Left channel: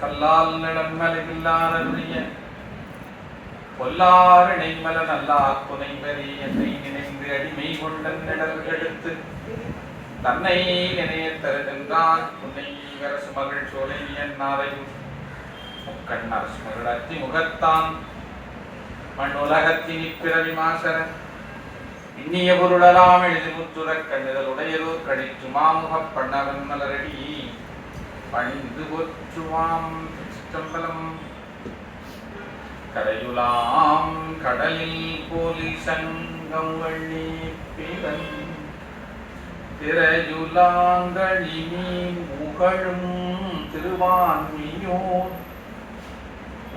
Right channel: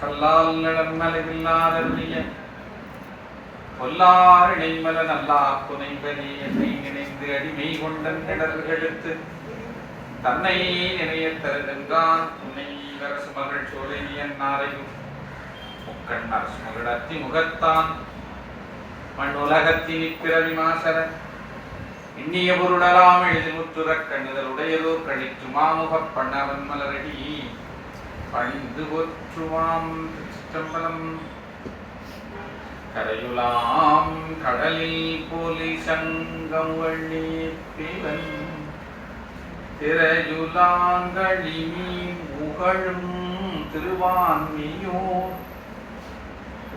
கல்லால் நடன்மலையில்லாதருடைய பொல்லாரிடை மல நல்லா புனைவரே என்னை நினைந்து அடிமை கொண்டன் கடல்கெடுத்து தன்னை நினைய தருகின்றான் உன்னை அரசு மகள் சோலை என்னாரையும் முக்கண்ணர் சுமகள் அத்தி முகத்தான் மண் உலகத்தினி பிறவி மாசர இன்னிய பொருளலாம் எழுதி முத்துறக் கண்ணுதல் உடையதோர் கழித்து மாமுகப் பண்ணவன் மலரடி பணிந்து போற்றுவாம் சிற்றம்பலம். கரையுலாம் கடலில் போலி சங்கம் வள்ளி பிறன் திரையுலாங்கழி மீன் முகழும் திருவான்மியோர்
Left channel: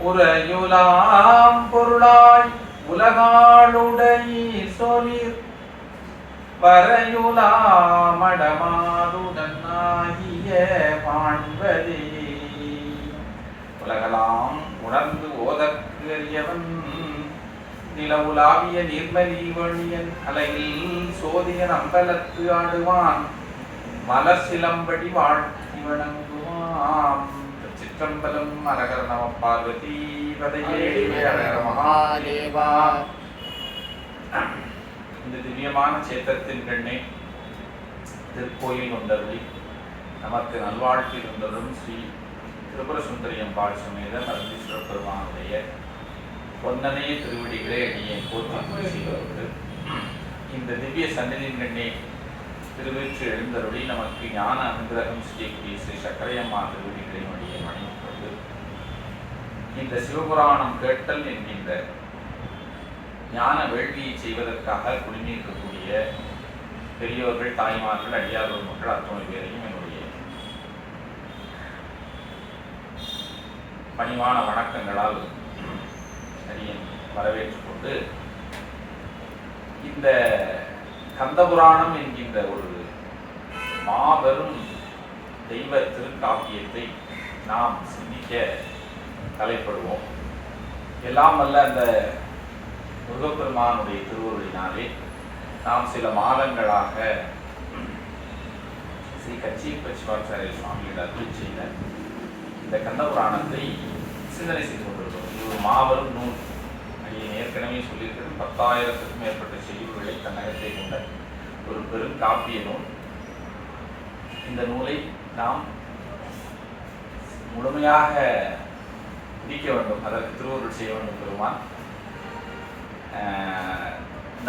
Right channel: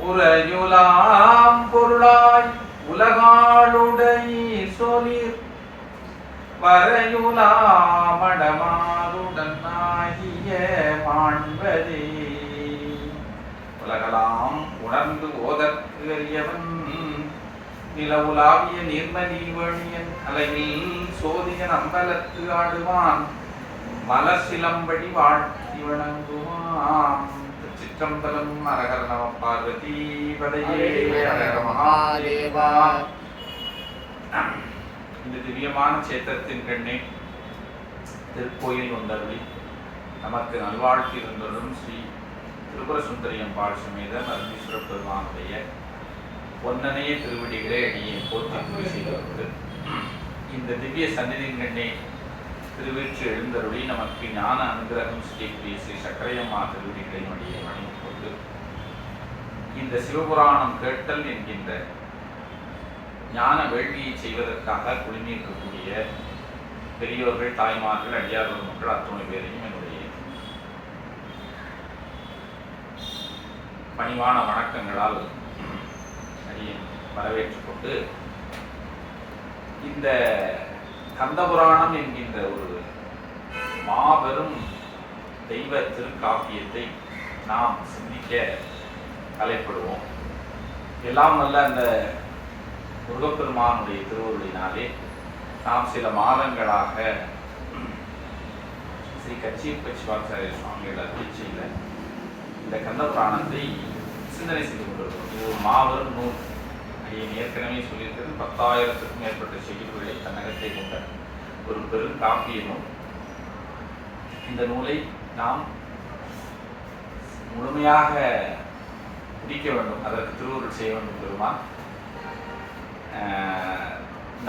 உரையுலாம் பொருளாய் உலகாளுடை சொலிர் வரையுலாமடமாதுடன் ஆகிய மாண்பதே. உலகலாம் உணர்ந்து ஓதற்கு அறியவன் நிலவுலாவிய நீர்மலி வழியன் அலையில் சோதியன் அம்பலத்து ஆடுவான் மலசிலம்படி வாழ்த்தி வணங்குவான். சிற்றம்பலம். அரகர நம பார்வதி பதையே அரகர மகாதேவா. இந்த திவ்யமான சேத்திரத்தின் கண்ணே திருக்கோயில் வந்தருளி நமக்கு நல்வாழ்த்தி இருந்ததும் ஸ்ரீ திரிபுர சுந்தரியம்பாள் சமேத நரந்தீஸ்வர பெருமானுடைய பொன்னனைய திருவடிகளை அடியே போற்றி செய்வது. இந்த திவ்ய சந்நிதியின் கண்ணே திருவீற்று எழுந்தருளி நமக்கு ஞான அனுகிரகம் ஸ்ரீ ஸ்ரீ சக்கரையம்மா திருவடிகளை அடியே வணங்கிக்கொண்டு இந்த சிவபுராணம் கேட்டல் என்கின்ற ஞான வேள்வியை செய்வதற்காக குடிநீர்க்கக்கூடிய பெரியோர்கள், தாய்மார்கள், அடியார்கள் மக்கள் அத்தனை பேரையும் என்னுடைய பணிவான வணக்கங்களால் வரவேற்றுக் கொண்டு இந்த கந்தபுராணம் என்கின்ற ஒரு மாபெரும் தெய்வ திருக்காப்பியத்தை நாம் சிந்திக்க தலைப்படுவோம். எல்லாம் வல்ல அந்த முருகப்பெருமானுடைய திருவருளினாலே நாம் சில மாதங்களாக ஸ்ரீ கச்சியப்பச்சிவாச்சாரிய சுவாமிகள் அருளி செய்த இந்த கந்தபுராணத்தை சிந்தனை செய்து கொண்டிருக்கிறோம். இது ஒரு மாபெரும் நூல். ஏற்கனவே சொல்லியிருக்கிறது 10,000க்கும் மேற்பட்ட செய்திகளை தன்னகத்தை கொண்ட ஒரு பெரும் காப்பிய நூல். இந்த நூலை நாம் முழுமையாக முடிக்க வேண்டும், அதற்கு திருவருள் செய்ய வேண்டும். பெருமான்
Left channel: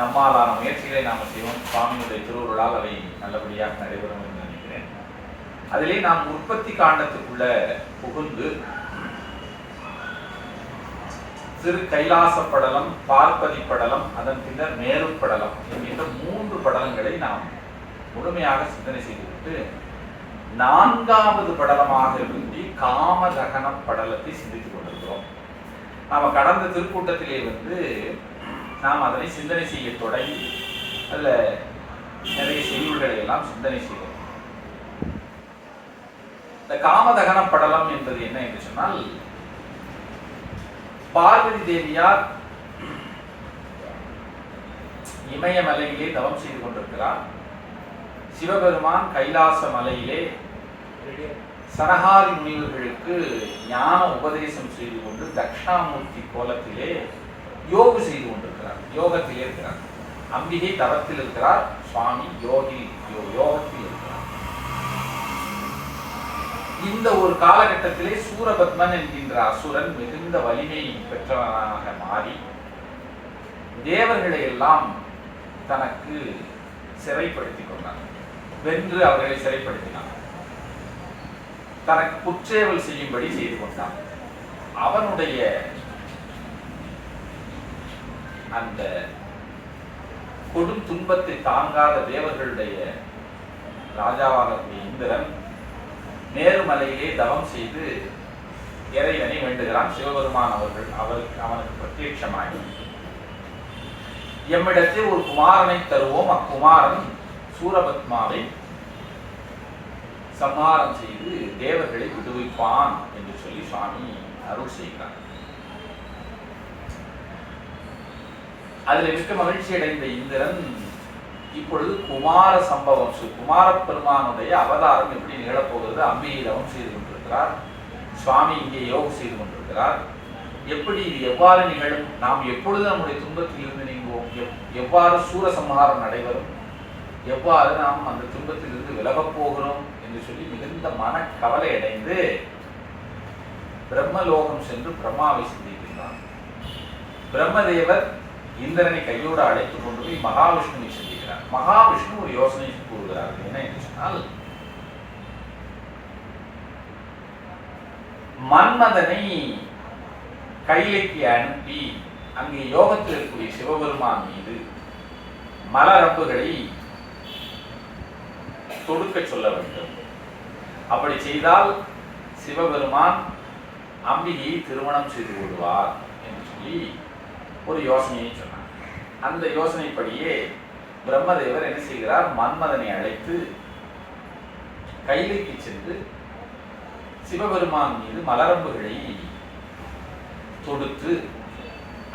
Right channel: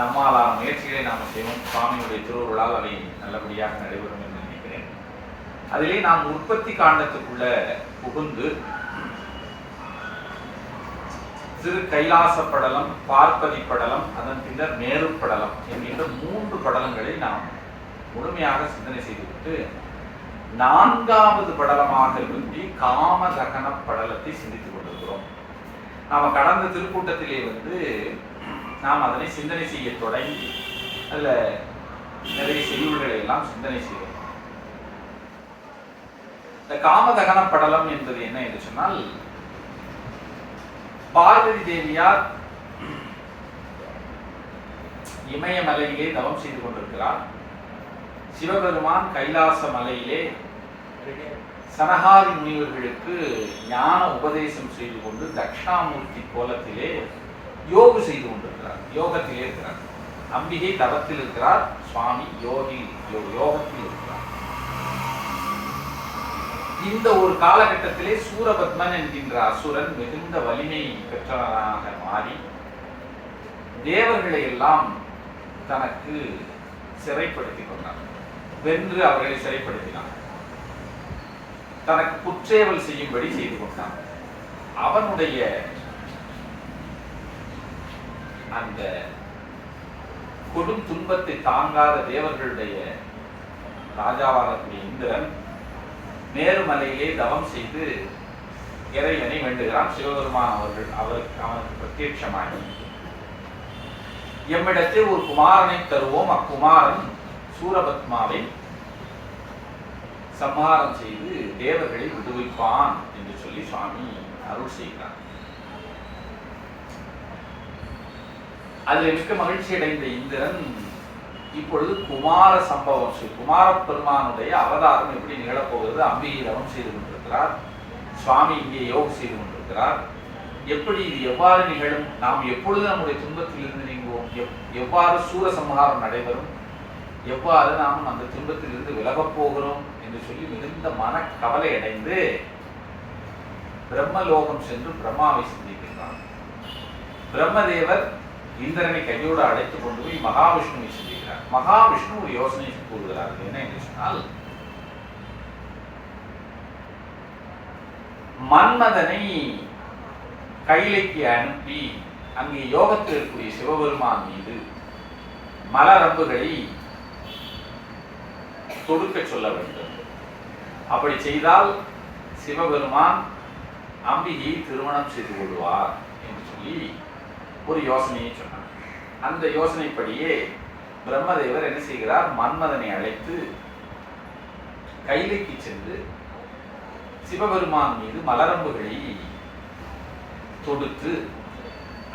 நம்மாலான முயற்சிகளை நாம் செய்வோம். சுவாமியுடைய திருவருளால் அதை நல்லபடியாக நடைபெறும் என்று நினைக்கிறேன். அதிலே நாம் உற்பத்தி காண்டத்துக்குள்ள புகுந்து திரு கைலாச படலம், பார்ப்பதி படலம், அதன் பின்னர் மேரு படலம் என்கின்ற 3 படலங்களை நாம் முழுமையாக சிந்தனை செய்துவிட்டு 4வது படலமாக வேண்டி காமதகன படலத்தை சிந்தித்துக் கொண்டிருக்கிறோம். நாம் கடந்த திருக்கூட்டத்திலே நாம் அதனை சிந்தனை செய்ய தொடங்கி அதில் நிறைய செய்திகளை எல்லாம் சிந்தனை செய்வோம். இந்த காமதகன படலம் என்பது என்ன என்று சொன்னால், பார்வதி தேவியார் இமயமலையிலே தவம் செய்து கொண்டிருக்கிறார். சிவபெருமான் கைலாச மலையிலே சனகாரி முனிவர்களுக்கு ஞான உபதேசம் செய்து கொண்டு தட்சிணாமூர்த்தி கோலத்திலே யோக செய்து கொண்டிருக்கிறார். யோகத்திலே இருக்கிறார். அம்பிகை தவத்தில் இருக்கிறார், சுவாமி யோகத்தில் இருக்கிறார். இந்த ஒரு காலகட்டத்திலே சூரபத்மன் என்கின்ற அசுரன் மிகுந்த வலிமை பெற்றவனாக மாறி தேவர்களை எல்லாம் தனக்கு சிறைப்படுத்திக் கொண்டார். வென்று அவர்களை சிறைப்படுத்தினான். தனக்கு குற்றேவல் செய்யும்படி செய்து கொண்டான். அவனுடைய அந்த கொடும் துன்பத்தை தாங்காத தேவர்களுடைய ராஜாவாகக்கூடிய இந்திரன் மேருமலையிலே தவம் செய்து இறைவனை வேண்டுகிறான். சிவபெருமான் அவனுக்கு பிரத்யட்சமாய் எம்மிடத்தில் ஒரு குமாரனை தருவோம், அக்குமாரன் சூரபத்மாவை சம்ஹாரம் செய்து தேவர்களை விடுவிப்பான் என்று சொல்லி சுவாமி அருள் செய்கிறார். அதில் மிக்க மகிழ்ச்சி அடைந்த இந்திரன் இப்பொழுது குமார சம்பவம், குமார பெருமானுடைய அவதாரம் எப்படி நிகழப்போகிறது? அம்பிகை தவம் செய்து கொண்டிருக்கிறார், சுவாமி இங்கே யோகம் செய்து கொண்டிருக்கிறார். எப்படி இது எவ்வாறு நிகழும்? நாம் எப்பொழுது நம்முடைய துன்பத்தில் இருந்து நீங்குவோம்? எவ்வாறு சூரசம்ஹாரம் நடைபெறும்? எவ்வாறு நாம் அந்த துன்பத்தில் இருந்து விலகப் போகிறோம் என்று சொல்லி மிகுந்த மனக்கவலை அடைந்து பிரம்மலோகம் சென்று பிரம்மாவை சந்திக்கின்றார். பிரம்மதேவர் இந்திரனை கையோடு அழைத்துக் கொண்டு போய் மகாவிஷ்ணுவை சந்திக்கிறார். மகாவிஷ்ணு ஒரு யோசனை கூறுகிறார். என்ன என்று சொன்னால், மன்மதனை கைலைக்கு அனுப்பி அங்கே யோகத்தில் இருக்கக்கூடிய சிவபெருமான் மீது மலரம்புகளை தொடுக்க சொல்ல வேண்டும். அப்படி செய்தால் சிவபெருமான் அம்பிகையை திருமணம் செய்து கொள்வார் என்று சொல்லி ஒரு யோசனையை சொன்னார். அந்த யோசனைப்படியே பிரம்மதேவர் என்ன செய்கிறார்? மன்மதனை அழைத்து கைலைக்கு சென்று சிவபெருமான் மீது மலரம்புகளை தொடுத்து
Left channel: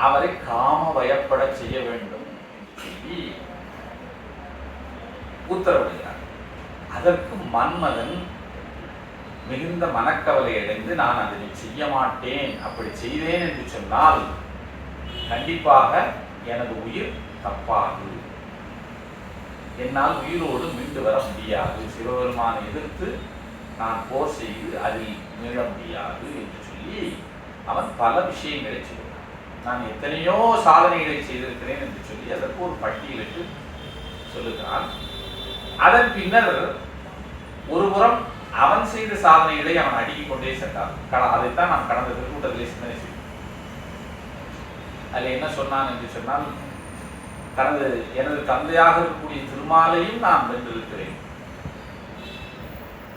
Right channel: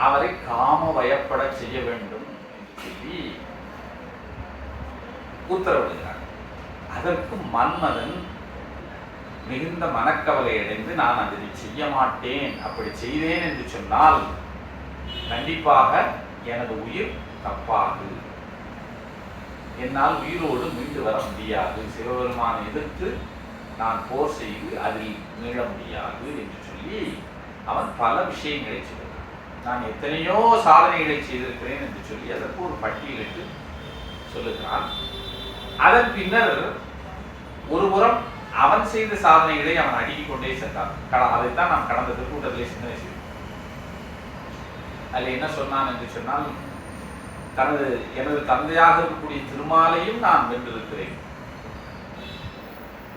அவரை காம வயப்பட செய்ய வேண்டும் என்று சொல்லி உத்தரவிடுகிறார். அதற்கு மன்மதன் மிகுந்த மனக்கவலை அடைந்து, நான் அதனை செய்ய மாட்டேன், அப்படி செய்தேன் என்று சொன்னால் கண்டிப்பாக எனது உயிர் தப்பாது, என்னால் உயிரோடு மீண்டு வர முடியாது, சிவபெருமானை எதிர்த்து நான் போர் செய்து அதில் மீள முடியாது என்று சொல்லி அவன் பல விஷயங்களை சொல்கிறான். நான் எத்தனையோ சாதனைகளை செய்திருக்கிறேன் என்று சொல்லி அதற்கு ஒரு பட்டியலிட்டு சொல்லுகிறான். அதன் பின்னர் ஒருபுறம் அவன் செய்த சாதனைகளை அவன் அடுக்கிக் கொண்டே சென்றான். அதைத்தான் நாம் கடந்த திருக்கூட்டத்திலே சிந்தனை செய்தோம். அதில் என்ன சொன்னான் என்று சொன்னால், எனது தந்தையாக இருக்கக்கூடிய திருமாலையும் நான் வென்றிருக்கிறேன்,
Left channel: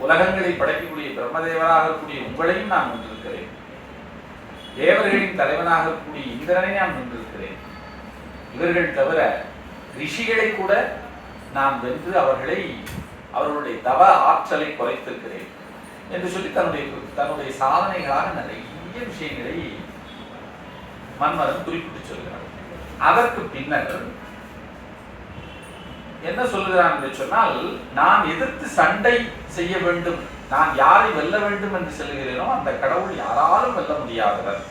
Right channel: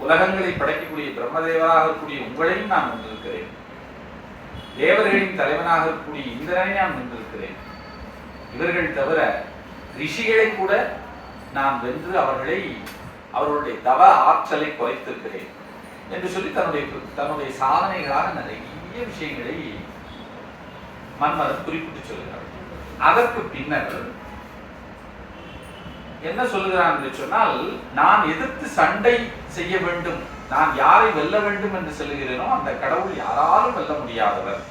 உலகங்களை படைக்கக்கூடிய பிரம்மதேவராக இருக்கக்கூடிய உங்களையும் நான் வென்றிருக்கிறேன், தேவர்களின் தலைவனாக இருக்கக்கூடிய இந்திரனை நான் வென்றிருக்கிறேன், இவர்கள் தவிர ரிஷிகளை கூட நான் வென்று அவர்களுடைய தவ ஆற்றலை குறைத்திருக்கிறேன் என்று சொல்லி தன்னுடைய சாதனைகளாக நிறைய விஷயங்களை மன்மதன் குறிப்பிட்டு சொல்கிறார். அதற்கு பின்னர் என்ன சொல்லுகிறான் என்று சொன்னால், நான் எதிர்த்து சண்டை செய்ய வேண்டும், நான் யாரை வெல்ல வேண்டும் என்று சொல்லுகிறேனோ அந்த கடவுள் யாராலும் வெல்ல முடியாதவர்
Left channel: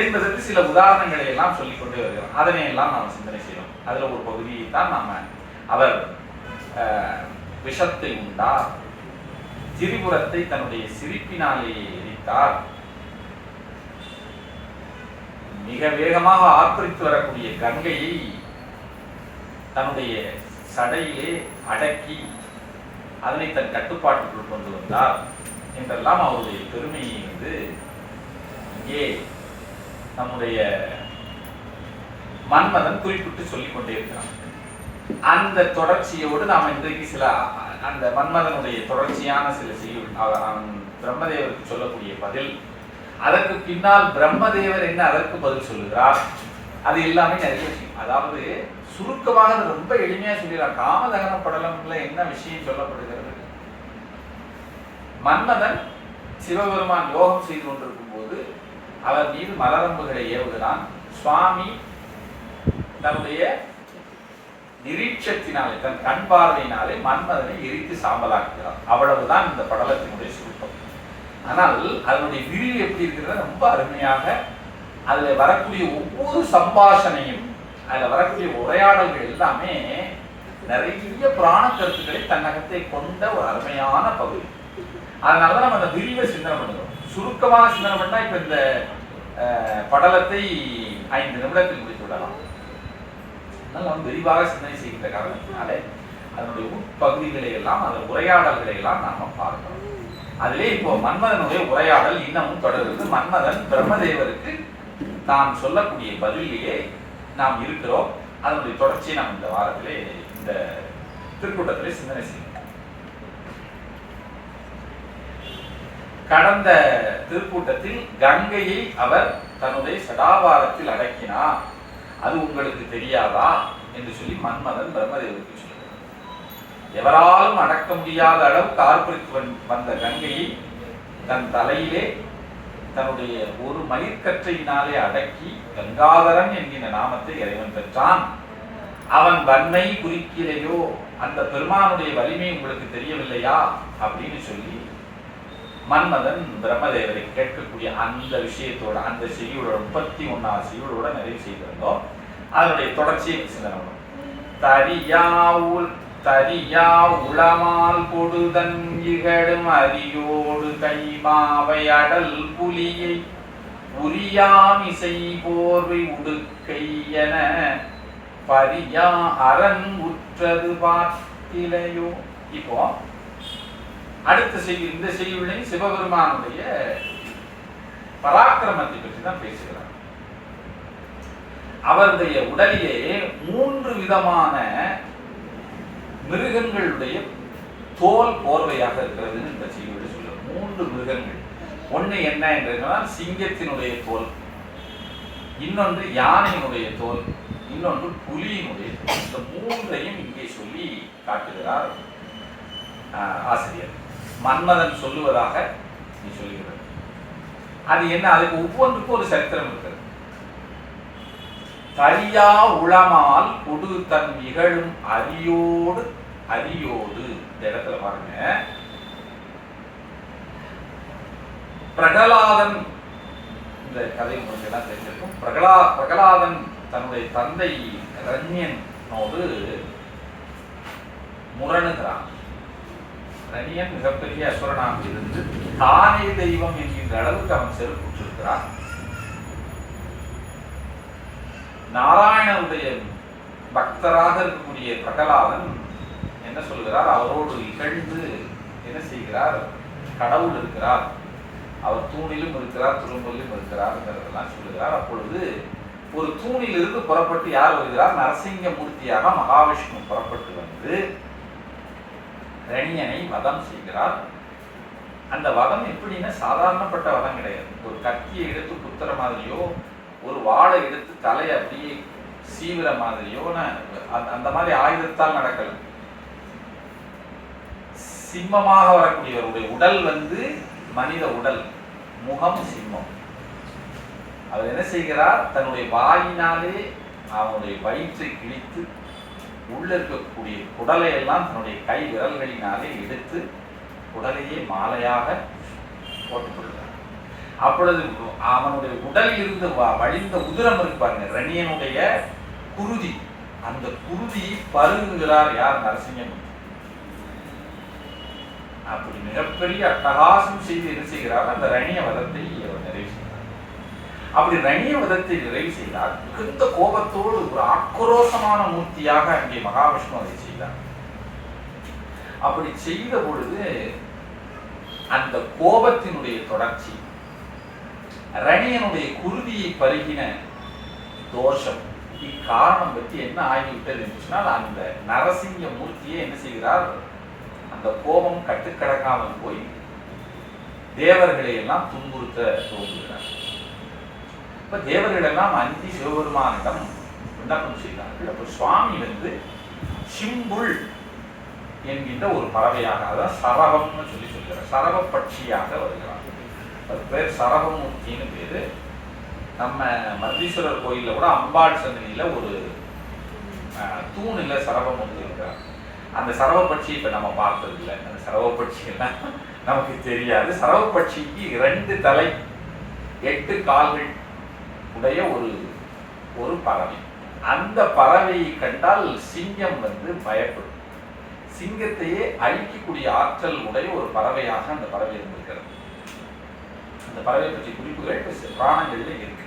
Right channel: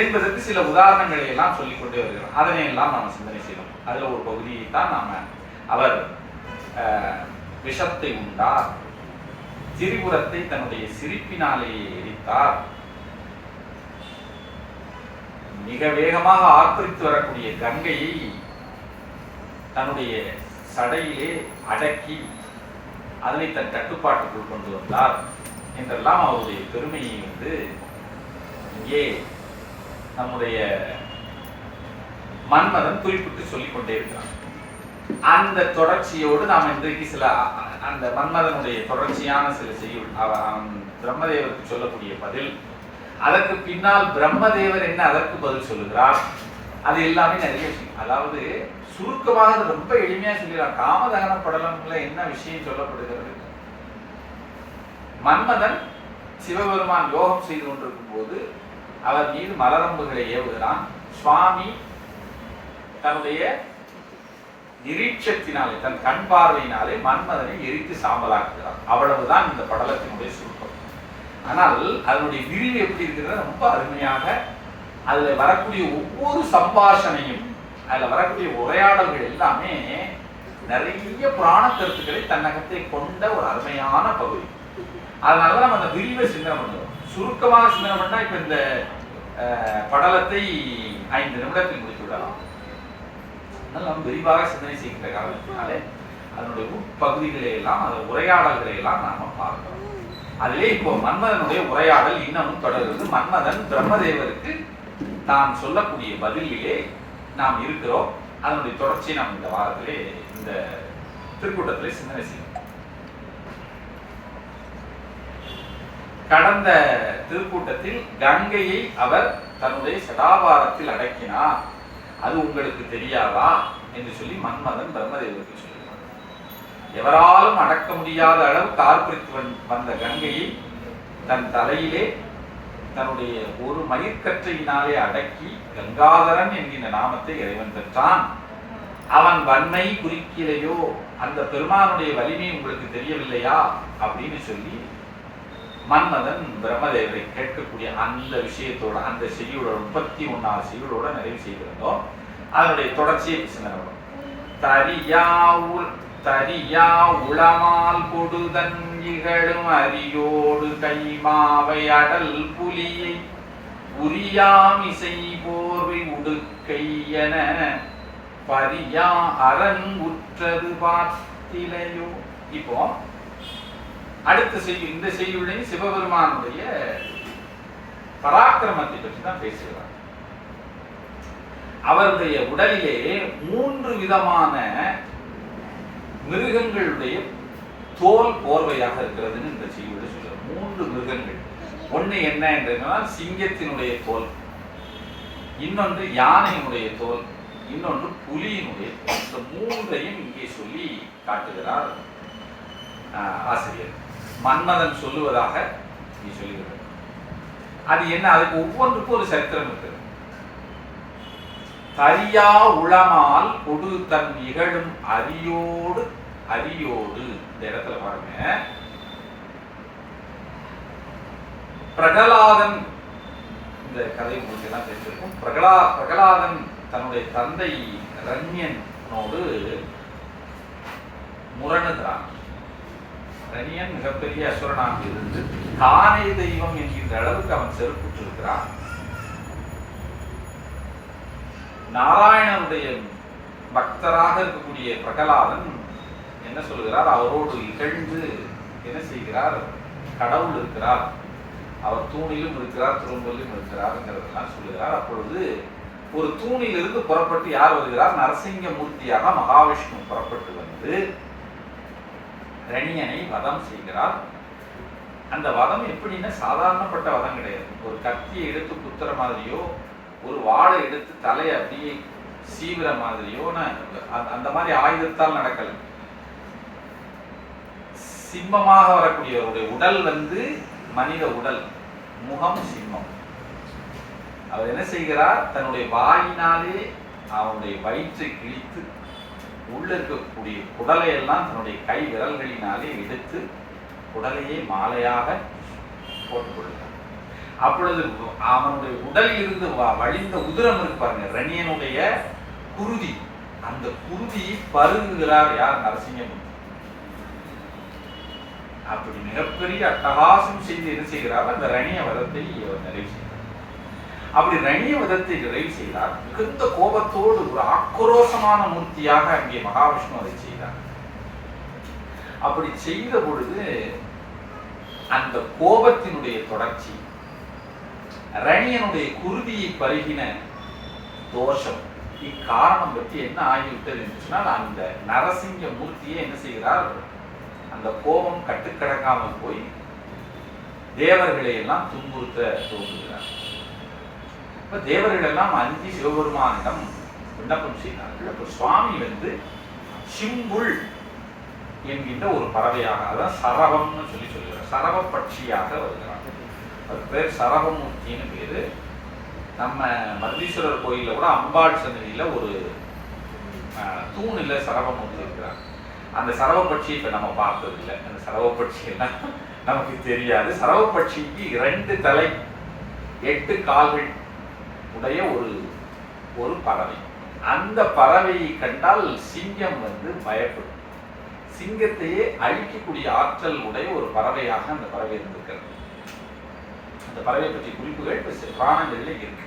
என்பதற்கு சில உதாரணங்களை எல்லாம் சொல்லிக் கொண்டே வருகிறோம். அதனை எல்லாம் நாம் சிந்தனை செய்யணும். அதுல ஒரு பகுதியை தான் நாம அவர் விஷத்தை உண்டார், திரிபுரத்தை தன்னுடைய சிரிப்பினாலேயே எரித்தார், மிக வேகமாக ஆர்ப்பரித்து வரக்கூடிய கங்கையை தன்னுடைய சடையிலே அடக்கி அதனை தன் கட்டுப்பாட்டுக்குள் கொண்டு வந்தார் என்றெல்லாம் அவருடைய பெருமையை இங்கே நம்முடைய மன்மதன் குறிப்பிட்டு சொல்லிக் கொண்டே இருக்கிறான். அந்த தொடர்ச்சியோடு நாம் இன்றைக்கு சில அந்த மன்மதனுடைய தொடர்ச்சியான சில செய்யுள், பிரம்மதேவருக்கு சொல்லக்கூடிய பதில், அதற்கு பின்னால் பிரம்மதேவர் என்ன அதற்கு பதில் சொல்லுகிறார், அது எல்லாமே நிறைய விஷயம். அதாவது சுருக்கமாக ரொம்ப எளிமையா சொல்கிறார். காமதகன படலம்ல என்ன விஷயம் சொல்லப்படுகிறது? மன்மதன் சிவபெருமான் யோகம் செய்து கொண்டிருக்கும் போது அவர் மீது மலரம்புகளை ஏவுகிறான். சுவாமி தன்னுடைய நிரீட்சத்தினாலே, தன் கண் பார்வையினாலே மன்மதனை எரித்து சாம்பலாக்குகிறார். அவ்வளவுதான் இந்த படலத்தினுடைய சுருக்கம். ஆனால் அதனுடைய விரிவு எப்படி இருக்கிறது? ரொம்ப அருமையாக அதுல வரக்கூடிய ஒவ்வொரு சம்பாஷணையும், அதுல வரக்கூடிய உரையாடல்கள் எல்லாமே நிறைய புராண கருத்துக்களை தன்னகத்தை கொண்ட ஒரு அருமையான பகுதி. அதனாலதான் நம்ம அந்த விரிவை சிந்தனை பண்ணுறோம். சுருக்கமாக சிந்தனை பண்ணா இப்ப இந்த படலத்தை 5 நிமிடத்தில் முடித்து விடலாம். நம்ம விரிவாக சிந்தனை செய்கின்ற காரணத்தினாலே அதனுடைய உட்பகுதிகளை எல்லாம், அதன் உரையாடல்களை எல்லாம் நாம பார்க்கிறோம். அதிலே இப்போ மன்மதனுடைய உரையாடல் இன்னமும் தொடர்கிறது. மன்மதன் பிரம்மதேவருக்கு நாம் சொல்லக்கூடிய பதிலே நாம் இருக்கிறோம். அதனுடைய தொடர்ச்சியை நாம் இந்த வாரத்திலே, இந்த திருக்கூட்டத்திலே சிந்தனை செய்யணும். கடந்த திருக்கூட்டத்தில் கங்கையை அவர் தன்னுடைய சடாபாரத்தில் அடக்கினார், அது உங்களுக்கு தெரியாதா என்று சொல்லி மன்மதன் பிரம்மதேவருக்கு சொல்கிறார். எவராலும் அடக்க முடியாத அளவுக்கு ஆர்ப்பரித்து வந்த கங்கையை தன் தலையிலே தன்னுடைய ஒரு மயிர்கற்றையினாலே அடக்கி கங்காதரன் என்கின்ற நாமத்தை இறைவன் பெற்றான். அவன் வன்மை குறிக்கலையோ, அந்த பெருமானுடைய வலிமை உங்களுக்கு தெரியவில்லையா அப்படின்னு சொல்லி மன்மதன் பிரம்மதேவரை கேட்கக்கூடிய அந்த விஷயத்தோட, அந்த செய்யுளோட 31வது செய்யுளோட நிறைவு செய்திருந்தோம். அதனுடைய தொடர்ச்சியை சிந்தனை. தரியா உளமால் கொடுதன் இகழும் அரியோடு கைமாவை அடல் புலியை உரியாமிசை போர்வை உடுக்கை என பரியா அரண் உற்றது பார்த்திலையோ. இப்போ அடுத்த செய்தி, இந்த செய்தியுடைய சிவபெருமானுடைய பராக்கிரமத்தை பற்றி தான் பேசுகிறார். அவருடைய உடலிலே 3 விதமான மிருகங்களுடைய தோல் போர்வையாக இருக்கிறதுன்னு இந்த செய்தியோட சொல்லுவார். 3 மிருகங்கள். ஒண்ணு என்ன என்றால் சிங்கத்தினுடைய தோல், இன்னொன்று யானையினுடைய தோல், இன்னொன்று புலியினுடைய தோல். இந்த 3ஐயும் இங்கே சொல்லி காட்டுகிறார் ஆசிரியர். மன்மதன் சொல்லுவதாக நீ சொல்லுகிறார். அது என்ன? அதுக்கு ஒவ்வொன்றுக்கும் ஒரு சரித்திரம் இருக்கிறது. தரியா உளமால் கொடு தன் இகழும் அரியோடு இந்த இடத்துல பாருங்க, பிரகலாதன், இந்த கதை உங்களுக்கு எல்லாம் தெரிஞ்சிருக்கும். பிரகலாதன் தன்னுடைய தந்தை ரண்யனோடு முரணுகிறான். ரண்யன் மிகப்பெரிய அசுரனாக இருந்து தானே தெய்வம் என்கின்ற அளவுக்கு அவன் செருப்புற்றிருக்கிறான். நாராயணனுடைய பக்தராக இருக்கக்கூடிய பிரகலாதன் என்ன சொல்கிறார்? அவரோடு இகழ்ந்து என்ன செய்கிறார்? கடவுள் இருக்கிறார், அவர் தூணிலும் இருக்கிறார், துரும்பலிலும் இருக்கிறார் சொல்லுகிறார். அப்பொழுது ஒரு தூணில் இருந்து புறப்பட்டு யார் வருகிறார்? நரசிங்க மூர்த்தியாக மகாவிஷ்ணு புறப்பட்டு வந்து ரணியனை வதம் செய்கிறார். அந்த வதம் எப்படின்னா சாதாரணப்பட்ட வதம் கிடையாது. ஒரு கத்தியை எடுத்து குத்துற மாதிரியோ, ஒரு வாழை எடுத்து தலையை அப்படியே சீவிர மாதிரியோ அந்த மாதிரி ஆயுதத்தால் நடக்கல. சிம்மமாக வரக்கூடியவருடைய உடல் வந்து மனித உடல், முகம் சிம்மம். அவர் என்ன செய்கிறார்? தன்னுடைய வாயினாலே அவனுடைய வயிற்றை கிழித்து உள்ள இருக்கக்கூடிய குடலை எல்லாம் தன்னுடைய கை விரல்களினாலே எடுத்து குடலையே மாலையாக போட்டுக்கொள்கிறார். அப்பொழுது அவனுடைய உடலில் இருந்து வழிந்த உதிரம் இருப்பாருங்க, ரணியனுடைய குருதி, அந்த குருதியை பருகுகிறார் யார்? நரசிங்கமூர்த்தி. அப்படி மிகப்பெரிய அட்டகாசம் செய்து என்ன செய்கிறார்? அந்த ரணிய வதத்தை அவர் நிறைவு செய்கிறார். அப்படி ரணிய வதத்தை நிறைவு செய்தார். மிகுந்த கோபத்தோடு ஒரு ஆக்ரோஷமான மூர்த்தியாக அங்கே மகாவிஷ்ணு அதை செய்தார். அப்படி செய்த பொழுது அந்த கோபத்தினுடைய தொடர்ச்சி, ரணியனுடைய குருதியை பருகின தோஷம், இக்காரணம் பற்றி என்ன ஆகிவிட்டது என்று சொன்னால், அந்த நரசிங்க மூர்த்தியை என்ன செய்கிறார்? அந்த கோபம் கட்டுக்கடங்காமல் போய் தேவர்களை எல்லாம் துன்புறுத்த தோன்றுகிறார். இப்ப தேவர்கள் எல்லாம் அஞ்சி சிவபெருமானிடம் விண்ணப்பம் செய்தார்கள். அப்ப சுவாமி வந்து சிம்புள் என்கின்ற ஒரு பறவையாக, அதான் சரவம்னு சொல்லி சொல்கிறார், சரவ பட்சியாக வருகிறார். அது பேர் சரவமூர்த்தின்னு பேரு. நம்ம மருதீஸ்வரர் கோயில கூட அம்பாள் சன்னதியில ஒரு தூணில் சரவமூர்த்தி இருக்கிறார். அந்த சரவப்பட்சி இப்ப நம்ம பார்த்தது இல்லை. அந்த சரவப்பட்சி எல்லாம் நமக்கு தெரியாது. சரவப்பட்சிக்கு 2 தலை 8 கால்கள் உடைய ஒரு பறவை. அந்த பறவையை கண்டால் சிங்கம் வந்து பயப்படும். சிங்கத்தையே அழிக்கக்கூடிய ஆற்றல் உடைய ஒரு பறவையாக அந்த பறவை இருந்திருக்கிறது. அந்த பறவை பற்றி குறிப்புகள் புராணங்களிலே இருக்கு.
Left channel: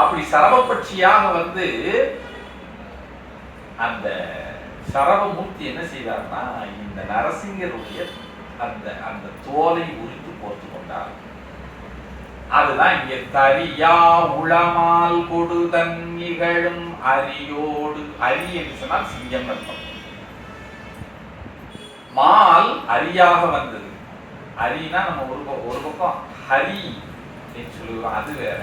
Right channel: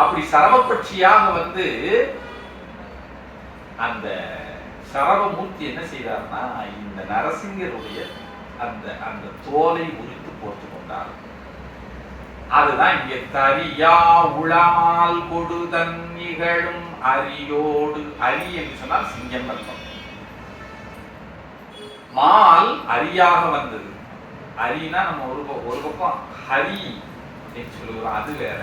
அப்படி சரவப்பட்சியாக வந்து அந்த சரவமூர்த்தி என்ன செய்தார்னா, இந்த நரசிங்கருடைய அந்த தோலை உரித்து போர்த்து கொண்டார். அதுதான் இங்கே தரியா உளமால் கொடுதன் நிகழும் அரியோடு. அரி என்று சொன்னால் சிங்கம் அர்த்தம். மால் அரியாக வந்தது. அரினா நம்ம ஒரு பக்கம் ஹரி என்று சொல்லுவோம், அது வேற.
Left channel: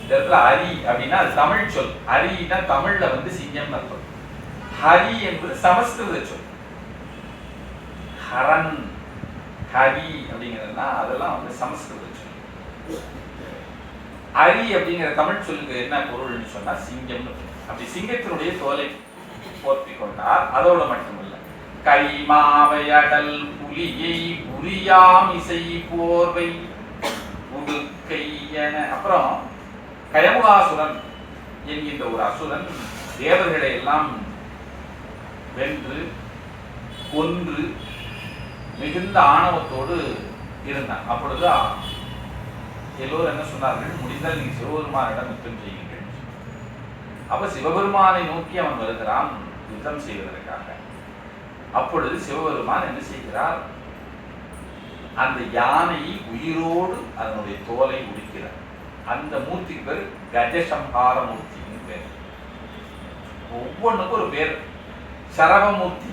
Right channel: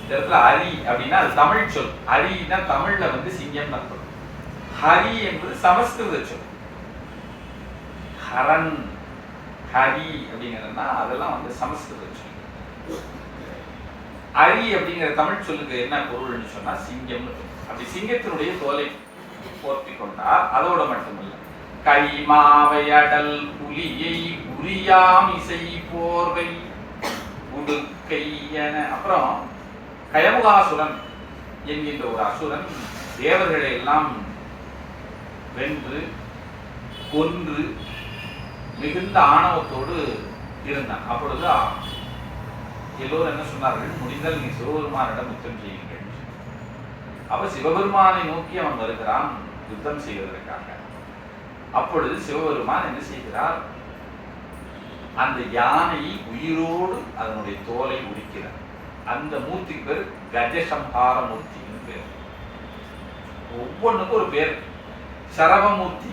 இந்த இடத்துல அரி அப்படின்னா அது தமிழ் சொல். அரினா தமிழ்ல வந்து சிங்கம் அர்த்தம். ஹரி என்பது சமஸ்கிருத சொல். ஹரன், ஹரி அப்படிங்கிறதுனா அதெல்லாம் வந்து சமஸ்கிருத சொல். அரி அப்படிங்கிற தமிழ் சொல்லுக்கு என்ன பொருள்னு சொன்னா சிங்கம். அப்படி சிங்கத்தினுடைய தோலை போர்த்தி கொண்டார். அதோடு மட்டுமல்ல, கைமாவையடல் புலியை உரியாம் இசை போர்வை உடுக்கை என. அப்புறம் கயமுகாசுரன் என்கின்ற ஒரு அசுரன் தேவர்களை எல்லாம் வென்று கொன்று மிகுந்த ஆணவத்தோடு இருந்தான். அப்பொழுது எல்லோரும் என்ன சொன்னார்கள், முடிந்தால் நீ சிவபெருமானிடம் யுத்தம் செய்யுங்கள். அப்ப சிவபெருமானை நோக்கி அவன் வருகிறான் யுத்தம் செய்வதற்காக. அப்பொழுது சிவபெருமான் என்ன செய்கிறார், அந்த யானை உயிரோடு அதனுடைய தோலை உரிக்கிறார். அந்த மூர்த்திக்கு பேர் கஜசம்ஹார மூர்த்தின்னு பேர். ஒவ்வொன்றுக்கும் ஒரு பேர். சரவமூர்த்தி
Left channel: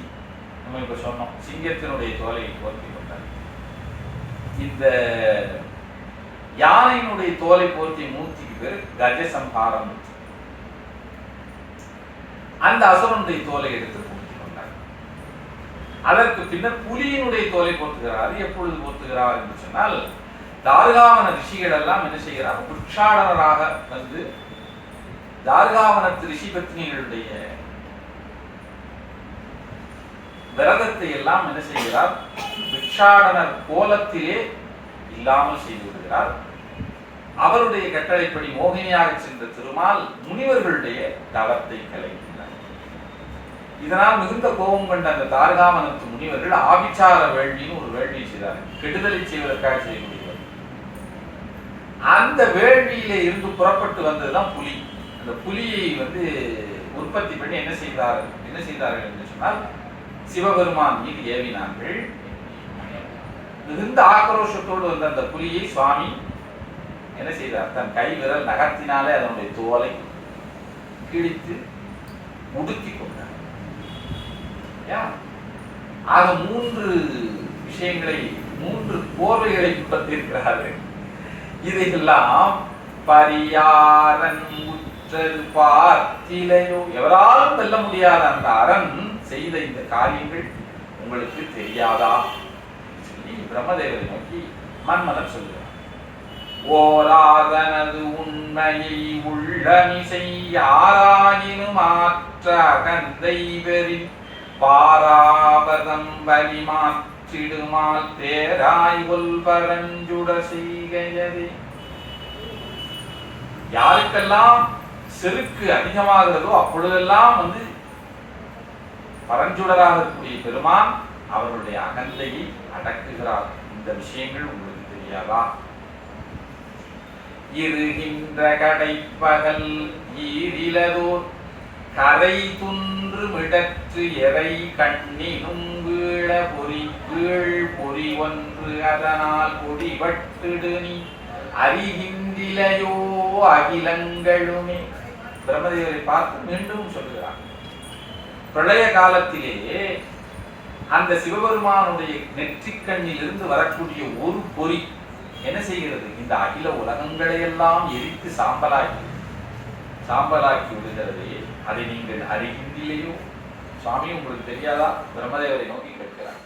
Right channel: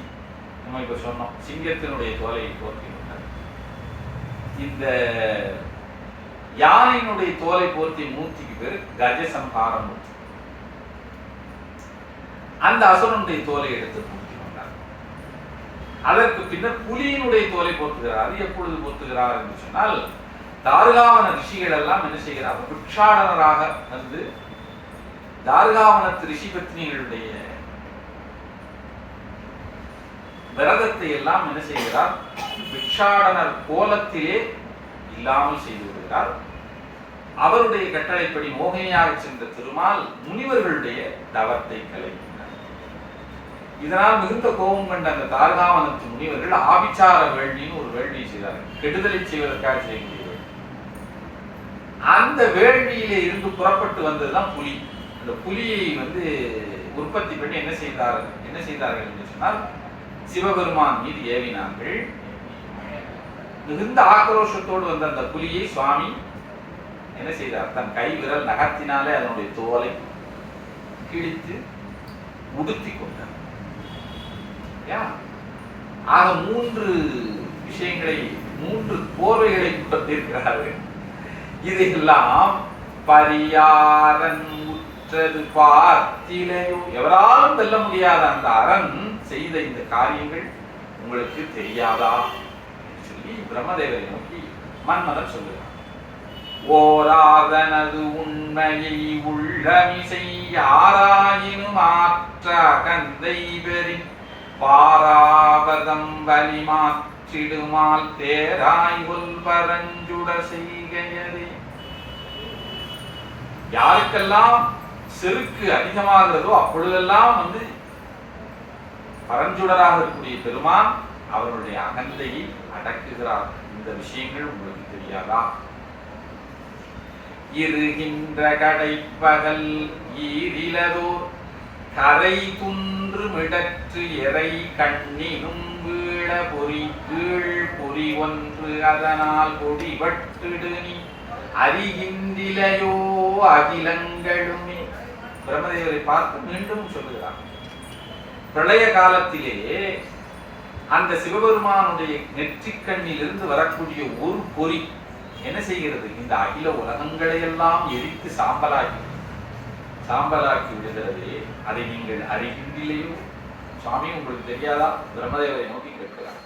நம்ம இப்ப சொன்னோம், சிங்கத்தினுடைய தோலை போர்த்தி கொண்டார். இந்த யானையினுடைய தோலை போர்த்திய மூர்த்திக்கு பேர் கஜசம்ஹார மூர்த்தி. அந்த அசுரனுடைய தோலை எடுத்து போர்த்தி கொண்டார். அதற்கு பின்னர் புலியினுடைய தோலை போர்த்துகிறார். எப்பொழுது போர்த்துகிறார் என்று சொன்னால், தார்காவன ரிஷிகள் எல்லாம் என்ன செய்கிறார், பிக்ஷாடனராக வந்து தார்காவனத்து ரிஷி பத்னிகளுடைய விரதத்தை எல்லாம் என்ன செய்கிறார், பிக்ஷாடனர் கோலத்திலே இல்லாமல் செய்து விடுகிறார். அவருடைய கட்டளைப்படி மோகினியாக சென்ற திருமால் முனிவர்களுடைய தவத்தை கலைக்கின்றார். இதனால் மிகுந்த கோபம் கொண்ட அந்த தார்காவனத்து முனிவர்கள் ஆபிச்சார வேள்வின்னு ஒரு வேள்வியை செய்தார்கள். கெடுதலை செய்வதற்காக செய்யக்கூடியது. அந்த வேள்வியிலே இருந்து புறப்பட்டு வந்ததுதான் புலி. அந்த புலியை வந்து உற்பத்தி பண்ணி என்ன செய்தார்கள் என்று சொன்னால், சிவபெருமான் மீது ஏவினார்கள். மிகுந்த ஆக்ரோஷத்தோடு வந்த அந்த புலியை சுவாமி என்ன செய்தார், தன் கை விரல் நகத்தினாலே அதனுடைய தோலை கிழித்து உடுத்தி கொண்டார். ஆக 3 விஷயங்களை, 3 போர்வைகளை பற்றிருக்கிறார்கள். இதையெல்லாம் பரியாரன் உற்றது பார்த்திலையோ, எவராலும் வெல்ல முடியாத அந்த அரண் செய்த இந்த காரியங்கள் உங்களுக்கு தெரியாதா என்று சொல்லி பிரம்மதேவரை நோக்கி மன்மதன் சொல்லுகிறார். ஓராதனது உண்மையை உள்ளமிசை யாராயினும் மாற்ற அகந்தை பெறி பாராபதம் வலி மாற்றிடுமால் தேராய் பரஞ்சுட செய்கையதே. யாருக்கெல்லாம் செருக்கு அதிகமாகிறதோ அப்பொழுதெல்லாம் வந்து பரஞ்சுடராக இருக்கக்கூடிய பெருமான் அவருடைய அகந்தையை அடக்குகிறார். இந்த விஷயங்கள் உங்களுக்கு தெரியாதா? இருகின்ற கடைப்பகல் ஈரிலதோர் கரை துன்று மிடற்று எறை கண்ணினும் வீழ பொறி கீழ் பொறி ஒன்று அதனால் பொடிபட்டுடு நீ அறிகின்றிலையோ அகிலங்களுமே. பிரம்மதேவரை பார்த்து மீண்டும் சொல்கிறார், பிரளய காலத்திலே அந்த சிவபெருமானுடைய நெற்றிக்கண்ணில் இருந்து வரக்கூடிய ஒரு பொறி என்ன செய்கிறது, இந்த அகில உலகங்களை எல்லாம் எரித்து சாம்பலாக்கி விடுகிறதே, அதை நீங்கள் அறிகின்றிலையோ? சுவாமி உங்களுக்கு தெரியாதா? பிரம்மதேவரை நோக்கி கேட்கிறார்.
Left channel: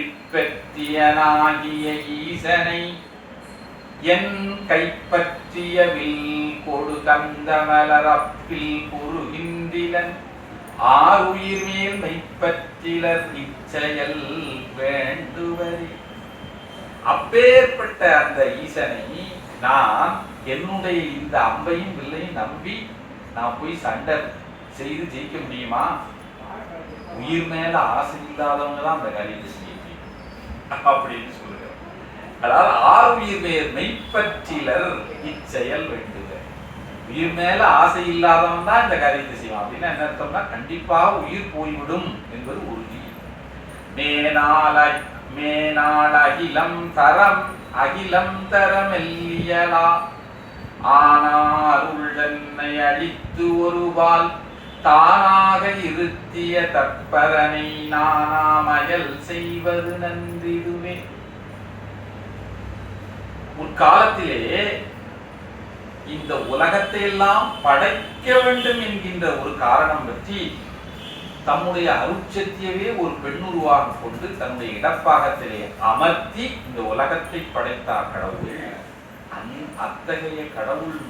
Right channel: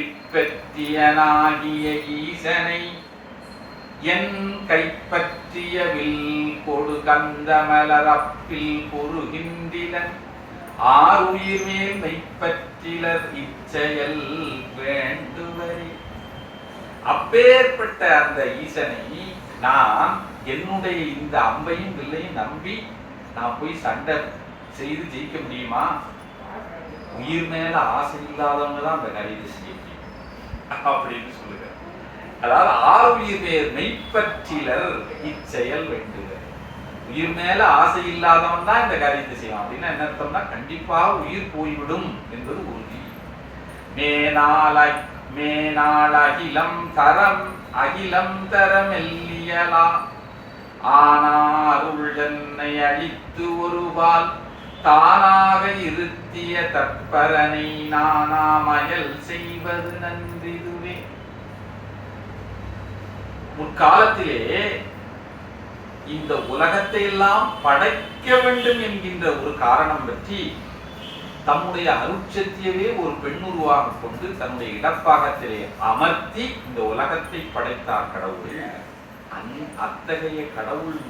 இப்பற்றியனாகிய ஈசனை என் கைப்பற்றிய வில் கொடு கந்த மலரப்பில் குறுகின்றிலன் ஆறுயிர் மேல் மெய்ப்பற்றிலர் இச்செயல் வேண்டுவரே. அப்பேற்பட்ட அந்த ஈசனை நான் என்னுடைய இந்த அம்பையும் வில்லையும் நம்பி நான் போய் சண்டை செய்து ஜெயிக்க முடியுமா? உயிர் மேல ஆசை இல்லாதவங்க தான் அந்த காரியத்தை செய்ய முடியும் அப்படின்னு சொல்லுங்க. அதாவது ஆறுயிர் மேல் மெய்ப்பற்றிலர் இச்செயல் வேண்டுக. உயிர் மேல ஆசை இல்லாதவன் தான் இந்த காரியத்தை செய்வான். அப்படின்னா என்ன அர்த்தம்னா, கண்டிப்பாக உயிர் போய்விடும் என்பது உறுதி. மேனாள் அகிலம் தரம் எல்லியலா ஆனாருள் என்னை அழித்து ஒருபால் தானாக இருத்திய தற்பரனை நானாமயல் செய்வது நன்றிதுவே. முற்காலத்திலே இந்த உலகத்தை எல்லாம் படைக்க வேண்டும் என்கின்ற ஒரு காரணம் பற்றி தம்முடைய அருட்சத்தியவே ஒரு பெண்ணுருவாக கொண்டு தன்னுடைய இடப்பாகத்திலே அமர்த்தி இந்த உலகத்தை படைத்தார் கடவுள். அத்தகைய கடவுள்,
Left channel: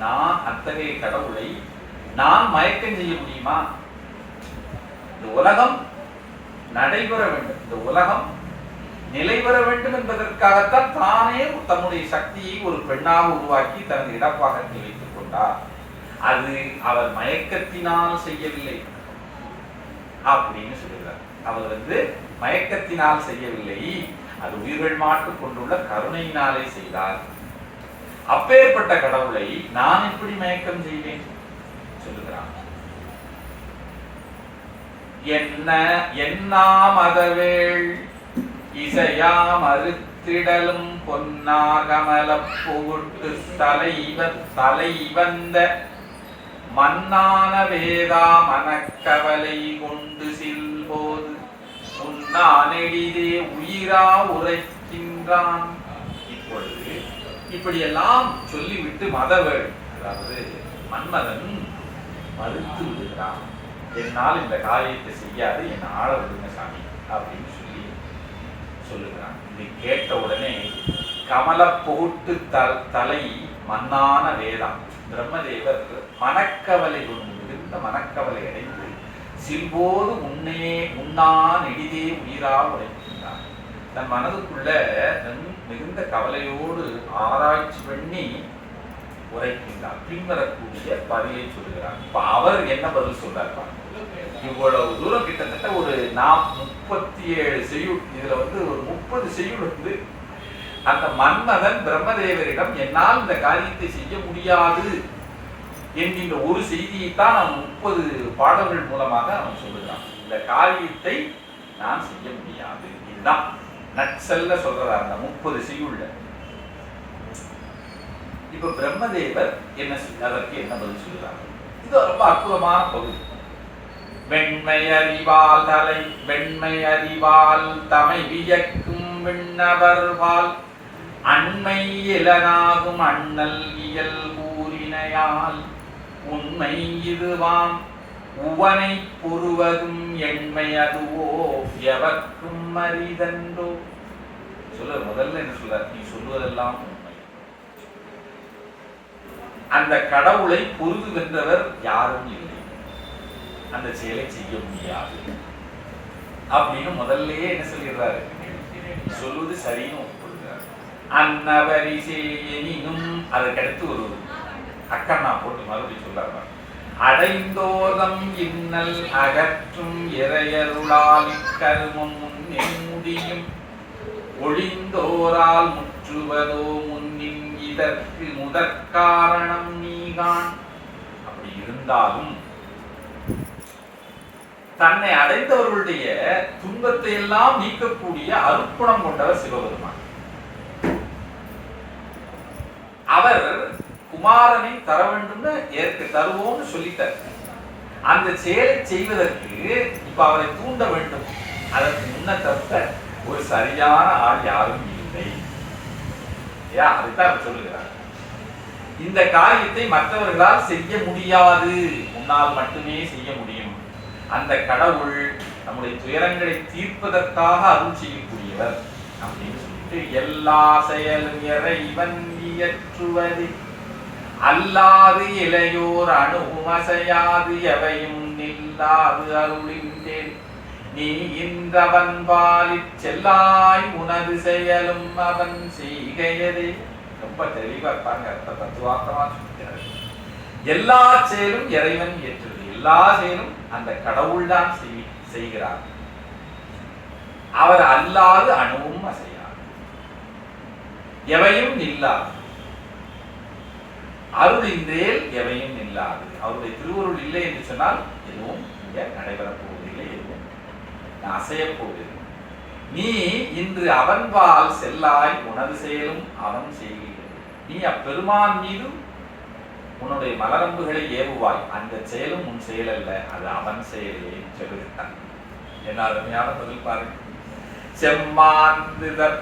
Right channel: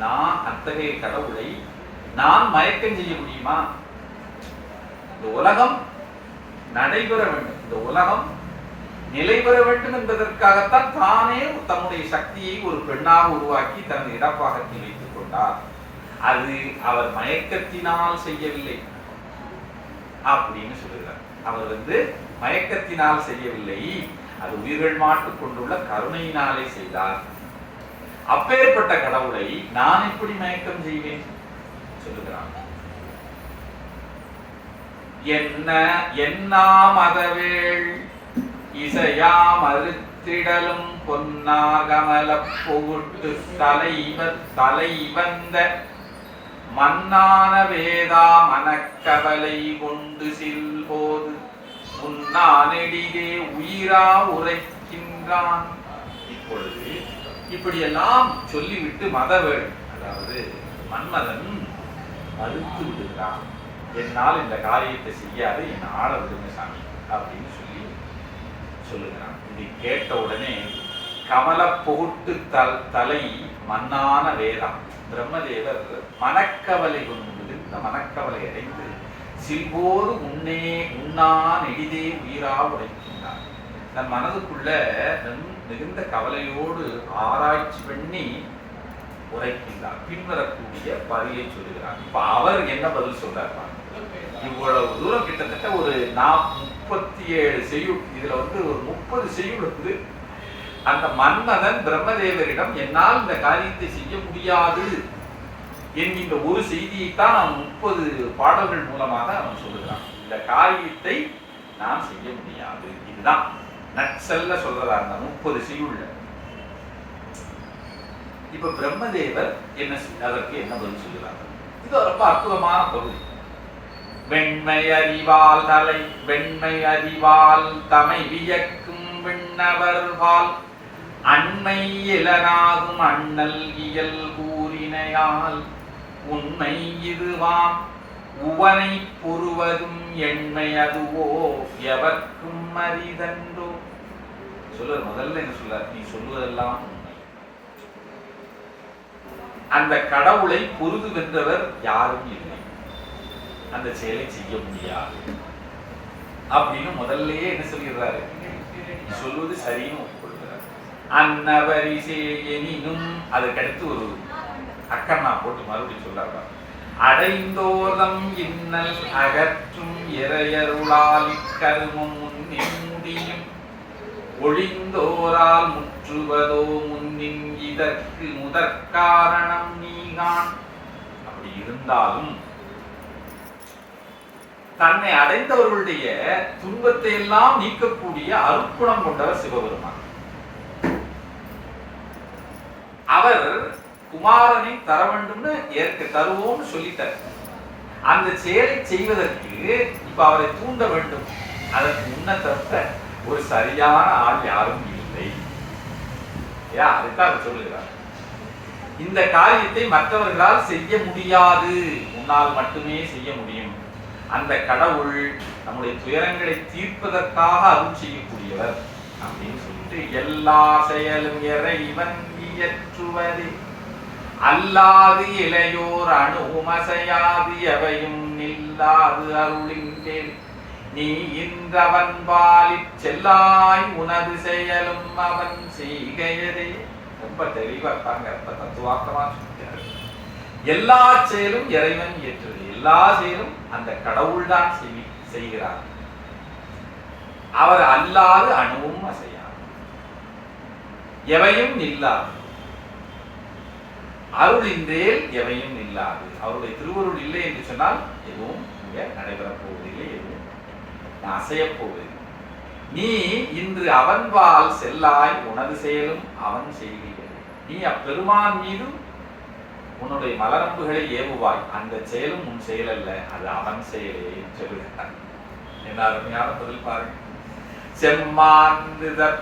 நான் அத்தகைய கடவுளை நான் மயக்கம் செய்ய முடியுமா? இந்த உலகம் நடைபெற வேண்டும், இந்த உலகம் நிலை பெற வேண்டும் என்பதற்காகத்தான் தானே தன்னுடைய சக்தியை ஒரு பெண்ணாக உருவாக்கி தன் இடப்பாகத்தில் வைத்துக் கொண்டார். அது அவர் மயக்கத்தினால் செய்யவில்லை அப்படின்னு சொல்லுகிறார். அவர் மயக்கத்தினால் செய்யவில்லை, அது உயிர்கள் மாட்டு கொண்டுள்ள கருணையினாலே செய்தார். அப்பேற்பட்ட கடவுளை நான் எப்படி மயக்கம் செய்வேன் சொல்லுகிறான். என்ன மதவேள் இசையாம் அறுத்திடலும் பொன்னாகமல புகுட்டு தலைவந்த மன்னான வேதா மனக்கவலை கொண்டு சில்போது உன்னானெடிதே உயிரா உரைக்கின்றான். இப்பொழுது இப்படியெல்லாம் சொல்லிவிட்டு மதவேள், அதாவது மன்மதன் மறுத்து விடுகிறான். என்னால் இந்த காரியத்தை செய்யாது, என் ஆள விடுங்க சாமி அப்படின்னு சொல்லுகிறான். இதை கேட்ட உடனே கமல புகுட்டு தலை மன்னான வேதம் பிரம்மதேவர் மனக்கவலை கொண்டு மனக்கவலை அடைந்து சில்போது உண்ணா நெடிதே உயிரா உழைக்கின்றார். தன் மனதுக்குள்ள மிகுந்த கவலையோடு ஆராய்ச்சி பண்ணி உரைக்கின்றார். பின்வரக்கூடிய பதிலை சொல்லுகிறார். இப்ப அவர் என்ன பதில் சொல்றார்? இவ்வளவு தூரம் கிட்டத்தட்ட ஒரு 37 செய்யுள், இதுல ஒரு 30 செய்யுள் அந்த மன்மதன் பிரம்மதேவரிடம் என்னால் இந்த காரியத்தை செய்ய முடியாது என்கின்ற ஒரு செய்தியைத்தான் அவன் 30 பாடல்கள் மூலமாக அவன் சொல்லுகிறான். இந்த காரியத்தை நான் செய்ய முடியாது, இதுதான் நக்சல்ல சொல்றதா அந்த 30 செய்யுள்ள. இப்ப பிரம்மதேவர் அதற்கு என்ன பதில் சொல்லுறாங்க? இது ரொம்ப அற்புதமான பகுதி. வெண்மை அறிவால் தமை வியக்கும் விண்ணவர்வால் அண்மை இலனாகும் அண்ணல் இயல் கூறினையால் உண்மை இதுவாம் உவனை புருவதும் எண்மை அதுவோ எவர்க்கும் அரிதன்றோ. முதல்ல என்ன சொல்ற? நீ சொல்வதெல்லாம் அந்த கடவுளை பொருது வென்றவர் யாரும் இல்லை, அந்த செயலை செய்ய முடியாது அப்படின்னு முதல்லயே என்ன சொல்லிடுறாரு? நீ சொல்வது சரின்னு ஒப்புக்கொள்கிறார். அன்னவரிசேயெனினும் அதுக்கடுத்து ஒரு அக்கண்ணா போட்டு மறுபடியும் சொல்றாங்க. அடைந்தோதம் இன்னல் அகற்றும் இறையருளால் கருமம் முன்னே முடியும் ஒழிந்தோரால் முற்றுவதோ முன்னின் இதற்கு முதற்காரணம் நீகான். அப்படி இருந்தாலும் தன்னை அடைந்தவர்களுடைய துன்பத்தை எல்லாம் நீக்கக்கூடிய அருட்குணம் கொண்டவர் சிவபெருமான். அவர் குமாரனை தர வேண்டும்னு தருவோம்னு சொல்லிட்டார். அந்த செயலை செய்வதற்கு இப்ப அவரை தூண்ட வேண்டும். அதற்கு முன்ன தவிர ஒரு சரியான ஆள் யாரும் இல்லை. அதுதான் சொல்லுகிறார். இந்த காரியத்தை மற்றவர்களால் செய்ய முடியாது, உன்னால் மட்டுமே செய்ய முடியும். அந்த கடவுள் நம்முடைய துயரங்களை தீர்ப்பதற்காக அருள் செய்யக்கூடியவர் அப்படின்னு சொல்லிட்டு எல்லா செயலும் இறைவன் இயற்றுவது அல்லாது இளையோர் அணுமசையாது எவையும் நில்லாது அருளின்றேன் நீ இன்றவன் பாலிற் செல்லாய் உனது செயலும் அவன் செய்கையதே. ரொம்ப தெளிவா இருப்பாங்க, தத்துவாக்கமா சொல்கிறார். எல்லா செயலும் இறைவன் இயற்றுவது, எல்லா செயலும் அந்த கடவுள் தான் செய்கிறார். அவர் அல்லாது அணுவும் அசையாது, எவையும் நில்லாது, அருளின்றேல் எவையும் நில்லாது. அவருடைய திருவருள் இல்லை என்று சொன்னால் எதுவும் இங்க நடைபெறப் போவதில்லை, எதுவும் அசையப் போவதில்லை. நீ இன்று அவன்பால் செல்லாய் உனது செயலும் அவன் செய்கிறான். நீ அப்பெருமான் மீது உன்னுடைய மலரம்புகளை ஏவுவாய், அந்த செயலும் உன் செயல் அல்ல, அது அவன் செயலே சொல்லுகிறான். என்ன அருமையான பதில் பாருங்க. செம்மாந்துதற்குகளும்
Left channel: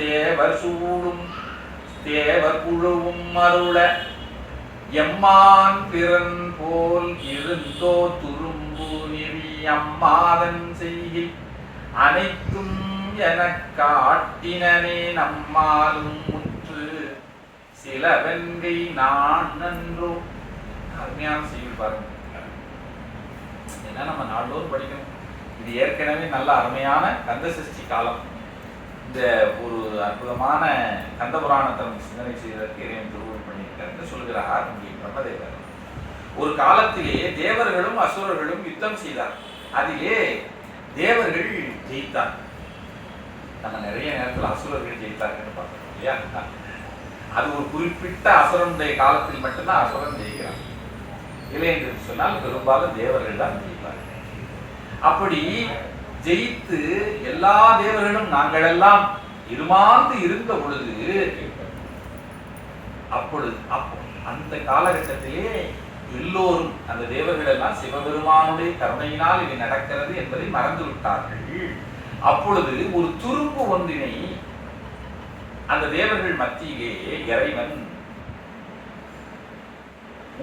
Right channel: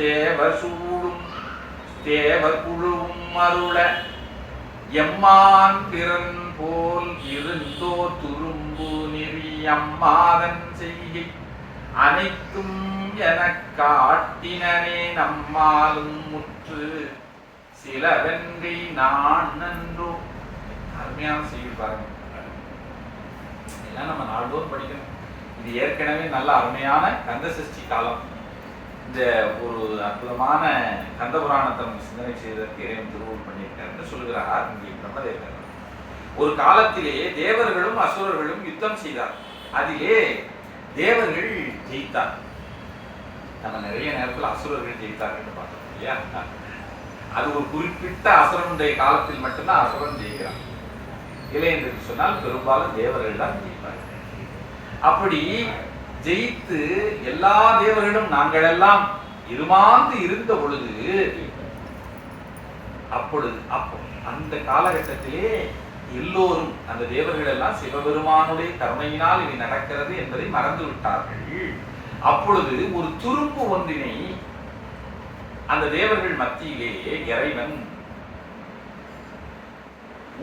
தேவர் சூடும் தேவர் குழுவும் அருள எம்மான் பிறன் போல் இருந்தோ துரும்பு நெறி அம்மாதன் செய்கை அனைத்தும் எனக் காட்டினனே நம்மாலும் முற்று சிலவென்கை நான் நன்றோ. அருமையான செய்தி பாருங்க. ஏன்னா நம்ம நாள்தோறும் படிக்கணும். இது ஏற்கனவே நல்ல அருமையான கந்த சஷ்டி காலம். இந்த ஒரு அற்புதமான கந்த புராணத்தை சிந்தனை செய்வதற்கு இறைவன் திருவுருள் பண்ணியிருக்காரு சொல்கிறார் இங்கே பிரம்மதேவர். ஒரு காலத்திலே தேவர்களும் அசுரர்களும் யுத்தம் செய்தார். அதிலே தேவர்கள் ஜெயித்தார். நம்ம நிறைய நேரத்தில் அசுரர்கள் ஜெயித்தார்கள் பார்த்தோம் இல்லையா? அது ஒரு குறிப்பிட்ட அசுரனுடைய காலத்தில் மட்டும்தான் அசுரன் ஜெயிக்கிறான். இல்லை என்று சொன்னால் பெரும்பாலும் தேவர்கள் தான் ஜெயிப்பார்கள். அப்படி ஜெயித்து எல்லா தேவர்களும் நாங்கள் எல்லாம் இருமாந்து இருந்த பொழுது அந்த காலகட்டத்திலே எல்லோரும் அந்த தேவர்கள் எல்லாம் சிவபெருமானுடைய கருணையினால் இது நடக்கிறது என்பதை மறந்து விட்டார்கள். அப்பொழுது ஒரு துரும்பு ஒன்றினை அந்த தேவர்கள் மத்தியிலே இறைவன்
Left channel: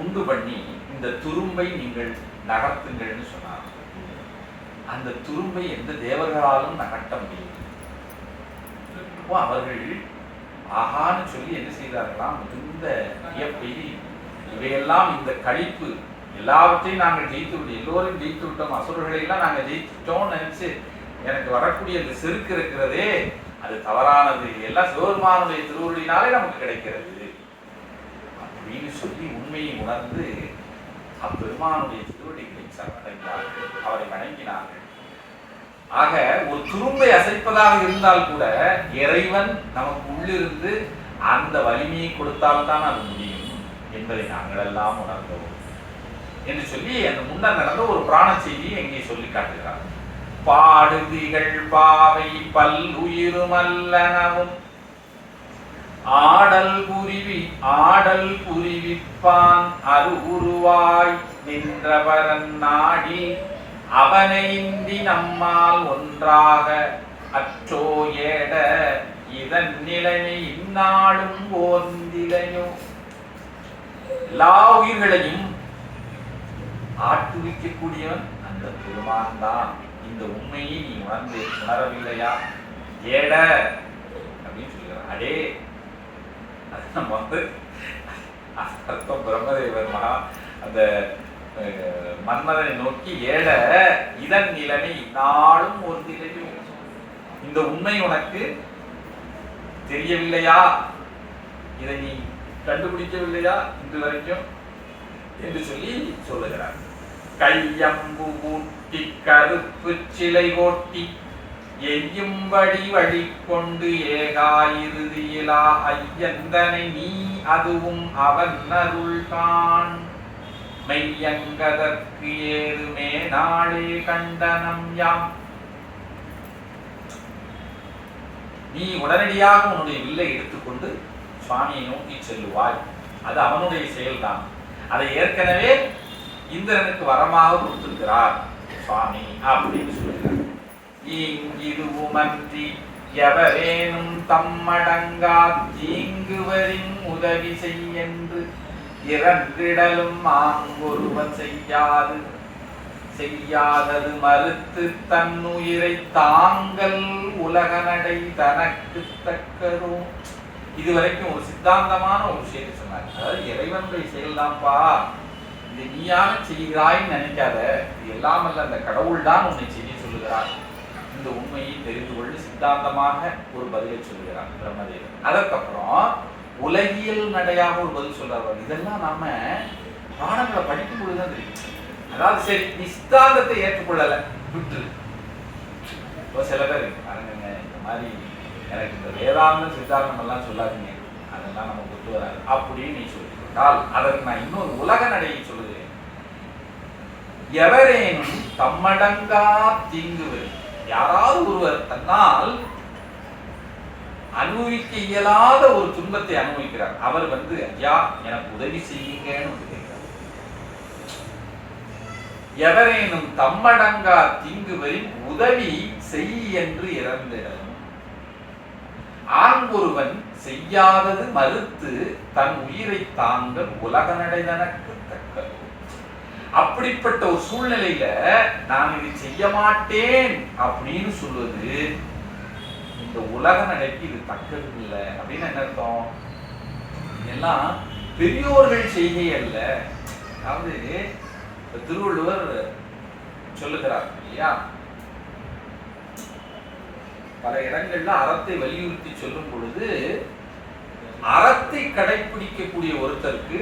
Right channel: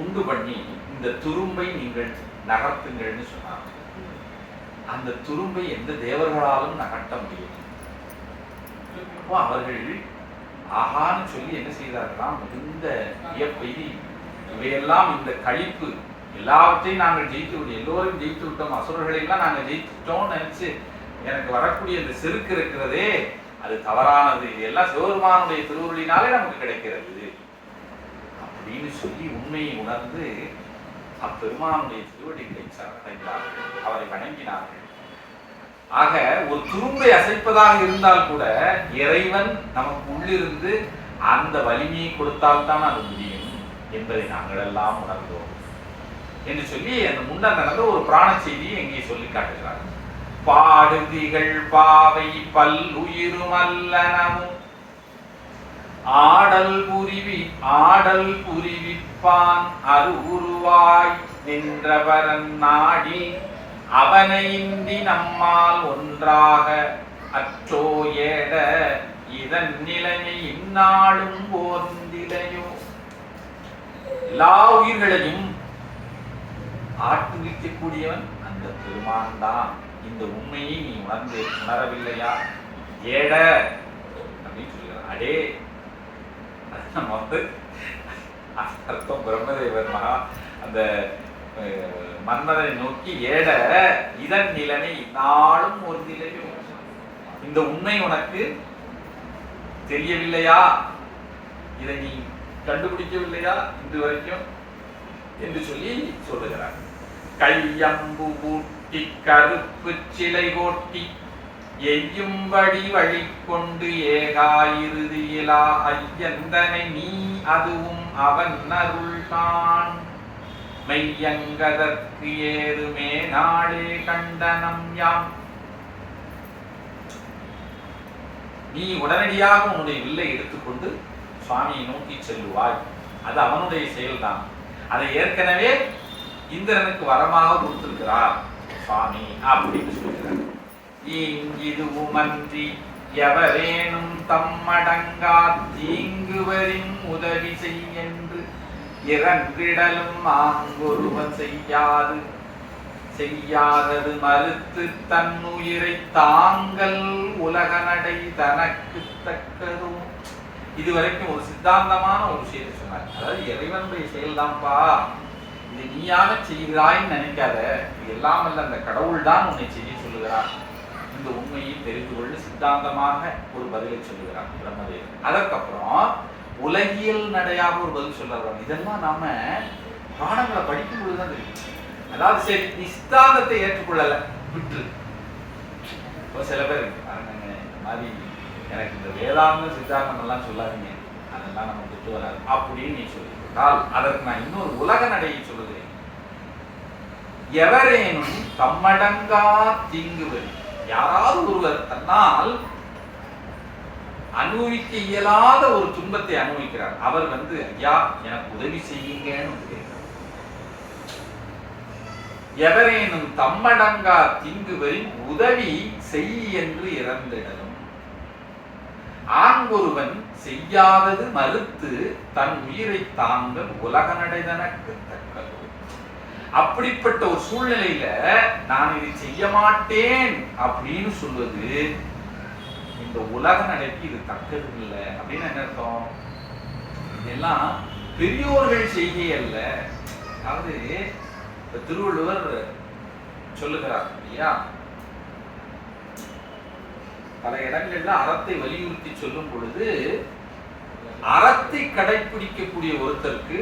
உண்டு பண்ணி இந்த துரும்பை நீங்கள் நகர்த்துங்கள்னு சொன்னார். அந்த துரும்பை எந்த தேவர்களாலும் நகர்த்த முடியும். அவர்கள் ஆகான்னு சொல்லி என்ன செய்தார்களாம், மிகுந்த வியப்பை, இவையெல்லாம் இந்த கழிப்பு எல்லாவற்றையும் நாங்கள் ஜெயித்து விட்டோம், எல்லோரையும் ஜெயித்து விட்டோம், அசுரர்களை எல்லாம் நாங்கள் ஜெயித்துட்டோம்னு நினைச்சு எனக்கு வரக்கூடிய இந்த செருக்கு இருக்கிறதே அது தவறானது, எல்லாம் சிவபெருமானுடைய திருவுருளினாலே நமக்கு கிடைக்கிறது அப்படின்னு சொல்லி உண்மையை உணர்ந்து அப்பெருமானுடைய திருவடிகளை அடைந்தார்கள், அவரை வணங்கினார்கள். ஆக ஒரு துரும்பை அசைப்பதாக இருந்தால் கூட இறைவன் நமக்கு உள்ளிருந்து அந்த வலிமையை கொடுத்தால்தான் அது முடியும் என்பதை நாங்கள் எல்லாம் உணர்ந்தோம் என்று சொல்லி அந்த முன்னர் நடந்த ஒரு பிராண செய்தியை எங்கே சொல்லி காட்டுகிறார். பாடுதிகள் பாவை பல்லுயிருமல்லனவும் ஆடல் புரிவிப்பான் அருவுருவாய் நின்றவரன் நாடி அவனை இந்தி நம்மால் ஒன்றாக அற்றோ ஏட இதன் நிலைமை இந்நாளும் ஓர்ந்திலையோ. எல்லா உயிர்களையும் ஆட்டுவிக்கக்கூடியவன் அந்த பெருமான் தான். இந்த உண்மையை நீ உணரவில்லையா? ஏட அப்படின்னு சொல்லுகிறார். அடே நம்ம அர்த்தம் பிரம்மதேவர் மகா அந்த மன்மதனை நோக்கி ஏட இதன் நிலைமை நாளும் ஒரு நிலையும், இந்த உண்மை உனக்கு தெரியவில்லையா? இதை நீ கண்டுபிடிக்கவில்லையா இன்று வரைக்கும் என்று சொல்லி சொல்லுகிறார். கையம்பு ஊட்டி கருப்பு சிலை கோட்டி எய்யும்படி வழி கொண்டு ஏகாயிருதியிலா ஐயந்தனை நீ அதுவும் அவன் அருள்கான் மெய்யங்கதற்கு ஏதுமே நாளே கண்டனம் யாம். நீ உடனடியாக உன்னுடைய வில்லை எடுத்துக்கொண்டு சுவாமியை நோக்கி செல்லுவாய். அது அவனுடைய செயல்தான். அதை ஏற்கனவே இந்திரனுக்கு வரமாக கொடுத்திருக்கிறார் சுவாமி அப்படின்னு சொல்கிறார். இங்கிதுவுமன்றி எவரேனும் தம்மடங்கா தீங்குவரின் உதவி செய்யென்று இறந்திடலும் ஆங்கொருவன் செய்யாதது மறுத்து தன்னுயிரை தாங்கள் உலக நடை தனக்கு தக்கதோ. இதுவரைக்கும் ஒரு சித்தாந்தமான ஒரு விஷயத்தை சொன்னார். அதாவது இறைவனுடைய செயல்தான்ப்பா, இது நீயாக செய்கிறாய்ன்னு நினைக்காத, இது எல்லாம் அல்ல, அந்த கடவுள் தான் உன்னை செய்ய சொல்லுகிறார். இந்த உண்மையை தெரிந்து கொண்டு சித்தாந்தமாக ஒரு பதிலை சொல்லுகிறார் பிரம்மதேவன். அதற்கப்புறம் உலகியல் நடையாக ஒரு பதில் சொல்றாரு. இதெல்லாம் நம்ம பாடங்களை படிக்கும் பொழுதுதான் தெரியும். அதாவது சரி நீ சித்தாந்தத்தை ஏற்றுக்கொள்ளல விட்டு, இப்போ சில பேர் பாருங்க இந்த மாதிரி எனக்கு இந்த வேதாந்த சித்தாந்தம் எல்லாம் சொல்லாதீங்க, அதெல்லாம் நம்ம ஒத்து வராது அப்படின்னு நீ சொல்லிவிட்டால் அதற்கு நான் இன்னொரு உலக நடையை சொல்லுகிறேன். எவரேனும் தம்மடங்கா தீங்குவது, யாராவது ஒருவர் தன்னால் அனுபவிக்க இயலாத ஒரு துன்பத்தை அனுபவிக்கிறார். அவர் ஐயா எனக்கு உதவி செய்யுங்கன்னு கேட்கிறார். எவரேனும் தம்மடங்கா தீங்குவரின் உதவி செய் என்று இறந்திடலும் ஆண்ஒருவன் செய்யாதது மறுத்து தன் உயிரை தாங்க உலக நடைதனக்கு தக்கது. அப்படிப்பட்ட ஒரு சூழ்நிலையில நான் இதை செய்ய மாட்டேன் அப்படின்னு சொல்வது இந்த உலக நடைக்கு இது தக்கது இல்லை அப்படின்னு என்ன அர்த்தம்? இதெல்லாம் பெரியோர்கள் செய்கை அல்ல. அதாவது திருவள்ளுவர் சொல்லுகிறார் இல்லையா, பல இடங்கள்ல அறத்தை வலியுறுத்தி சொல்லும் பொழுது அறத்தை கடைபிடிக்கக்கூடிய ஒருத்தருக்கு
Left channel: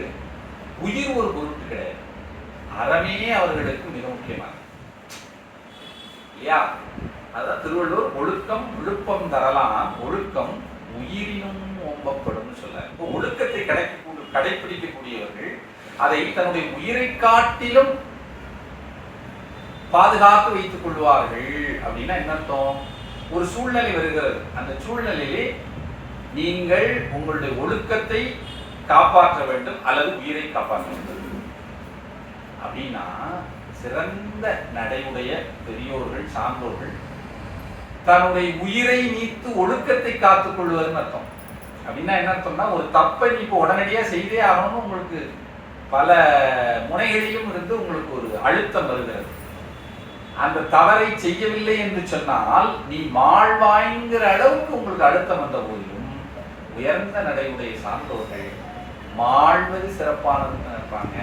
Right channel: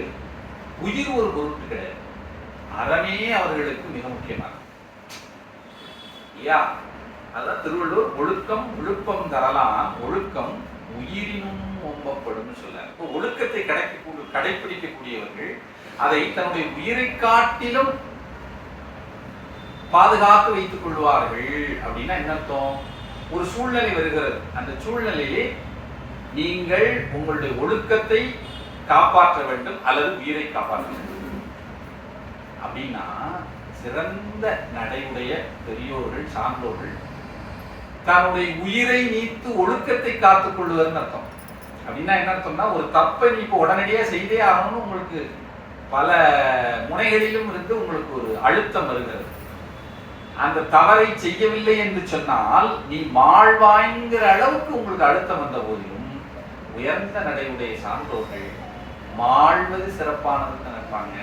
உயிர் ஒரு பொருட்டு கிடையாது, அறமே அவர்களுக்கு மிக முக்கியமானது. அதான் திருவள்ளுவர் ஒழுக்கம் விழுப்பம் தரலாம், ஒழுக்கம் உயிரினும் ஓம்பப்படும் சொல்ல. ஒழுக்கத்தை கடைபிடிக்கக்கூடியவர்கள் அதை தன்னுடைய உயிரை காட்டிலும் பாதுகாத்து வைத்துக் கொள்வார்கள். அப்படின்னா என்ன அர்த்தம்? ஒரு சூழ்நிலை வருகிறது, அந்த சூழ்நிலையிலே நீங்கள் உங்களுடைய ஒழுக்கத்தை காப்பாற்ற வேண்டும் அல்லது உயிரை காப்பாற்ற வேண்டும். அப்படின்னா சிறந்த நடையுடைய பெரியோர்கள் சான்றோர்கள் தன்னுடைய உயிரை நீத்து ஒழுக்கத்தை காத்துக் கொள்வதுன்னு அர்த்தம். அப்படின்னா என்ன அர்த்தம்னா, ஒரு தப்பை நீ இப்போ உடனடியா செய்தே ஆகணும், உங்களுக்கு பல முனைகளிலும் இருந்து உங்களுக்கு ஒரு அழுத்தம் வருகிறது. அந்த தவறை செய்யவில்லை என்று சொன்னால் நீ மாழ்வாய்ங்கிற அளவுக்கு உங்களுக்கு அழுத்தம் வந்த போதிலும் உயர்ந்த நடையுடைய சான்றோர்கள் மாழ்வது சிறப்பானது நினைப்பாங்க.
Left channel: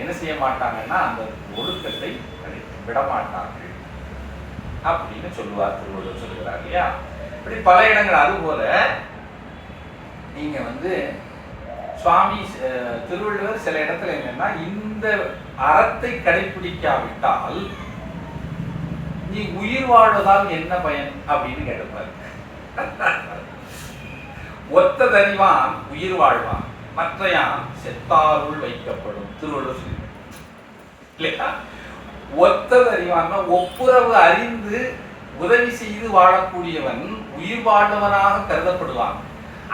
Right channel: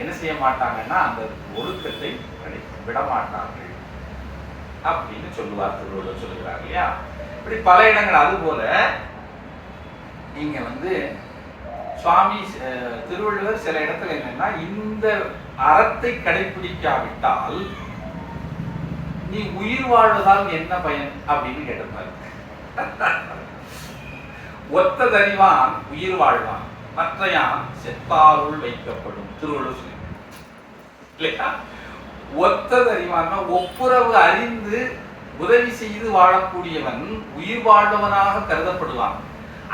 என்ன செய்ய மாட்டாங்கன்னா அந்த ஒழுக்கத்தை விட மாட்டார்கள் அப்படின்னு சொல்லுவார் திருவள்ளுவர் சொல்லுகிறார் இல்லையா. இப்படி பல இடங்கள். அது போல நீங்க சுவாமி திருவள்ளுவர் சில இடத்துல என்னன்னா, இந்த அறத்தை கடைபிடிக்காவிட்டால் நீ உயிர் வாழ்வதால் என்ன பயன் அப்படின்னு கேட்டிருப்பாரு. ஒத்ததறிவான் உயிர் வாழ்வான், மற்றையான் செத்தாருள் வைக்கப்படும் திருவள்ளுவர் இல்லையா. ஒத்ததறிவான் ஒப்புரவு அறிந்து உதவி செய்து வாழக்கூடியவன் உயிர் வாழ்வனாக கருதப்படுவான்.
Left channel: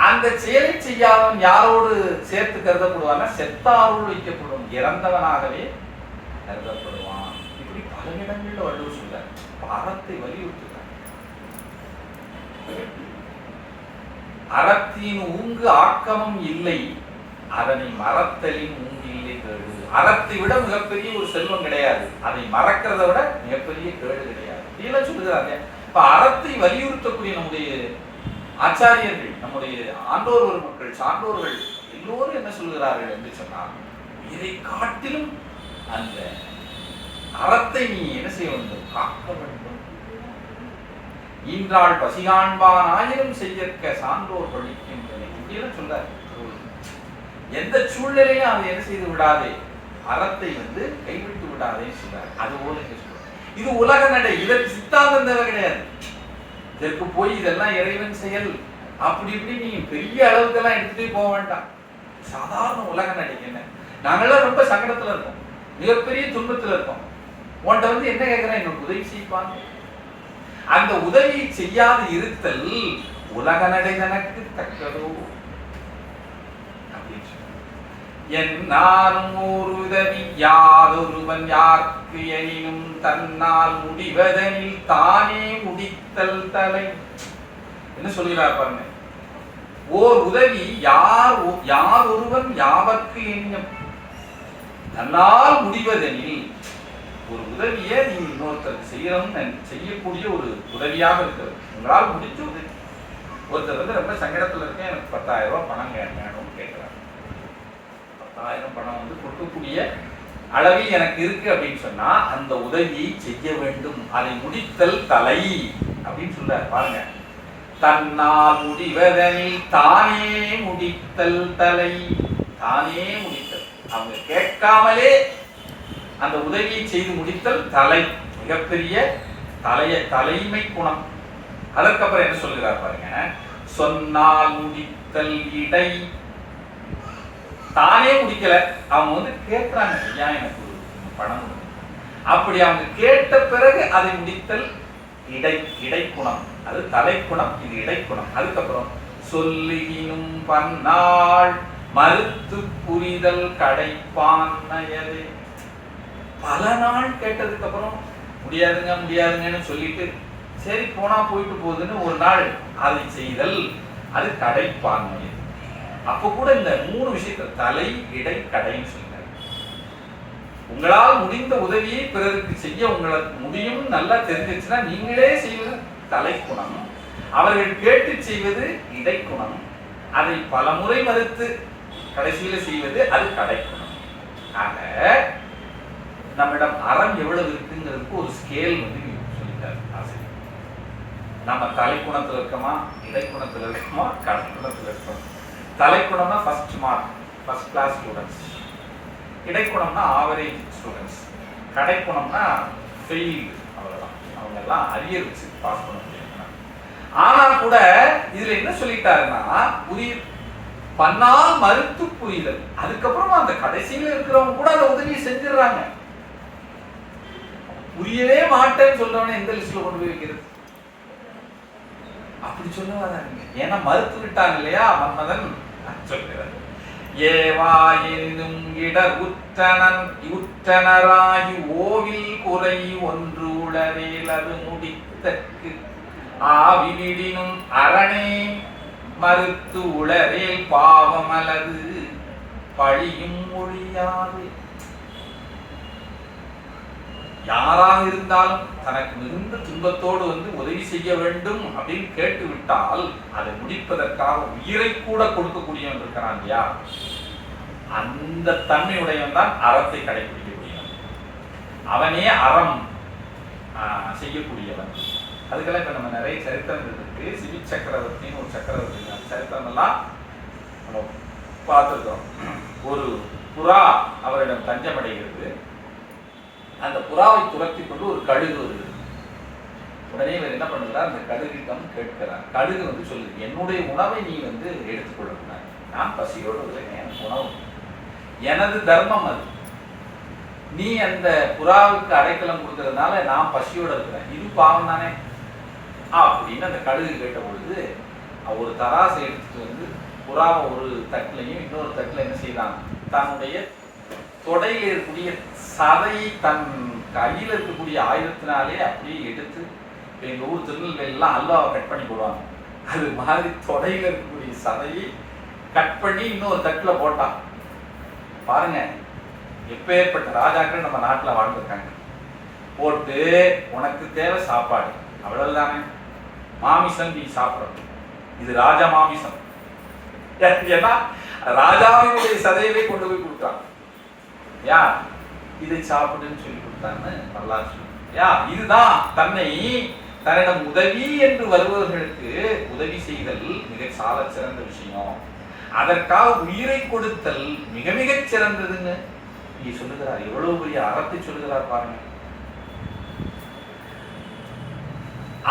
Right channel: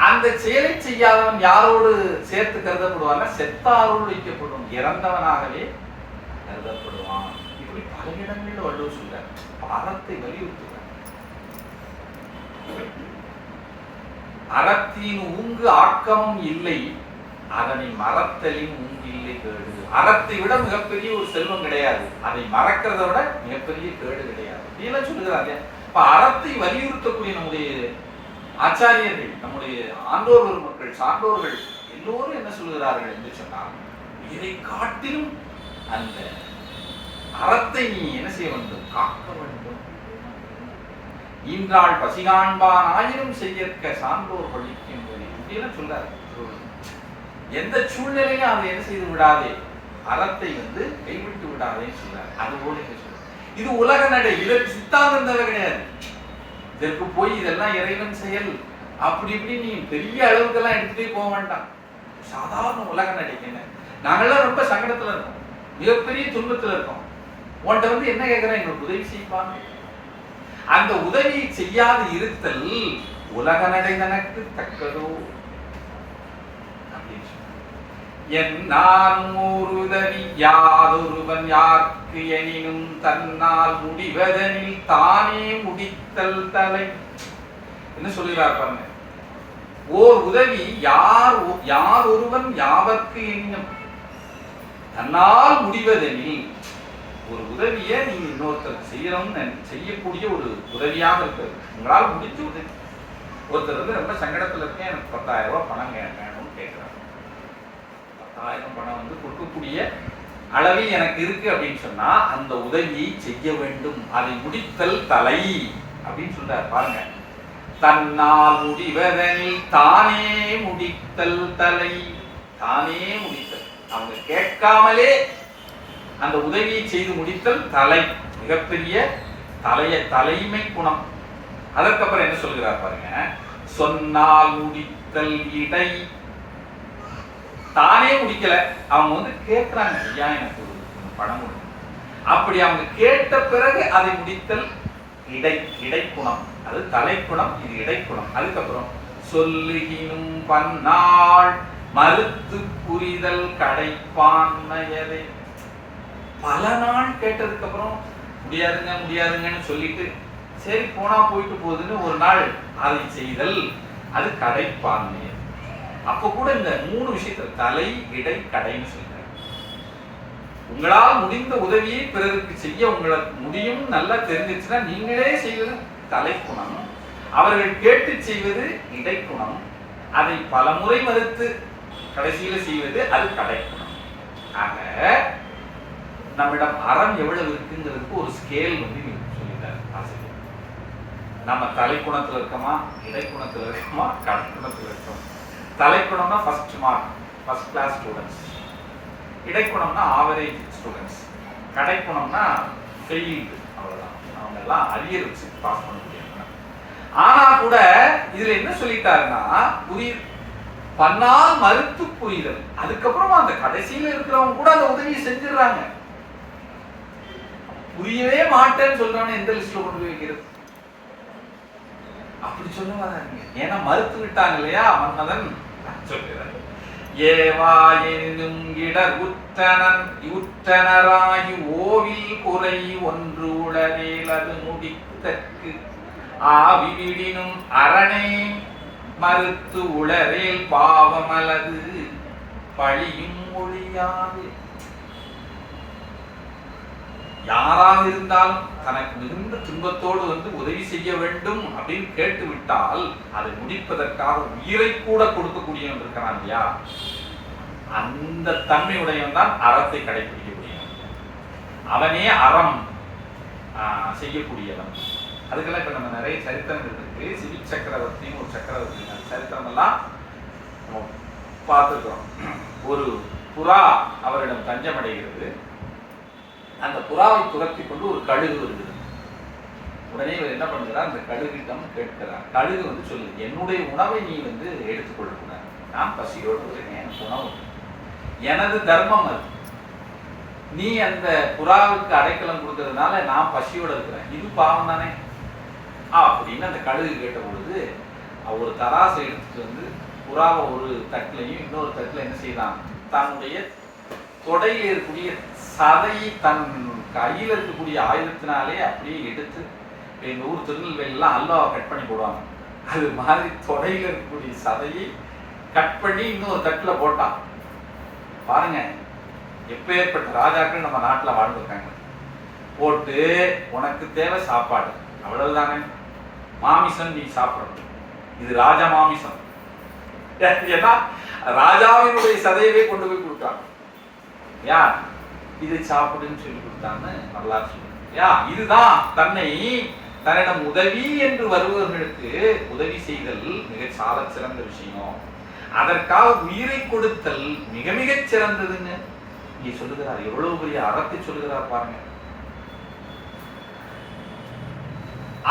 அந்த செயலை செய்யாதவன் யாரோடு சேர்த்து கருதப்படுவான்? செத்தாரோடு வைக்கப்படும், இறந்தவனாகவே கருதப்படுவான். இப்படி பல இடங்களில் வள்ளுவர் சொல்ற அறத்தை வலியுறுத்துகிறார். அறத்தின் ஊங்கு ஆக்கமும் இல்லை, அதனை மறத்தலின் ஊங்கு இல்லை கேடு. அறத்தை விட மிகப்பெரிய ஒரு செல்வம் கிடையாது, அதை மறக்கிறத விட மிகப்பெரிய கேடு கிடையாது. இதெல்லாம் சொல்லுகிறாங்க. இப்ப அறத்தை வலியுறுத்தக்கூடிய நம்முடைய ஆச்சாரியர்கள், நம்முடைய ஆண்டோர் மக்கள், சான்றோர்கள் எல்லோரும் என்ன சொல்கிறார்கள் என்று சொன்னால், இதை காட்டிலும் அந்த அறத்தை நீ என்ன செய்ய வேண்டும்? காக்க வேண்டும். ஈன்றாள் பசிகாண்பான் ஆயிரம் செய்யற்க சான்றோர் பழிக்கும் அப்படின்னு சொல்றாரு. எந்த சூழ்நிலையும் அதை என்ன செய்து விடாதே, அறத்தை கைவிட்டு விடாதேன்னு சொல்றாரு. அது போல இது உலக நடை, இதற்கு சித்தாந்தம் தேவை கிடையாது. இதற்கு போய் இதெல்லாம் இறைவன் செயல் அப்படி இப்படி நீ பெரிய அளவுக்கெல்லாம் எடுத்துட்டே போக வேண்டாம். சாதாரண உலக நடைக்கு நாங்கெல்லாம் ரொம்ப சங்கடத்துல இருக்கோம், மிகப்பெரிய துன்பத்துல இருக்கோம். உன்கிட்ட என்ன கேட்கிறேன்? என்னோட உதவி செய்வாங்க. அந்த உதவியை செய்யாது இருத்தல் உலக நடை தனக்கு தக்கதோ என்னாலும் ஒரு உதவி யாதொருவன் யாருக்கு எனினும் தன்னால் முடிவதனில் தானே முடித்தல் தலை. என்ன சொல்கிறார் பாருங்க. ஓர் உதவி யார் ஒருவன் யாவர்க்கு எண்ணும் தன்னால் முடிவதெனில், ஒரு உதவியை நீங்க இன்னொருத்தர் செய்யக்கூடிய ஒரு உதவியாக இருக்கிறது. உங்களால் முடிஞ்ச உதவி. ஒருத்தர் ரொம்ப சங்கடத்துல இருக்கேன், எனக்கு 10,000 ரூபாய் பணம் வேணும்னு கேட்கிறார். 10,000 பணம் கொடுக்கக்கூடிய அளவு எனக்கு இருக்கு அப்படின்னு சொன்னா அந்த உதவியை செய்ய வேண்டும், அதை முடித்தல் தலை அப்படின்னு சொல்றார் பாருங்க. தன்னால் முடிவதனில் தானே முடித்தல் தலை. தானே முடித்தல், அவங்க கேட்காமலே அந்த உதவியை செய்து முடித்தல் தலை, மிகப்பெரிய தலைமை குணம். அதற்கப்புறம் என்ன சொல்கிறார் பாருங்க. சொன்னால் முடித்தல் இடை. தானே முடிக்கல, அவங்க கேட்கிறாங்க, ஐயா எனக்கு பணம், அப்படி அவங்க கேட்ட பிறகு அதை முடித்தல் இடை குணம். அது தலைக்குணம், இது இடைக்குணம். அதுக்கப்புறம் சொல்லுகினும் பன்னாள் மறுத்து புரிதல் கடைப்பான்மையதே. பல நாள் கேட்டதுக்கு அப்புறம் முடியாதுங்கன்னு சொல்லிட்டு சரி போனா போயிட்டு போகுதுன்னு ஒரு நாள் அதை செய்தல், அது கடைப்பான்மை. அப்ப கூட இந்த 3 விஷயத்துல தலை இடை கடைன்னு சொல்றாரு. உங்களால் முடிந்த உதவியை பிறருக்கு செய்ய உங்களுக்கு முடியும் நல்லா தெரிஞ்சிச்சுன்னா நீங்களே செய்வது தலைக்குணம், அவர்கள் கேட்டு செய்வது இடைக்குணம், அதை பல முறை மறுத்து கடைசியில செய்வது அது கடைக்குணம். ஆக நம்மிடம் அறம் எவ்வளவு இருக்குங்கிறதுக்கு ஒரு ஸ்கேல் வந்து சொல்லிட்டார் ஆசிரியர். நம்ம தலைக்குணத்துல இருக்கோமா, இடைக்குணத்துல இருக்கோமா, கடைக்குணத்துல இருக்கோம். தலைக்குணம்னா first mark, first class students. இடைக்குணம்னா ஆவரேஜ் ஸ்டூடெண்ட்ஸ். கடைக்குணம்னா ஃபெயில்டு, அவ்வளவுதான். அவங்க எல்லாம் அரியர் வச்சு பாஸ் பண்ண முடியும். ஆனா கூட இதுல என்ன சொல்லிட்டாருன்னா, புரியுது பண்ணால் மறுத்து புரிதல். அதுக்கப்புறமா அந்த கடைசியில இருக்கிறவங்க கூட அந்த உதவியை செஞ்சிடறாங்க. புரியவே மாட்டேன்னு சொல்றவன எந்த லிஸ்ட்ல கொண்டு போய் வைக்கிறது? அப்படி சொல்ல வராங்க. ஏன்னா மறுத்து விட்டாங்க இல்லையா மன்மதன். சொல்கிறார், ஏவாயினும் இடர் உற்றனராகி ஓவில் குறை ஒன்று உளவேல் அது முடித்தற்கு ஆவிடினும் அரணே மறுத்து உளவேல் பாவம் அல்லது பழியும் மொழியாது. யாராக இருந்தாலும் தனக்கு மிகுந்த துன்பத்தோடு வந்து உதவி செய்ய வேண்டும் அப்படின்னு கேட்டு விட்டால் அதை முடிப்பதற்காக உயிரை கூட கொடுக்கக்கூடியவன் இருக்கிறான் இல்லையா, அந்த தன்மையுடையவன் தான் அறத்தை கடைபிடிக்க முடியும். அவனே அறம் செய்யக்கூடியவன். அதுக்கெல்லாம் இப்ப நம்ம நிறைய சரித்திரங்கள் இருக்கு. சிவி சக்கரவர்த்தின்னு ஒரு சக்கரவர்த்தி சரித்திரம் எல்லாம் பார்த்துருக்கோம். ஒரு புறா அவரிடம் தஞ்சமடைகிறது. அந்த புறாவை துரத்தி கொண்டு ஒரு கழுகு வருது. உடனே இவர் என்ன பண்ணுறார், அந்த கழுகிடம் கேட்கிறார். கழுகு வந்து சொல்லு, என்னுடைய உணவை நீ வந்து எடுத்துக்கொள்ள, நான் பசியோடு இருக்கேன், எனக்கு உணவு எனது தர்மம் அது. நீ அந்த புறாவுக்கு அடைக்கலம் கொடுக்கறதுனால நான் பசியோட இருக்கிறேன், இது பாவம் தானே அப்படின்னு அந்த கழுகு கேட்ட பொழுது ஒரு தராசை எடுத்துட்டு வந்து புறாவை ஒரு தட்டிலையும் இன்னொரு தட்டில் என்ன செய்தான், தன்னுடைய தொடையில் இருக்கக்கூடிய சதையை தன் கையில் இருக்கக்கூடிய ஆயுதத்தினாலே அப்படியே எடுத்து, எங்க ஊர் திருநெல்வேலியெல்லாம் அல்வாவை கட் பண்ணி போடுவாங்க, அது மாதிரி தொடையில் இருக்கக்கூடிய சதையை கட் பண்ணி இன்னொரு தட்டில் போட்டான். பாருங்க எப்பேற்பட்ட ராஜாக்கள் நம்ம நாட்டில் வாழ்ந்துருக்காங்க. போட்டு உனக்கு தேவை சாப்பாடு, அவ்வளவுதானே, மாமிசம் நீ சாப்பிடணும், இது ராஜா மாமிசம். ஏன்னா ராஜாவினுடைய சதையவே கொண்டு போய் கொடுத்தாங்க. யார் இதை சாப்பிடுன்னு சொல்லி கொடுத்தான்னு வரலாற்று. இதுதான் தன்னிடம் உதவி என்று வருபவர்களுக்கு உதவி செய்தல் மிக சால சிறந்த விஷயம். அதற்காக உயிரை கொடுத்தல் மிக மிக சிறந்ததுன்னு இங்க சொல்லுகிறார். எவ்வளவு பெரிய அறத்தை சொல்லுகிறார் பாருங்க.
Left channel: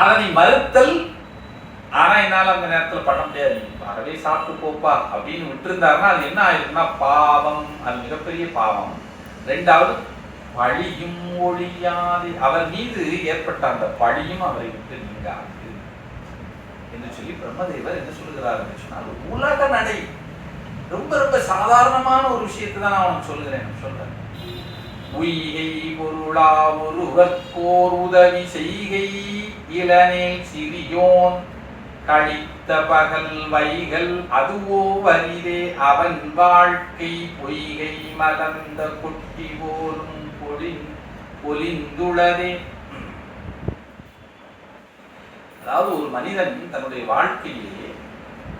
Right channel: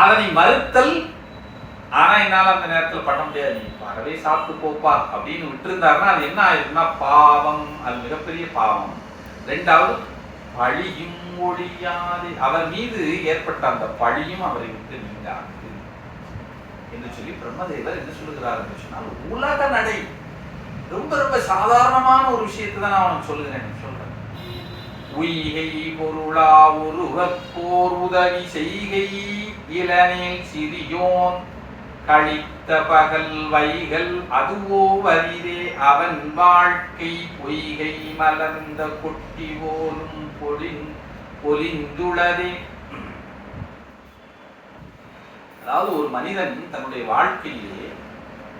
அதனை மறுத்தல், ஆனா என்னால அந்த நேரத்தில் பண்ண முடியாது, நீ அறவே சாப்பிட்டு போப்பா அப்படின்னு விட்டுருந்தாருன்னா அது என்ன ஆயிருக்குன்னா பாவம், அது மிகப்பெரிய பாவம். ரெண்டாவது பழியும் ஒழியாது, அவர் மீது ஏற்பட்ட அந்த பழியும் அவரை விட்டு நீங்காது என்று சொல்லி பிரம்மதேவர் என்ன சொல்லுகிறார் என்று சொன்னால், உலக நடை ரொம்ப ரொம்ப சாதாரணமான ஒரு விஷயத்தை தான் நான் அவனுக்கு சொல்லுகிறேன். சொல்றேன், உய்கை பொருளா ஒருவர்க்கோர் உதவி செய்கை இளநேல் சிறியோன் கழித்த பகல் வைகள் அதுவோ வரிதே அவன் வாழ்க்கை பொய்கை மலர்ந்த கொட்டி போலும் பொலிந்துளதே. அதாவது ஒரு மனிதன் தன்னுடைய வாழ்க்கையிலே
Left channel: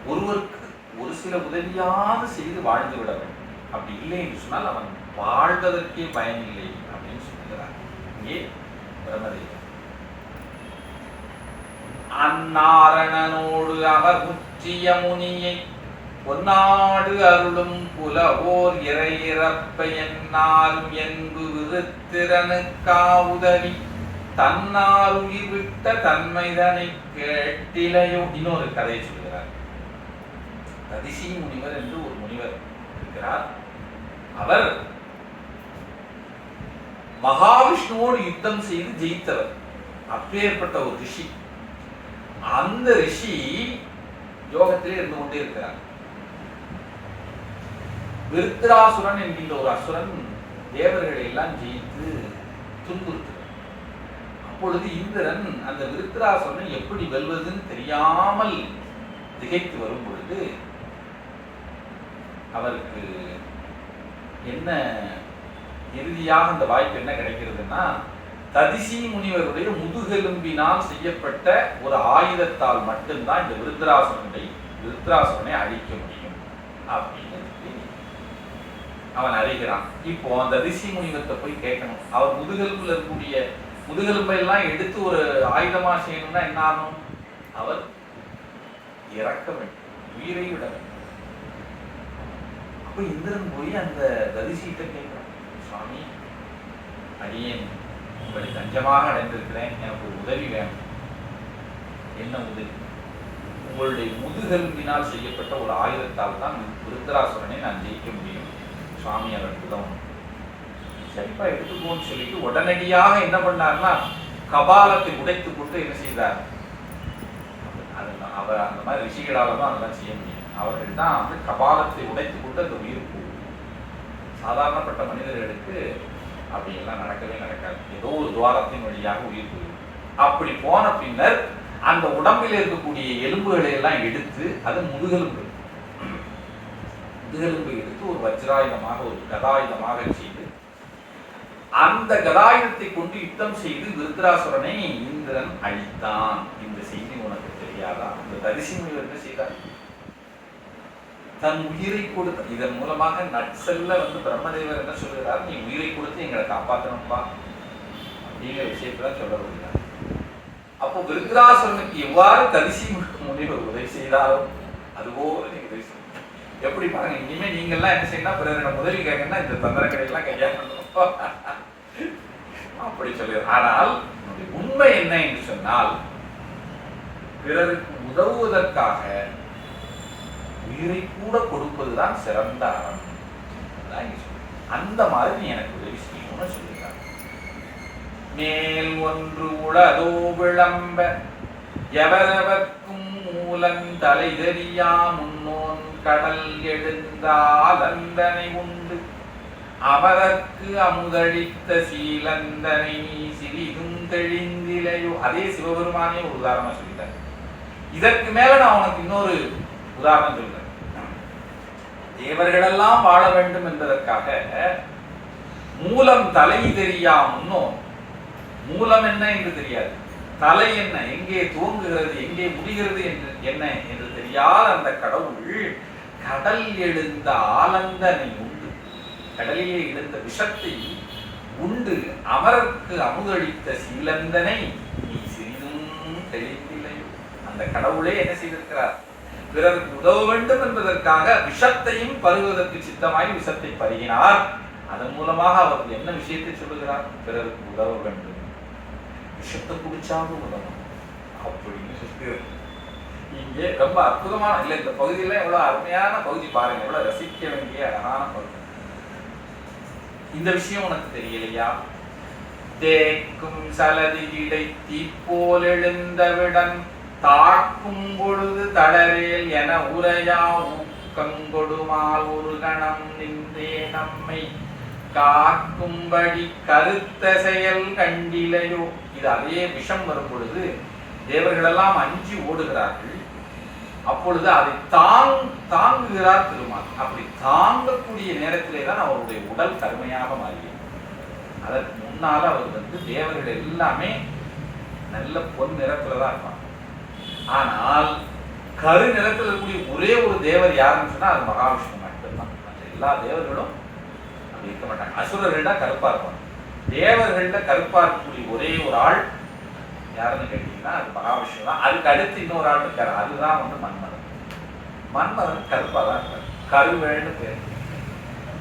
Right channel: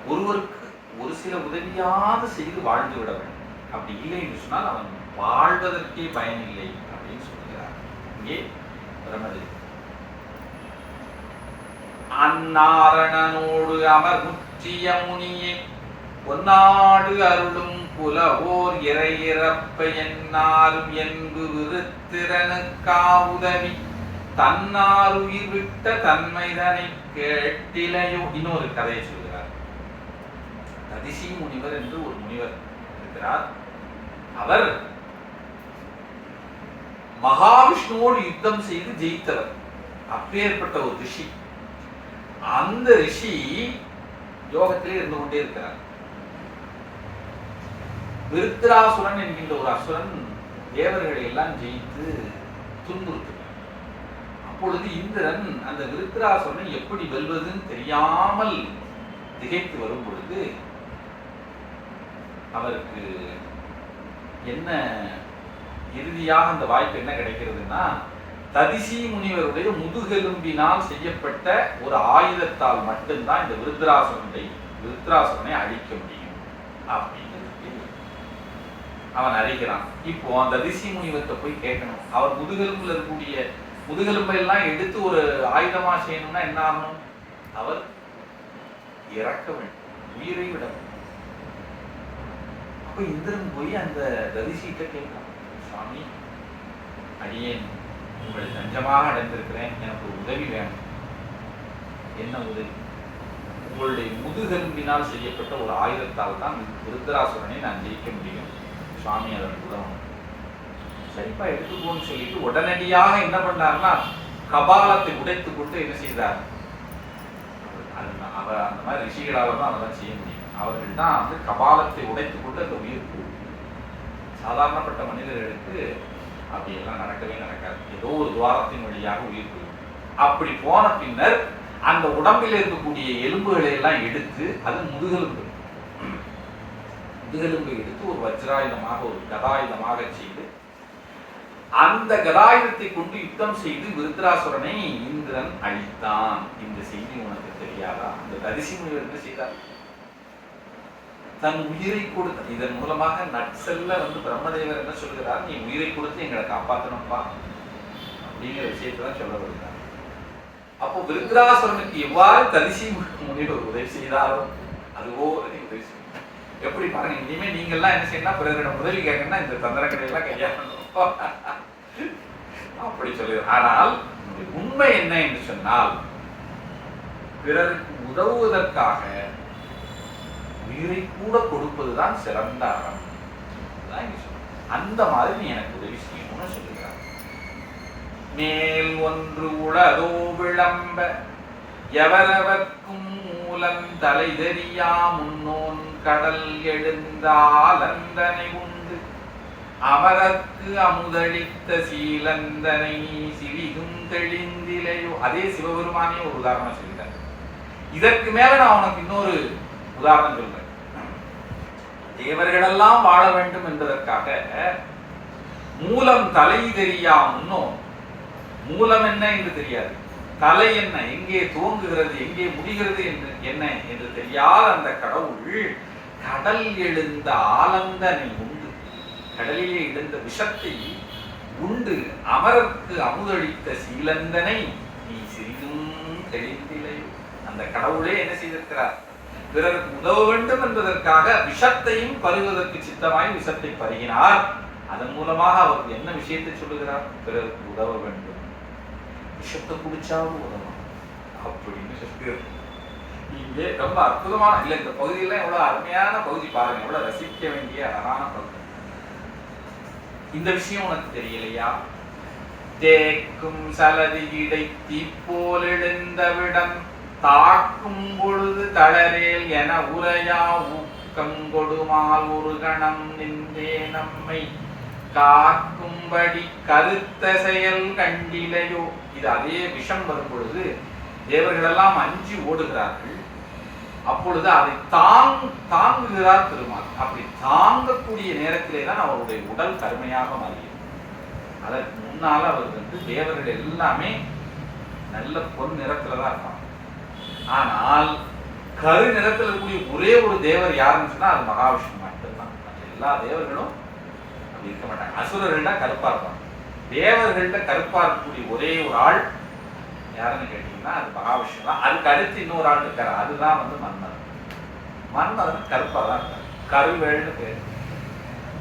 ஒருவருக்கு ஒரு சில உதவியாக செய்து வாழ்ந்து விட வேண்டும். அப்படி இல்லை என்று சொன்னால் அவன் வாழ்வதற்கே பயனில்லை அப்படின்னு சொல்லுகிறார் இங்கே பிரம்மதேவர். அந்நாரணனோடு அவர் முற்றிய முனியை பொன்னாடு அருளும் புலவோர் இறையிறப்ப என்னாரும் என்பு விருத்திரனுக்கா உதவி தன்னார் உயிர் விட்ட தன்மைதனை கேட்டிலையோ. இன்னொரு கதையை சொல்கிறார். ததிசி முனிவர் என்று ஒரு முனிவர் இருக்கிறார். அவர் மகாவிஷ்ணுவோடு யுத்தம் செய்து ஜெயித்தவர். அப்பேற்பட்ட ஒரு ரிஷி. அந்த ரிஷி யோகத்திலே இருந்து கொண்டே இருக்கிறார். விருத்ராசுரன் என்கின்ற ஒரு அசுரன் தேவர்களை எல்லாம் ஜெயித்து துன்புறுத்து. அப்பொழுது இந்திரன் அந்த விருத்ராசுரனை எப்படி வெல்வதுன்னு தெரியாமல் திகைத்து வரும் பொழுது அவருக்கு என்ன இறுதியாக அந்த வாய்ப்பு என்ன கிடைக்கிறதுன்னா, ததிசி முனிவருடைய முதுகெலும்பினால் செய்யப்பட்ட ஒரு ஆயுதத்தால் மட்டும்தான் இந்த விருத்ராசுரனை அழிக்க முடியும் அப்படின்னு அவன் அறிகிறான். இப்போ அந்த ரிஷி முனிவத்தை போய் கேட்கணும். அவர் முதுகெலும்புல இருக்கக்கூடிய முதுகெலும்பை எல்லாம் எடுத்து ஒரு ஆயுதமா செய்யணும்னா என்ன ஆகணும்? அவர் இறக்க வேண்டும், உயிரை விட வேண்டும். அப்ப இந்திரன் போய் அந்த தரிசிட்ட கேட்கிறான், சுவாமி, அடியேன் உங்களை தஞ்சமாக அடைந்திருக்கிறேன், எனக்கு ஒரு உதவி வேணும். என்ன உதவி? உங்களுடைய முதுகெலும்பினால் செய்யப்பட்ட ஒரு ஆயுதத்தால் தான் விருத்தராசுரனை நான் ஜெயிக்க முடியும் சுவாமி, அதற்கு உதவும். சரிப்பா, எடுத்துக்கோன்னு சொல்லிட்டு உடனடியாக என்ன பண்ணார்னா கபாலத்தை உடைத்து கொண்டு என்ன செய்தார்? அவர் அந்த மாதிரி ரிஷிகளால தான் அதெல்லாம் செய்ய முடியும். அவர்கள் தான் வந்து கபாலத்தை உடைத்து கொண்டு அந்த உயிர் போகும். சாதாரணப்பட்ட மனிதர்களுக்கு அப்படி எல்லாம் நடக்கவே நடக்காது. ஏதோ ஒரு துவாரத்தின் வழியாக உயிர் போகும். அப்படி போன பின்னர் அந்த உடம்பில் இருக்கக்கூடிய எலும்புகளை எல்லாம் எடுத்து, அது முதுகெலும்பு எடுத்து ஒரு வஜ்ராயுதமாக, ஒரு கதாயுதமாக செய்து, அந்த கதாயுதத்தை கொண்டு யுத்தம் செய்து விருத்தராசுரனை இந்திரன் அழித்தான். இந்த செய்தி உனக்கு தெரியாதா? அந்த தரிசி முனிவர் என்ன செய்தார்? தன் உயிரை கொடுத்த, இதன் மூலமாக நட்சல்ல வந்து பிரம்மதேவர் என்ன சொல்கிறார்? நீ உயிரை கொடுத்து எங்களை காப்பாற்றணும்பா அப்படிங்கிற விஷயத்தான் சொல்ல வருகிறார். அப்போ விருத்தராசுரனுக்கு எவ்வாறு தரிசி முனிவர் உதவி செய்தாலும் அதுபோல நீங்க உதவி செய்யணும். எப்படி பாருங்க, இனிமே நீங்க எல்லாம் என்ன செய்யணும்? பிறரிடம் உதவி கேட்கணும்னா இந்த தந்திரக்கடை எல்லாம் கையாளணும் அப்படி சொல்லுகிறார். ஆனால் உண்மை என்ன என்று சொன்னால், பிறருக்கு உதவுவதற்காக உயிரை கூட கொடுப்பதுதான் சிறந்த அறம். அந்த மாதிரி நீ எனக்கு உதவி செய்யணும்னு சொல்லுகிறார். மேல் ஒன்று உளதோ விளம்ப எவரவர்க்கும் மூலம் தலை தெரியா முன்னோன் கடல் எழுந்தால் அந்தனை உண்டு அவரற்கு அமுதளித்த சீலந்தனை சிறிதும் தெளிந்திலையோ. அதே சிவபெருமானே ஒரு உதாரணம் சொல்லிட்டார். இதற்கு மேல நான் உனக்கு இன்னொரு உதாரணம் சொல்றேன். தேவர்களெல்லாம் வாழ வேண்டும் என்பதற்காக மூலம் தலை தெரியா முன்னோன், மூலம் என்ன என்று தெரியாது, தலை என்ன, எங்கே துவங்குகிறது எங்கே முடிகிறது என்ன என்று தெரியாத அந்த கடவுள் கடல் எழுந்த ஆலந்தனை உண்டு, கடலிலே எழுந்த விஷத்தை உண்டு அமரருக்கு அமுதளித்த சீலந்தனை நீ சிறிதும் தெளிந்திலையோ. அந்த கடவுளே என்ன செய்திருக்கிறார்? பிறருக்கு உதவ வேண்டும் என்பதற்காக விஷத்தையும் பருகுவதற்கு சித்தமாய் விஷத்தை பருகினார். அதன் மூலமாக அவர் என்ன விஷயத்தை சொல்லுகிறார்? பிறருக்கு உதவ வேண்டும், விஷத்தை குடிச்சாலும் உதவும் அப்படின்னு சொல்லுகிறார். இங்கே ரொம்ப அற்புதமான இல்ல, இந்த பகுதியில எவ்வளவு அருமையான பகுதி பாருங்க, எவ்வளவு ரசிக்க வேண்டிய அழகான பகுதி. இந்த விஷயம் உனக்கு தெரியலையா? தேக்கும் சலதி இடை தீப்போல் எழுந்தவிடம் தாக்கும் பொழுது தளரேல் என உரையா ஊக்கங்கொடுமால் ஒரு கணம் நின்றே நம்மை காக்கும்படி கருத்த செயல் கண்டிலையோ. இது அதே விஷம் வரும் பொழுது தேவர்கள் எல்லாம் அஞ்சி ஓடுகிறார்கள். அப்பொழுது அதை தாங்குகிறார் திருமால். அப்படி தாங்கக்கூடிய நேரத்திலே தான் அவருடைய உடல் கருமையாக மாறியது. அதற்கு முன்னால அவர் வந்து தேவர்கள் எல்லாமே நல்ல பொன் நிறத்துல தான் இருப்பாங்க. ஆனால் கரு நிறத்தில் இருக்கக்கூடிய ஒரே ஒரு தேவர் யாருன்னு சொன்னா அது மகாவிஷ்ணு மட்டும்தான். எல்லா தேவர்களும் அப்படி இருக்க மாட்டாங்க. அசுரர்கள்டா கருப்பா இருப்பாங்க. தேவர்கள்ட கருப்பா இருக்கக்கூடிய ஒரே ஒரு ஆள் யாருன்னு கேட்டீங்கன்னா அது மகாவிஷ்ணு தான். அதுக்கு அடுத்து இன்னொரு ஆள் இருக்காரு, அதுதான் வந்து மன்னர். மன்னர் கருப்பா தான் இருக்காரு, கருவேல்னு பேர்.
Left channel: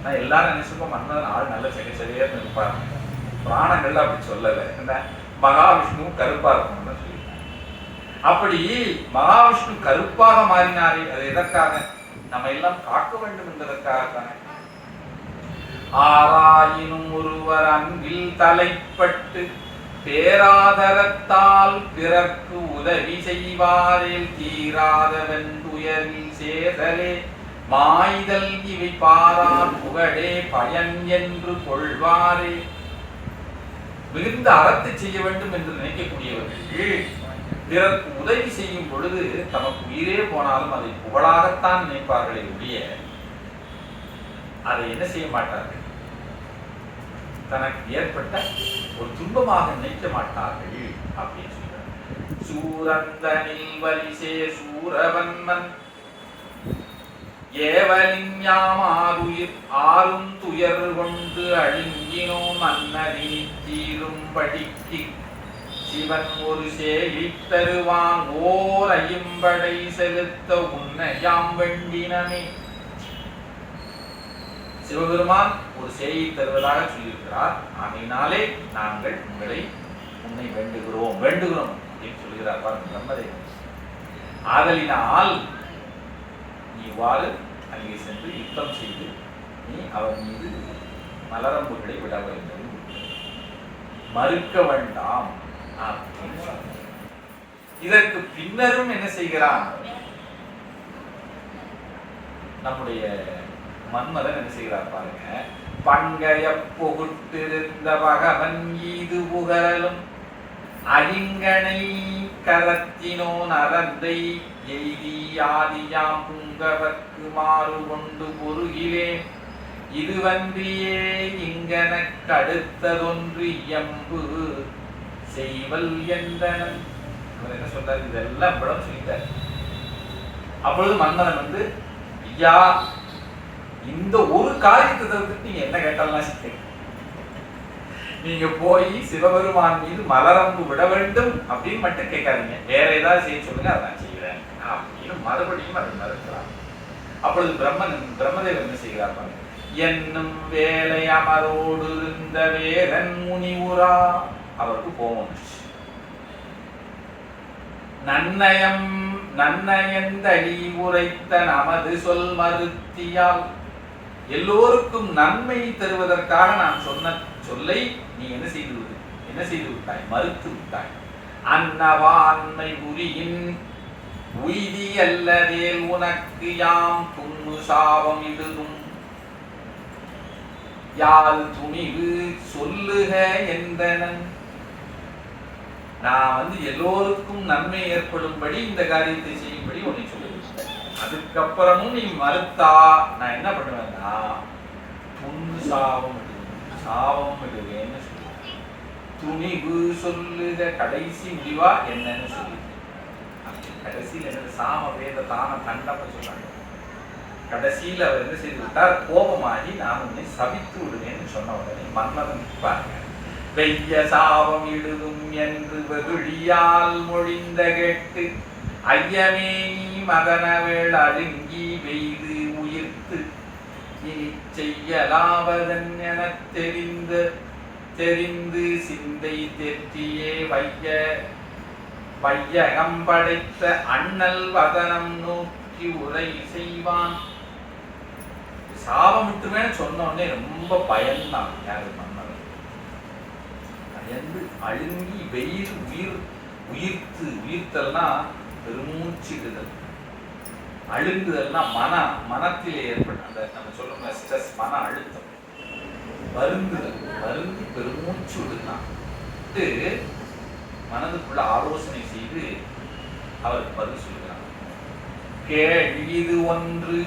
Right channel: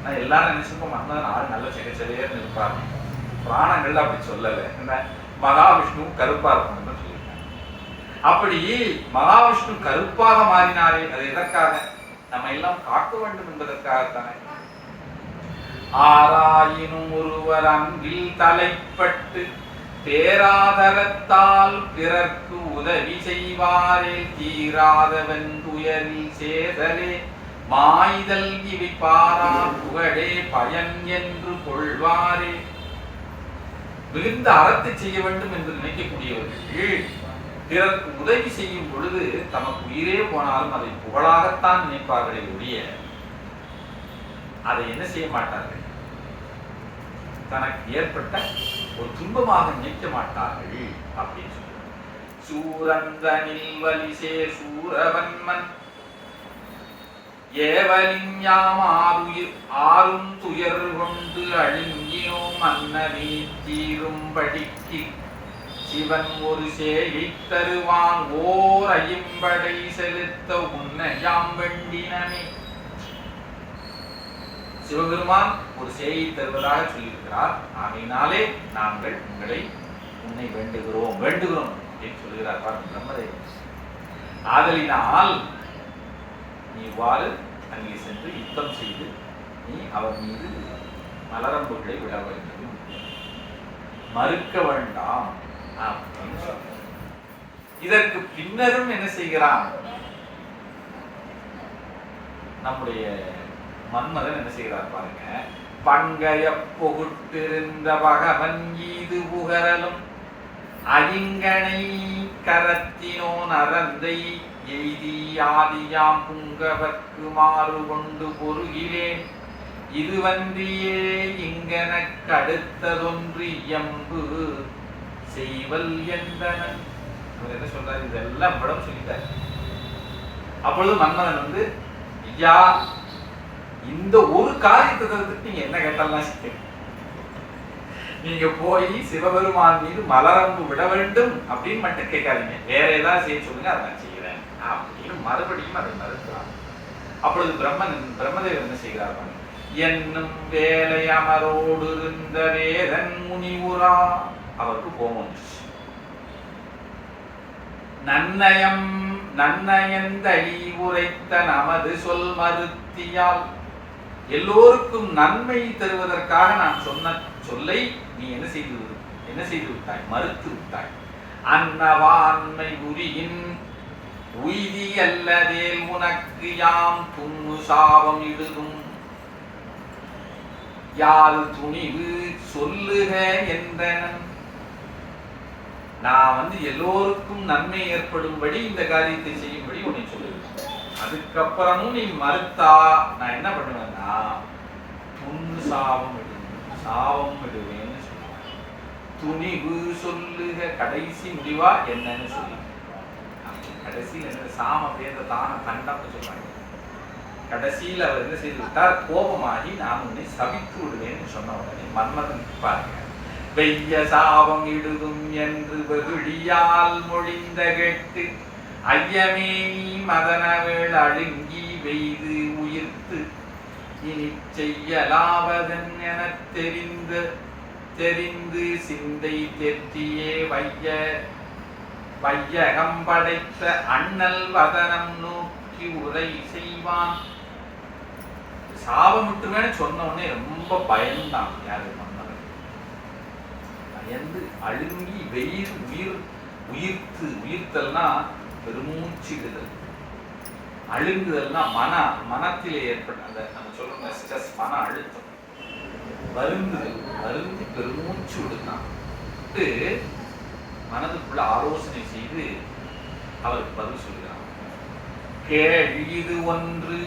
நான் எல்லாரும் நினைச்சிருக்கோம் மன்னர் ஆள் நல்ல சரியாக இருப்பாரு. புராணங்கள்ல அப்படி சொல்லலை. என்ன மகாவிஷ்ணுவும் கருப்பா இருக்கணும்னு சொல்லிட்டாங்க. அப்படி மகாவிஷ்ணு கருப்பாக மாறினாரே, அது எதற்காக? நம்ம எல்லாம் காக்க வேண்டும் என்பதற்காகத்தானே. ஆராயினும் ஒருவர் அன்பில் தலைப்பட்டு பேராதரத்தால் பிறர்க்கு உதவி செய்வாரே தீராதவன் துயரில் சேதலே மாய்தல் இவை பாரார் புகழே பயன் என்று கொள்வாரே. மிகுந்த அறத்தை செய்ய வேண்டும் என்று நினைக்கக்கூடியவர்கள் பிறருக்கு உதவி செய்யும் பொழுது தமக்கு உயிரே போனாலும் அதை புகழாகத்தான் நினைப்பார்களே ஒழிய அதை என்ன செய்ய மாட்டார்கள், தனக்கு ஏற்பட்ட ஒரு துன்பமாக நினைக்க மாட்டார்கள் அப்படின்னு சொல்றாங்க. சூரந்தனில் வலிசே சூரவன்மன் ஏவலின் யாமாதுயிர் ஆறும் துயர் கொண்டு அழுங்கினோம் அன்னதி தீரும்படிக்கு சிவன் ஒரு சேயை தருவான் ஓர் ஐம்படை செலுத்த உன்னை யாம் வேண்டினமே. சிவபெருமான் ஒரு சேயை தருவதாக சொல்லியிருக்கிறார். ஆகையினாலே நாங்கள் உன்னை வேண்டுகிறோம் அப்படின்னு சொல்கிறார் பிரம்மதேவன். ஆதலினால் நீ இவ்வாறு அங்கே சென்று யுத்தம் செய்து நீ அவர் மீது மலரம்புகளை விட வேண்டும், மறுக்க வேண்டாம் அப்படின்னு சொல்ற. இதற்கு பின்னரும் என்ன செய்கிறான் நம்முடைய மன்மதன்? என்ன செய்கிறார் பாருங்க. பண்கைய புகுட்டிருந்த பகவன் ஈது புகழலும் அரிங்கனை கரத்தினோன் அறந்தை எய்தி ஆதியாம் புங்கவர்க்கு மாறு கொண்டு பொருகிலேன் இதுவன்றியே இங்கனக்கு அடுத்ததொன்று எம்பு செய்வல் என்றனன். என்ன சொல்றாரு? இதெல்லாம் படம் சொல்லிட்டார். அப்பொழுது மன்மதன் ஐயா, இந்த ஒரு காரியத்தை தவிர்த்து நீங்க என்ன கேட்டாலும் நீங்க போய் சிவபெருமான் மீது மலரம்பு விட வேண்டும் அப்படின்னு மட்டும் கேட்காதீங்க, வேற ஏதாவது செய்ய சொல்லுங்க, அதை நான் செய்கிறேன் அப்படின்னு மறுபடியும் அதை மறுக்கிறார். அப்பொழுது பிரம்மதேவர் என்ன செய்கிறார்? என்னும் வேலை அமரோடு இருந்த வேலன் முனிவுரா. அவருக்கு கோபம் வந்துச்சு. நன்னயந்தழி உரைத்த நமது சொல் மறுத்தியால் எல்லோருக்கும் நன்மை தருவதற்காக நான் சொன்ன சொல்லை நீ என்ன செய்து விட்டாய்? மறுத்து விட்டாய். அன்னவான்மை உரியின் உய்தி அல்லதே உனக்கு யாம் துண்ணு சாபம் இடுதும் யாழ் துணிவு சொல்லுக என்றனன். நான் எல்லோருக்கும் நன்மை ஏற்படும்படி இந்த காரியத்தை செய்யும்படி உன்னை சொல்லுவேன். அதுக்கப்புறமும் நீ மறுத்தா நான் என்ன பண்ணுவேன்னா துண்ணு சாபம் இடுவேன்னு சொல்லுவேன். துணிவு சொல்லுக, கடைசி முடிவா என்னன்னு சொல்லி கடைசியில் என்ன சாம வேத தான தண்டம்னு சொல்றாங்க. கடைசியில் அவர் என்ன செய்து விட்டார்? கோபமாகி நான் உன்னை சபித்து விடுவேன்னு சொன்ன உடனே மன்மதன் பாருங்க, வெய்ய சாபம் இடுதும் என்று வெகுழியால் மொழிந்த கேட்டு ஐயமே மதனவேள் அழுங்கி வெய்து உயிர்த்து இனி செய்யலாவதன் என தெரிந்து சிந்தை தெற்றியே வையகம் படைத்த அண்ணல் வதனம் நோக்கி உரை செய்வான். சாபமிட்டுமே சொன்ன உடனே ரொம்ப பயந்தான். யாரு? மன்மதன். பயந்து அழுங்கி வெயில் உயிர்த்தல்னா பெருமூச்சிடுதல், அழுங்குதல்னா மனத்திலே ஏற்பட்ட நம்ம சொல்றோம் ஸ்ட்ரெஸ், மன அழுத்தம், வருந்தி பெருமூச்சு விடுதான். மனதுக்குள்ள ஆலோசனை செய்து அவருக்கு பதில் சொல்கிறார். கேள்வி ஒன்று,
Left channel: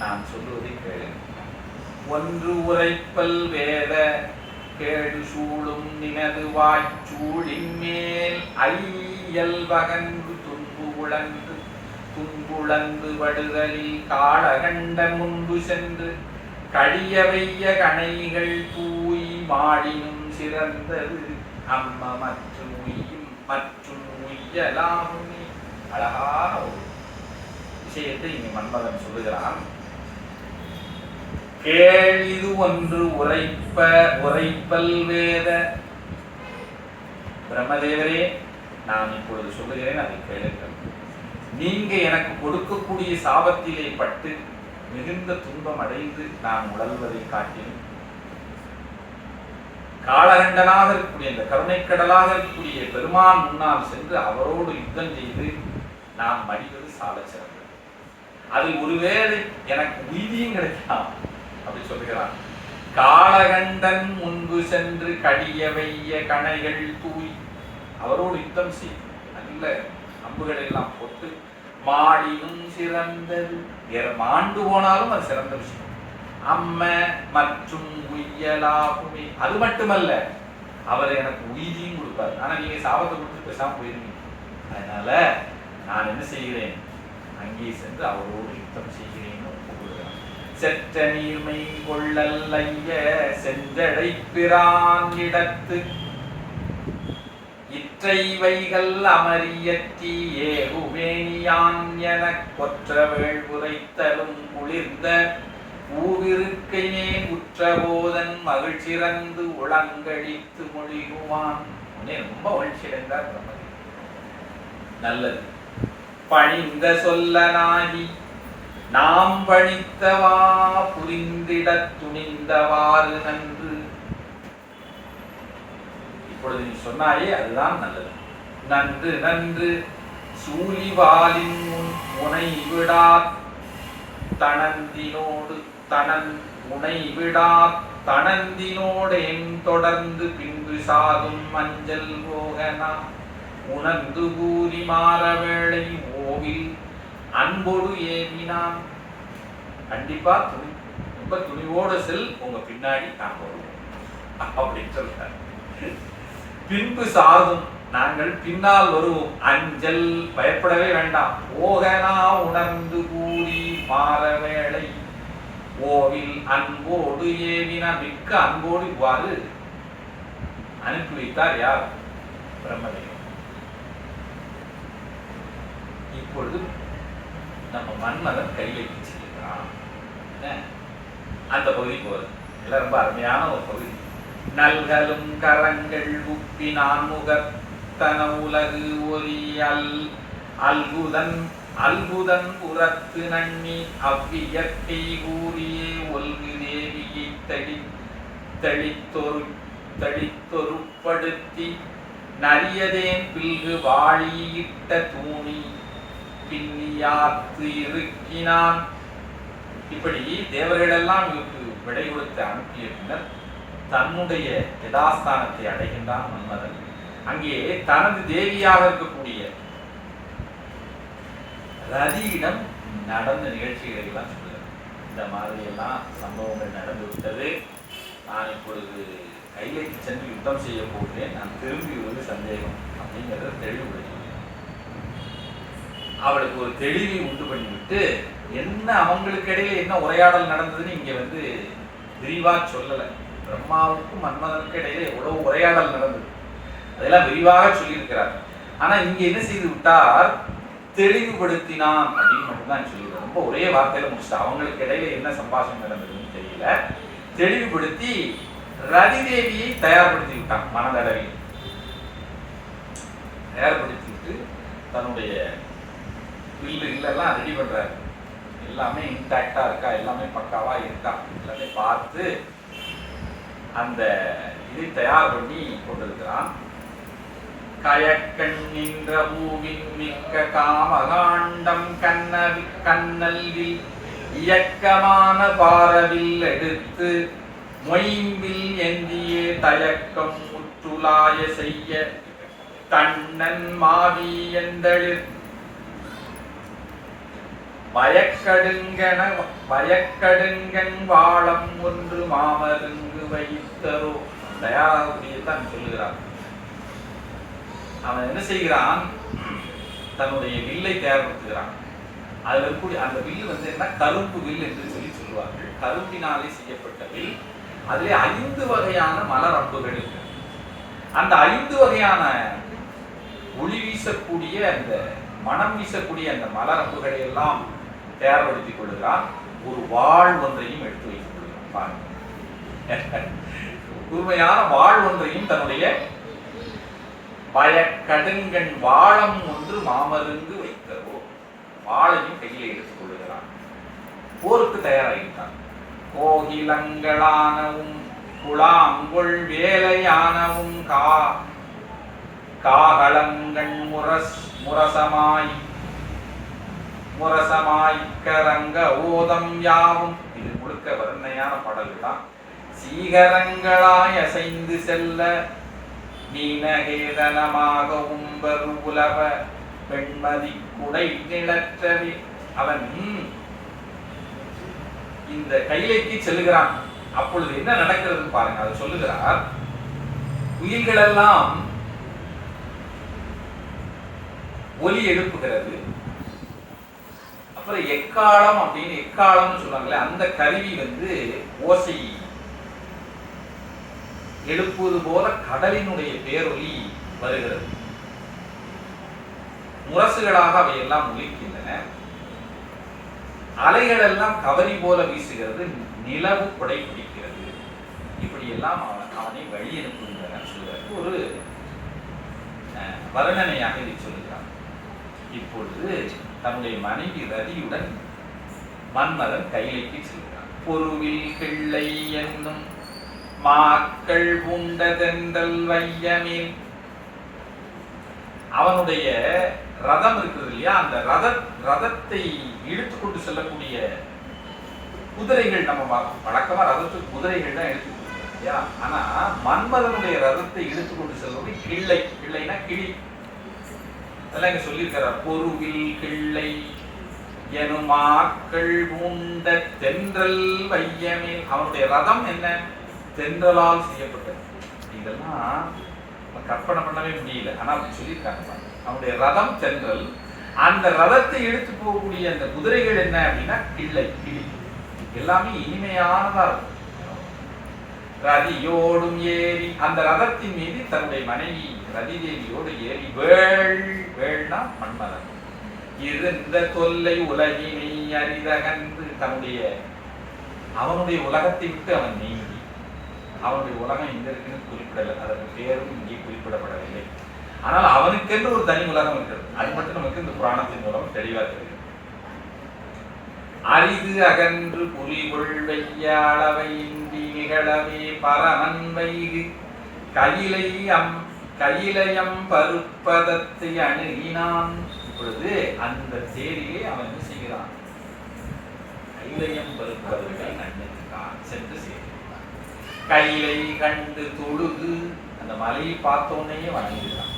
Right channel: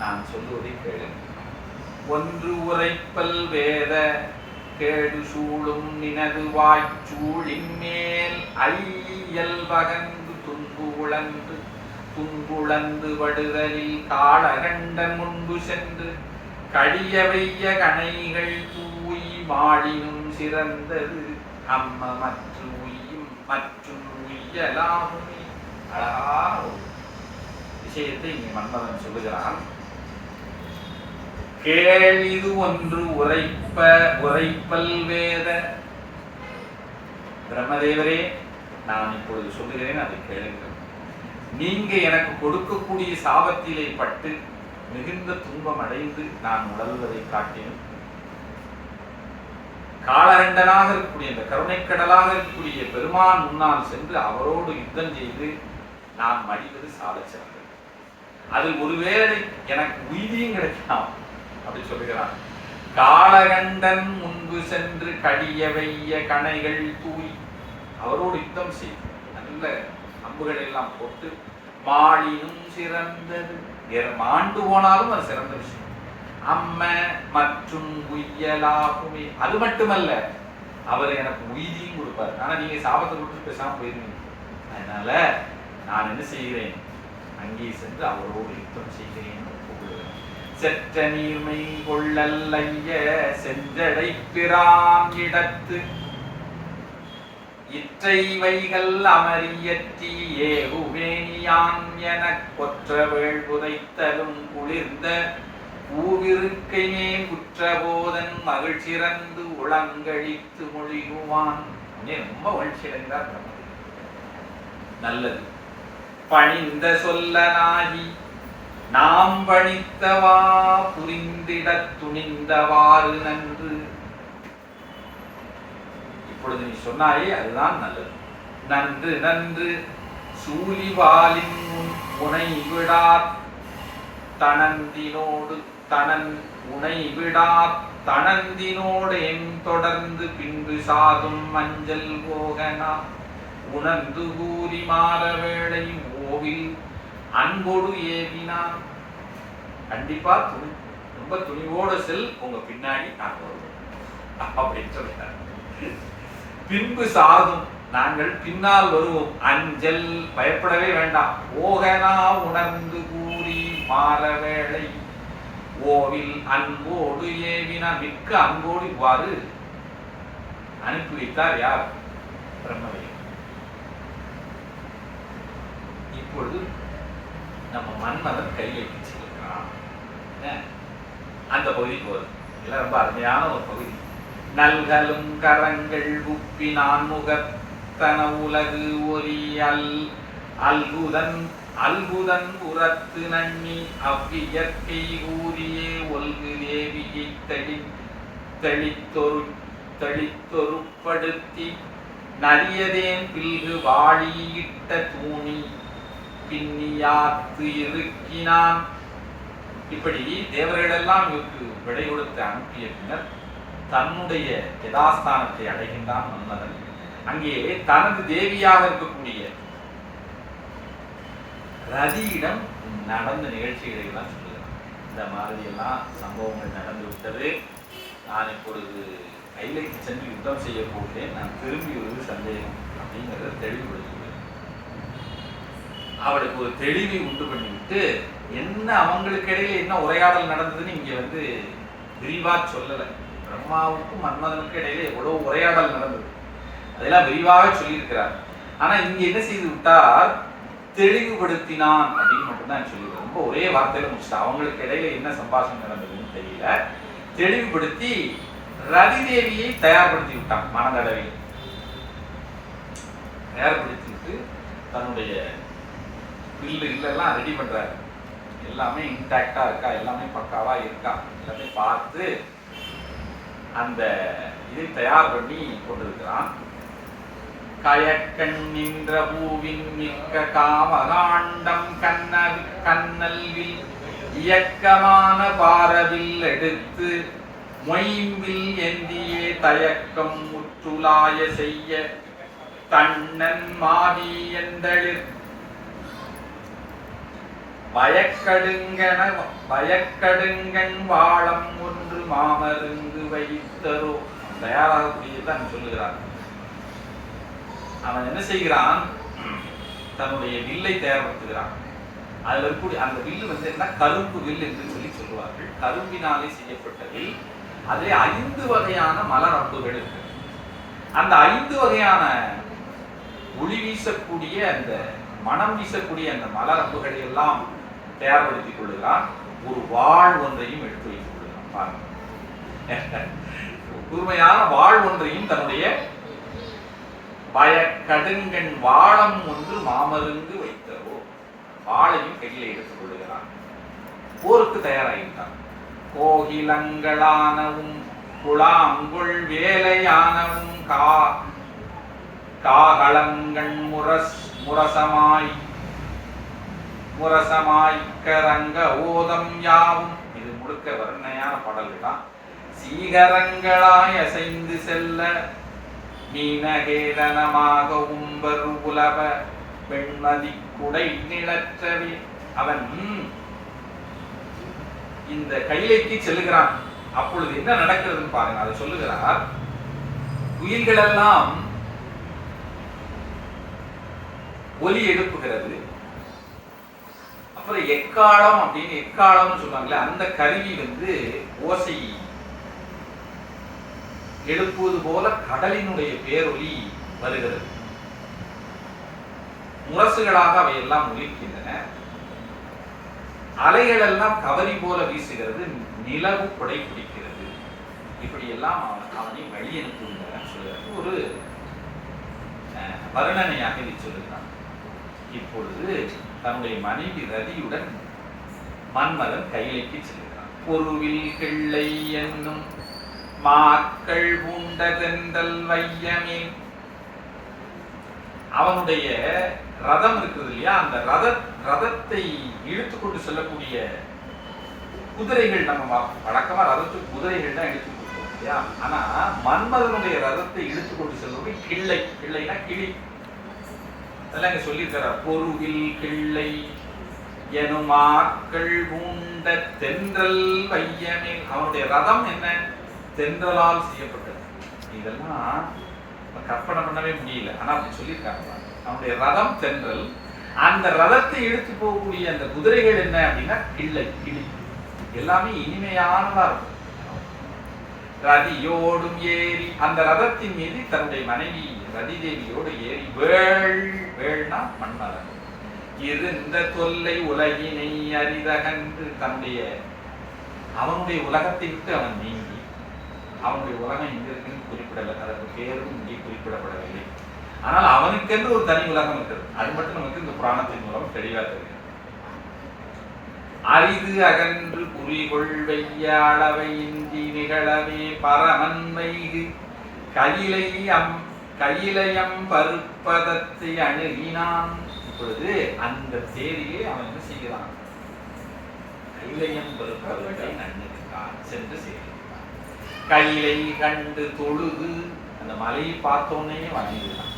நான் சொல்லுவதை கேளுங்க. ஒன்று உரைப்பல் வேத கேடு சூழும் நினது வாய்ச்சூழின் மேல் ஐயல் பகன்று துன்புழந்து படுதலில் காளகண்டன் முன்பு சென்று கடிய வைய கணைகள் தூய் மாடினும் சிறந்தது அம்ம மற்றும் உய்யலாமுனி. அழகான ஒரு விஷயத்தை இங்கே மன்மதன் சொல்லுகிறான். கேளிது ஒன்று உரைப்பல் வேத. பிரம்மதேவரே, நான் இப்பொழுது சொல்லுகிறேன், அதை கேளுங்கள். நீங்க எனக்கு கொடுக்கக்கூடிய சாபத்திலே பட்டு மிகுந்த துன்பம் அடைந்து நான் உழல்வதை காட்டினேன். காளகண்டனாக இருக்கக்கூடிய இந்த கருணைக்கடலாக இருக்கக்கூடிய பெருமான் முன்னால் சென்று அவரோடு யுத்தம் செய்து நாம் மடிவது சால சிறந்தது. அதில் ஒருவேளை எனக்கு உய்தியும் கிடைக்கலாம் அப்படி சொல்லுகிறார். காளகண்டன் முன்பு சென்று கடிய வைய கணைகள் தூய் அவரோடு யுத்தம் செய்து நல்ல அம்புகளை எல்லாம் போட்டு மாடினும் சிறந்தது. மாண்டு போனாலும் அது சிறந்த விஷயம். அம்ம மற்றும் உய்யலாகுமே. அது மட்டுமல்ல, அவர் எனக்கு உய்தியும் கொடுப்பார். ஆனா நீங்க சாபத்தை கொடுத்து பேசாம போயிருவீங்க. அதனால நான் என்ன செய்கிறேன், அங்கே சென்று அவரோடு யுத்தம் செய்கிறேன்னு கூறுகிறார். செற்ற நீர்மை கொள்ளல்லைய செஞ்சடை பிரான் இடத்து இற்றை வைகள் அமரியற்றி ஏகுவேணியான் எனக் கொற்ற வேள்புரைத்தலும் குளிர்ந்த ஊவிருக்கையே குற்றபோதன் மகிழ்ச்சிறந்து உளங்கழித்து மொழிகுவான். ரொம்ப மகிழ்ச்சி அடைந்தார். நல்லது. பணிந்த சொல்லனாகி நாம் பணித்தவா புரிந்திட துணிந்தவாறு நன்று. இப்பொழுது நீ சொன்னாயே அதுதான் நல்லது. நன்று நன்று சூழிவாலின் முனை விடா தனந்தினோடு முனை விடா தனந்தினோடேன் தொடர்ந்து பின்பு சாதும் மஞ்சள் போகனா உணர்ந்து கூறி மாற வேளை ஓவில் அன்போடு ஏவினான். கண்டிப்பா ரொம்ப துணிவோடு செல், உங்க பின்னாடி நான் அப்படின்னு சொல்லிட்டார். பின்பு சாதும், நாங்கள் பின்னால் வருவோம். அஞ்சல், பயப்படவே வேண்டாம். ஓகனா உணர்ந்து கூறி மாற வேளை ஓவில் அன்போடு ஏவினா, மிக்க அன்போடு இவ்வாறு அனுப்பி வைத்தார். யார்? பிரம்மதேவன். இப்பொழுது நம்ம மன்மதன் கையெழுத்து செய்யலாம். அந்த பகுதி போகுது. இதெல்லாம் ரொம்ப அருமையான ஒரு பகுதி. நல்கலும் கரங்கள் உப்பினான் முகத்தன உலகு ஒரி அல்குதன் உரத்து நன்னி அவ்வியற்கை கூறியே ஒல்கு தேவியை தளித்தொருப்படுத்தி நரியதேன் பில்கு வாழியிட்ட தூணி பின்னியாத்து இருக்கினான். இப்படி தேவர்களெல்லாம் இவருக்கு விடை கொடுத்து அனுப்பிய பின்னர் தன்னுடைய யதாஸ்தானத்தை அடைகின்றான் மன்மதன். அங்கே தனது தேவியாக இருக்கக்கூடிய ரதியிடம் நடந்த நிகழ்ச்சிகளை எல்லாம் சொல்லுகிறார். இந்த மாதிரி எல்லாம் சம்பவங்கள் நடந்து விட்டது. நான் இப்பொழுது கைலைக்கு சென்று யுத்தம் செய்ய போகிறேன். நான் திரும்பி ஒரு சந்தேகம் அப்படிங்கிறத தெளிவுபடுத்துகிறேன். அவளுக்கு ஒரு தெளிவை உண்டு பண்ணிவிட்டு என்ன அவங்களுக்கு இடையில என்ன உரையாடல் நடந்ததுன்னு இங்க விரிவா சொல்லலை. பிரம்மாவுக்கும் மன்மதனுக்கு இடையில எவ்வளவு உரையாடல் நடந்தது அதெல்லாம் விரிவாக சொல்லியிருக்கிறார். ஆனா இங்க என்ன செய்து விட்டார்? தெளிவுபடுத்தினான் அப்படின்னு மட்டும்தான் சொல்லிடுவோம். ரொம்ப ஒரே வார்த்தையில முடிச்சுட்டா. அவங்களுக்கு இடையில என்ன சம்பாஷணம் நடந்ததுன்னு தெரியல. தெளிவுபடுத்தி ரதிதேவியை தயார்படுத்தி விட்டான். மனதளவில் தயார்படுத்தி விட்டு தன்னுடைய இல்லெல்லாம் ரெடி பண்றாரு. எல்லாமே இன்டாக்டா இருக்கா, எல்லாமே பக்காவா இருக்கா எல்லாமே பார்த்து அந்த இதை தயார் பண்ணி கொண்டிருக்கிறான். கயக்கண் நின்ற பூவின் மிக்க காமகாண்டம் கண்ணல்வில் இயக்கமான பாரவில் எடுத்து மொயம்பில் எந்தியே தயக்கம் முற்றுலாய செய்ய தன்னன் மாவி எந்தளிர் பயக்கடுங்கன் வாழம் ஒன்று மாமருங்கு வைத்தரோ. தயாராகக்கூடியதான் சொல்லுகிறான். அவன் என்ன செய்கிறான்? தன்னுடைய வில்லை தயார்படுத்துகிறான். அதுல இருக்கக்கூடிய அந்த வில் என்ன கரும்பு வில் என்று சொல்லுவார்கள். கரும்பினாலே செய்யப்பட்ட வில். அதிலே 5 வகையான மலர் அம்புகள் இருக்கு. அந்த 5 வகையான ஒளி வீசக்கூடிய அந்த மனம் வீசக்கூடிய அந்த மலர் அம்புகளை எல்லாம் தயார்படுத்திக் கொள்கிறான். ஒரு வாழ் ஒன்றையும் எடுத்து வைத்துக் கொள்கிறான். கூர்மையான வாழ் ஒன்றையும் தன்னுடைய பயக்கடுங்கண் வாழம் ஒன்று மாமருங்கு வைத்தரோ வாழையும் கையில எடுத்துக் கொள்கிறான். போருக்கு தயாராகிட்டான். கோகிலங்களானவும் குழாங்கொள் வேலையானவும் காகளங்கண் முரசமாய்க்கரங்க ஓதம் யாவும். இது முழுக்க வர்ணையான பாடல்கள் தான். சீகரங்களாய் அசைந்து செல்ல நீனகேதனமாக உம்பர் உலக பெண்மதி குடை நிலற்றவே. அவன் இந்த கைலைக்கு செல்லுகிறான். அப்பொழுது என்ன நடக்கிறதுன்னு பாருங்க. அதை சொல்லுகிறார். குயில்கள் எல்லாம் ஒலி எழுப்புகிறது. அப்புறம் எக்காலம் அப்படின்னு எக்காலம்னு சொல்றாங்களே, அந்த கருவி ஓசை எழுப்புவது போல கடலினுடைய பேரொலி வருகிறது. முரசுகளாக அவை எல்லாம் ஒலிக்கின்றன. அலைகள் எல்லாம் கவரி போல வீசுகிறது, நிலவு கொடை பிடிக்கிறது. இப்படி எல்லாம் அவனை வழி அனுப்புகின்றன சொல்கிறார். ஒரு வர்ணனையாக இதை சொல்லுகிறான். இப்பொழுது தன்னுடைய மனைவி ரதியுடன் மன்மதன் கைலைக்கு செல்கிறான். பொருவில் கிள்ளை என்னும் மாக்கள் உண்டதென்றல் வையமே. அவனுடைய ரதம் இருக்குது இல்லையா, அந்த ரதத்தை இழுத்து கொண்டு செல்லக்கூடிய குதிரைகள், நம்ம வழக்கமா ரதத்துக்கு குதிரைகள் தான் இழுத்து கொடுத்தோம் இல்லையா. ஆனா மன்மதனுடைய ரதத்தை இழுத்து கொண்டு செல்லக்கூடிய கிள்ளை, கிள்ளைனா கிளி, அதெல்லாம் இங்க சொல்லியிருக்கிறார். பொருவில் கிள்ளை எனுமாக்கள் உண்ட தென்றல் வையமே. அவனுடைய ரதம் என்ன? தென்றலால் செய்யப்பட்டது. இதெல்லாம் கற்பனை பண்ணவே முடியல, ஆனா அப்படி சொல்லியிருக்காங்க. அவனுடைய ரதம் தென்றல், அந்த ரதத்தை இழுத்து போகக்கூடிய அந்த குதிரைகள் என்ன அப்படின்னா கிள்ளை, கிளி. எல்லாமே இனிமையானதா இருக்கும். ரதியோடும் ஏறி, அந்த ரதத்தின் மீது தன்னுடைய மனைவி ரதி தேவியோடு ஏறி வேள்னா மன்மதன் இருந்த தொல்லை உலகினை அரிதகன்று, அவனுடைய உலகத்தை விட்டு அவன் நீங்கி, அவனுடைய உலகம் எங்க இருக்குன்னு குறிப்பிடல, அதற்கு பேரும் இங்கே குறிப்பிடப்படவில்லை. ஆனால் அவனுக்கென்று ஒரு தனி உலகம் இருக்கிறது. அது மட்டும் நமக்கு இந்த புராணத்தின் மூலம் தெளிவாக தெரிகிறது. அரிது அகன்று புரிகொள் வெய்யாளவை இந்தி நிகழவே பரமன் வைகு கயிலையம் பருப்பதத்தை அணுகினான். இப்பொழுது அந்த தேரிலே அவன் என்ன செய்கிறான்? கைலையம் பருப்பதத்தை அணுகிறான், சென்று செய்கிறான். கையிலை கண்டு தொழுது, அந்த மலையை பார்த்தோன்னே வணங்குகிறான்.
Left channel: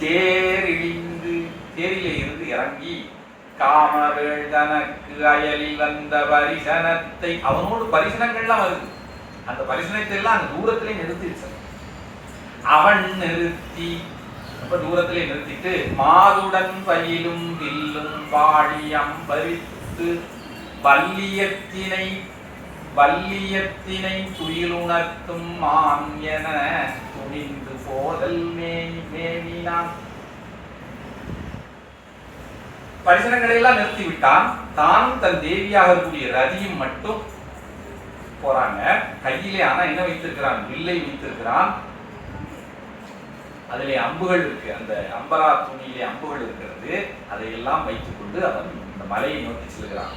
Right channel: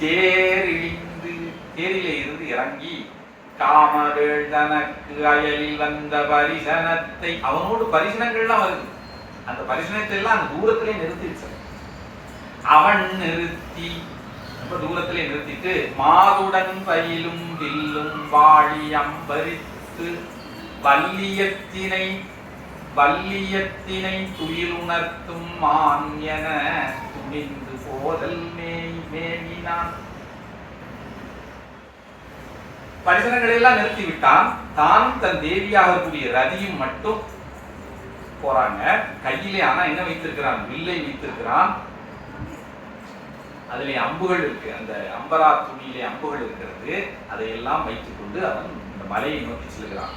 தேரிழிந்து, தேரிலே இருந்து இறங்கி காமவேள் தனக்கு அயலில் வந்த பரிசனத்தை, அவனோடு பரிசனங்கள்லாம் வருது. அந்த பரிசனத்தை எல்லாம் அந்த தூரத்திலே நிறுத்திடுச்சு. அவன் நிறுத்தி, அப்ப தூரத்திலே நிறுத்திட்டு மாதுடன் பயிலும் வில்லும் வாழி அம்பரித்து வல்லியத்தினை துயிலுணர்த்தும் மான் என துணிந்து போதல் மேவினான். பரிசனங்களை எல்லாம் நிறுத்தி விட்டான். தான் தன் தேவியாக கூடிய ரதியும் மட்டும் போறாங்க. கையிலே ஆனா என்ன வைத்திருக்கிறான்? வில்லை வைத்திருக்கிறான். அதிலே அம்புகள் இருக்கு, அந்த அம்பரா துணியிலே அம்புகள் இருக்கிறது. அதையெல்லாம் வைத்துக் கொண்டு அவன் இந்த மலையை நோக்கி செல்கிறான்.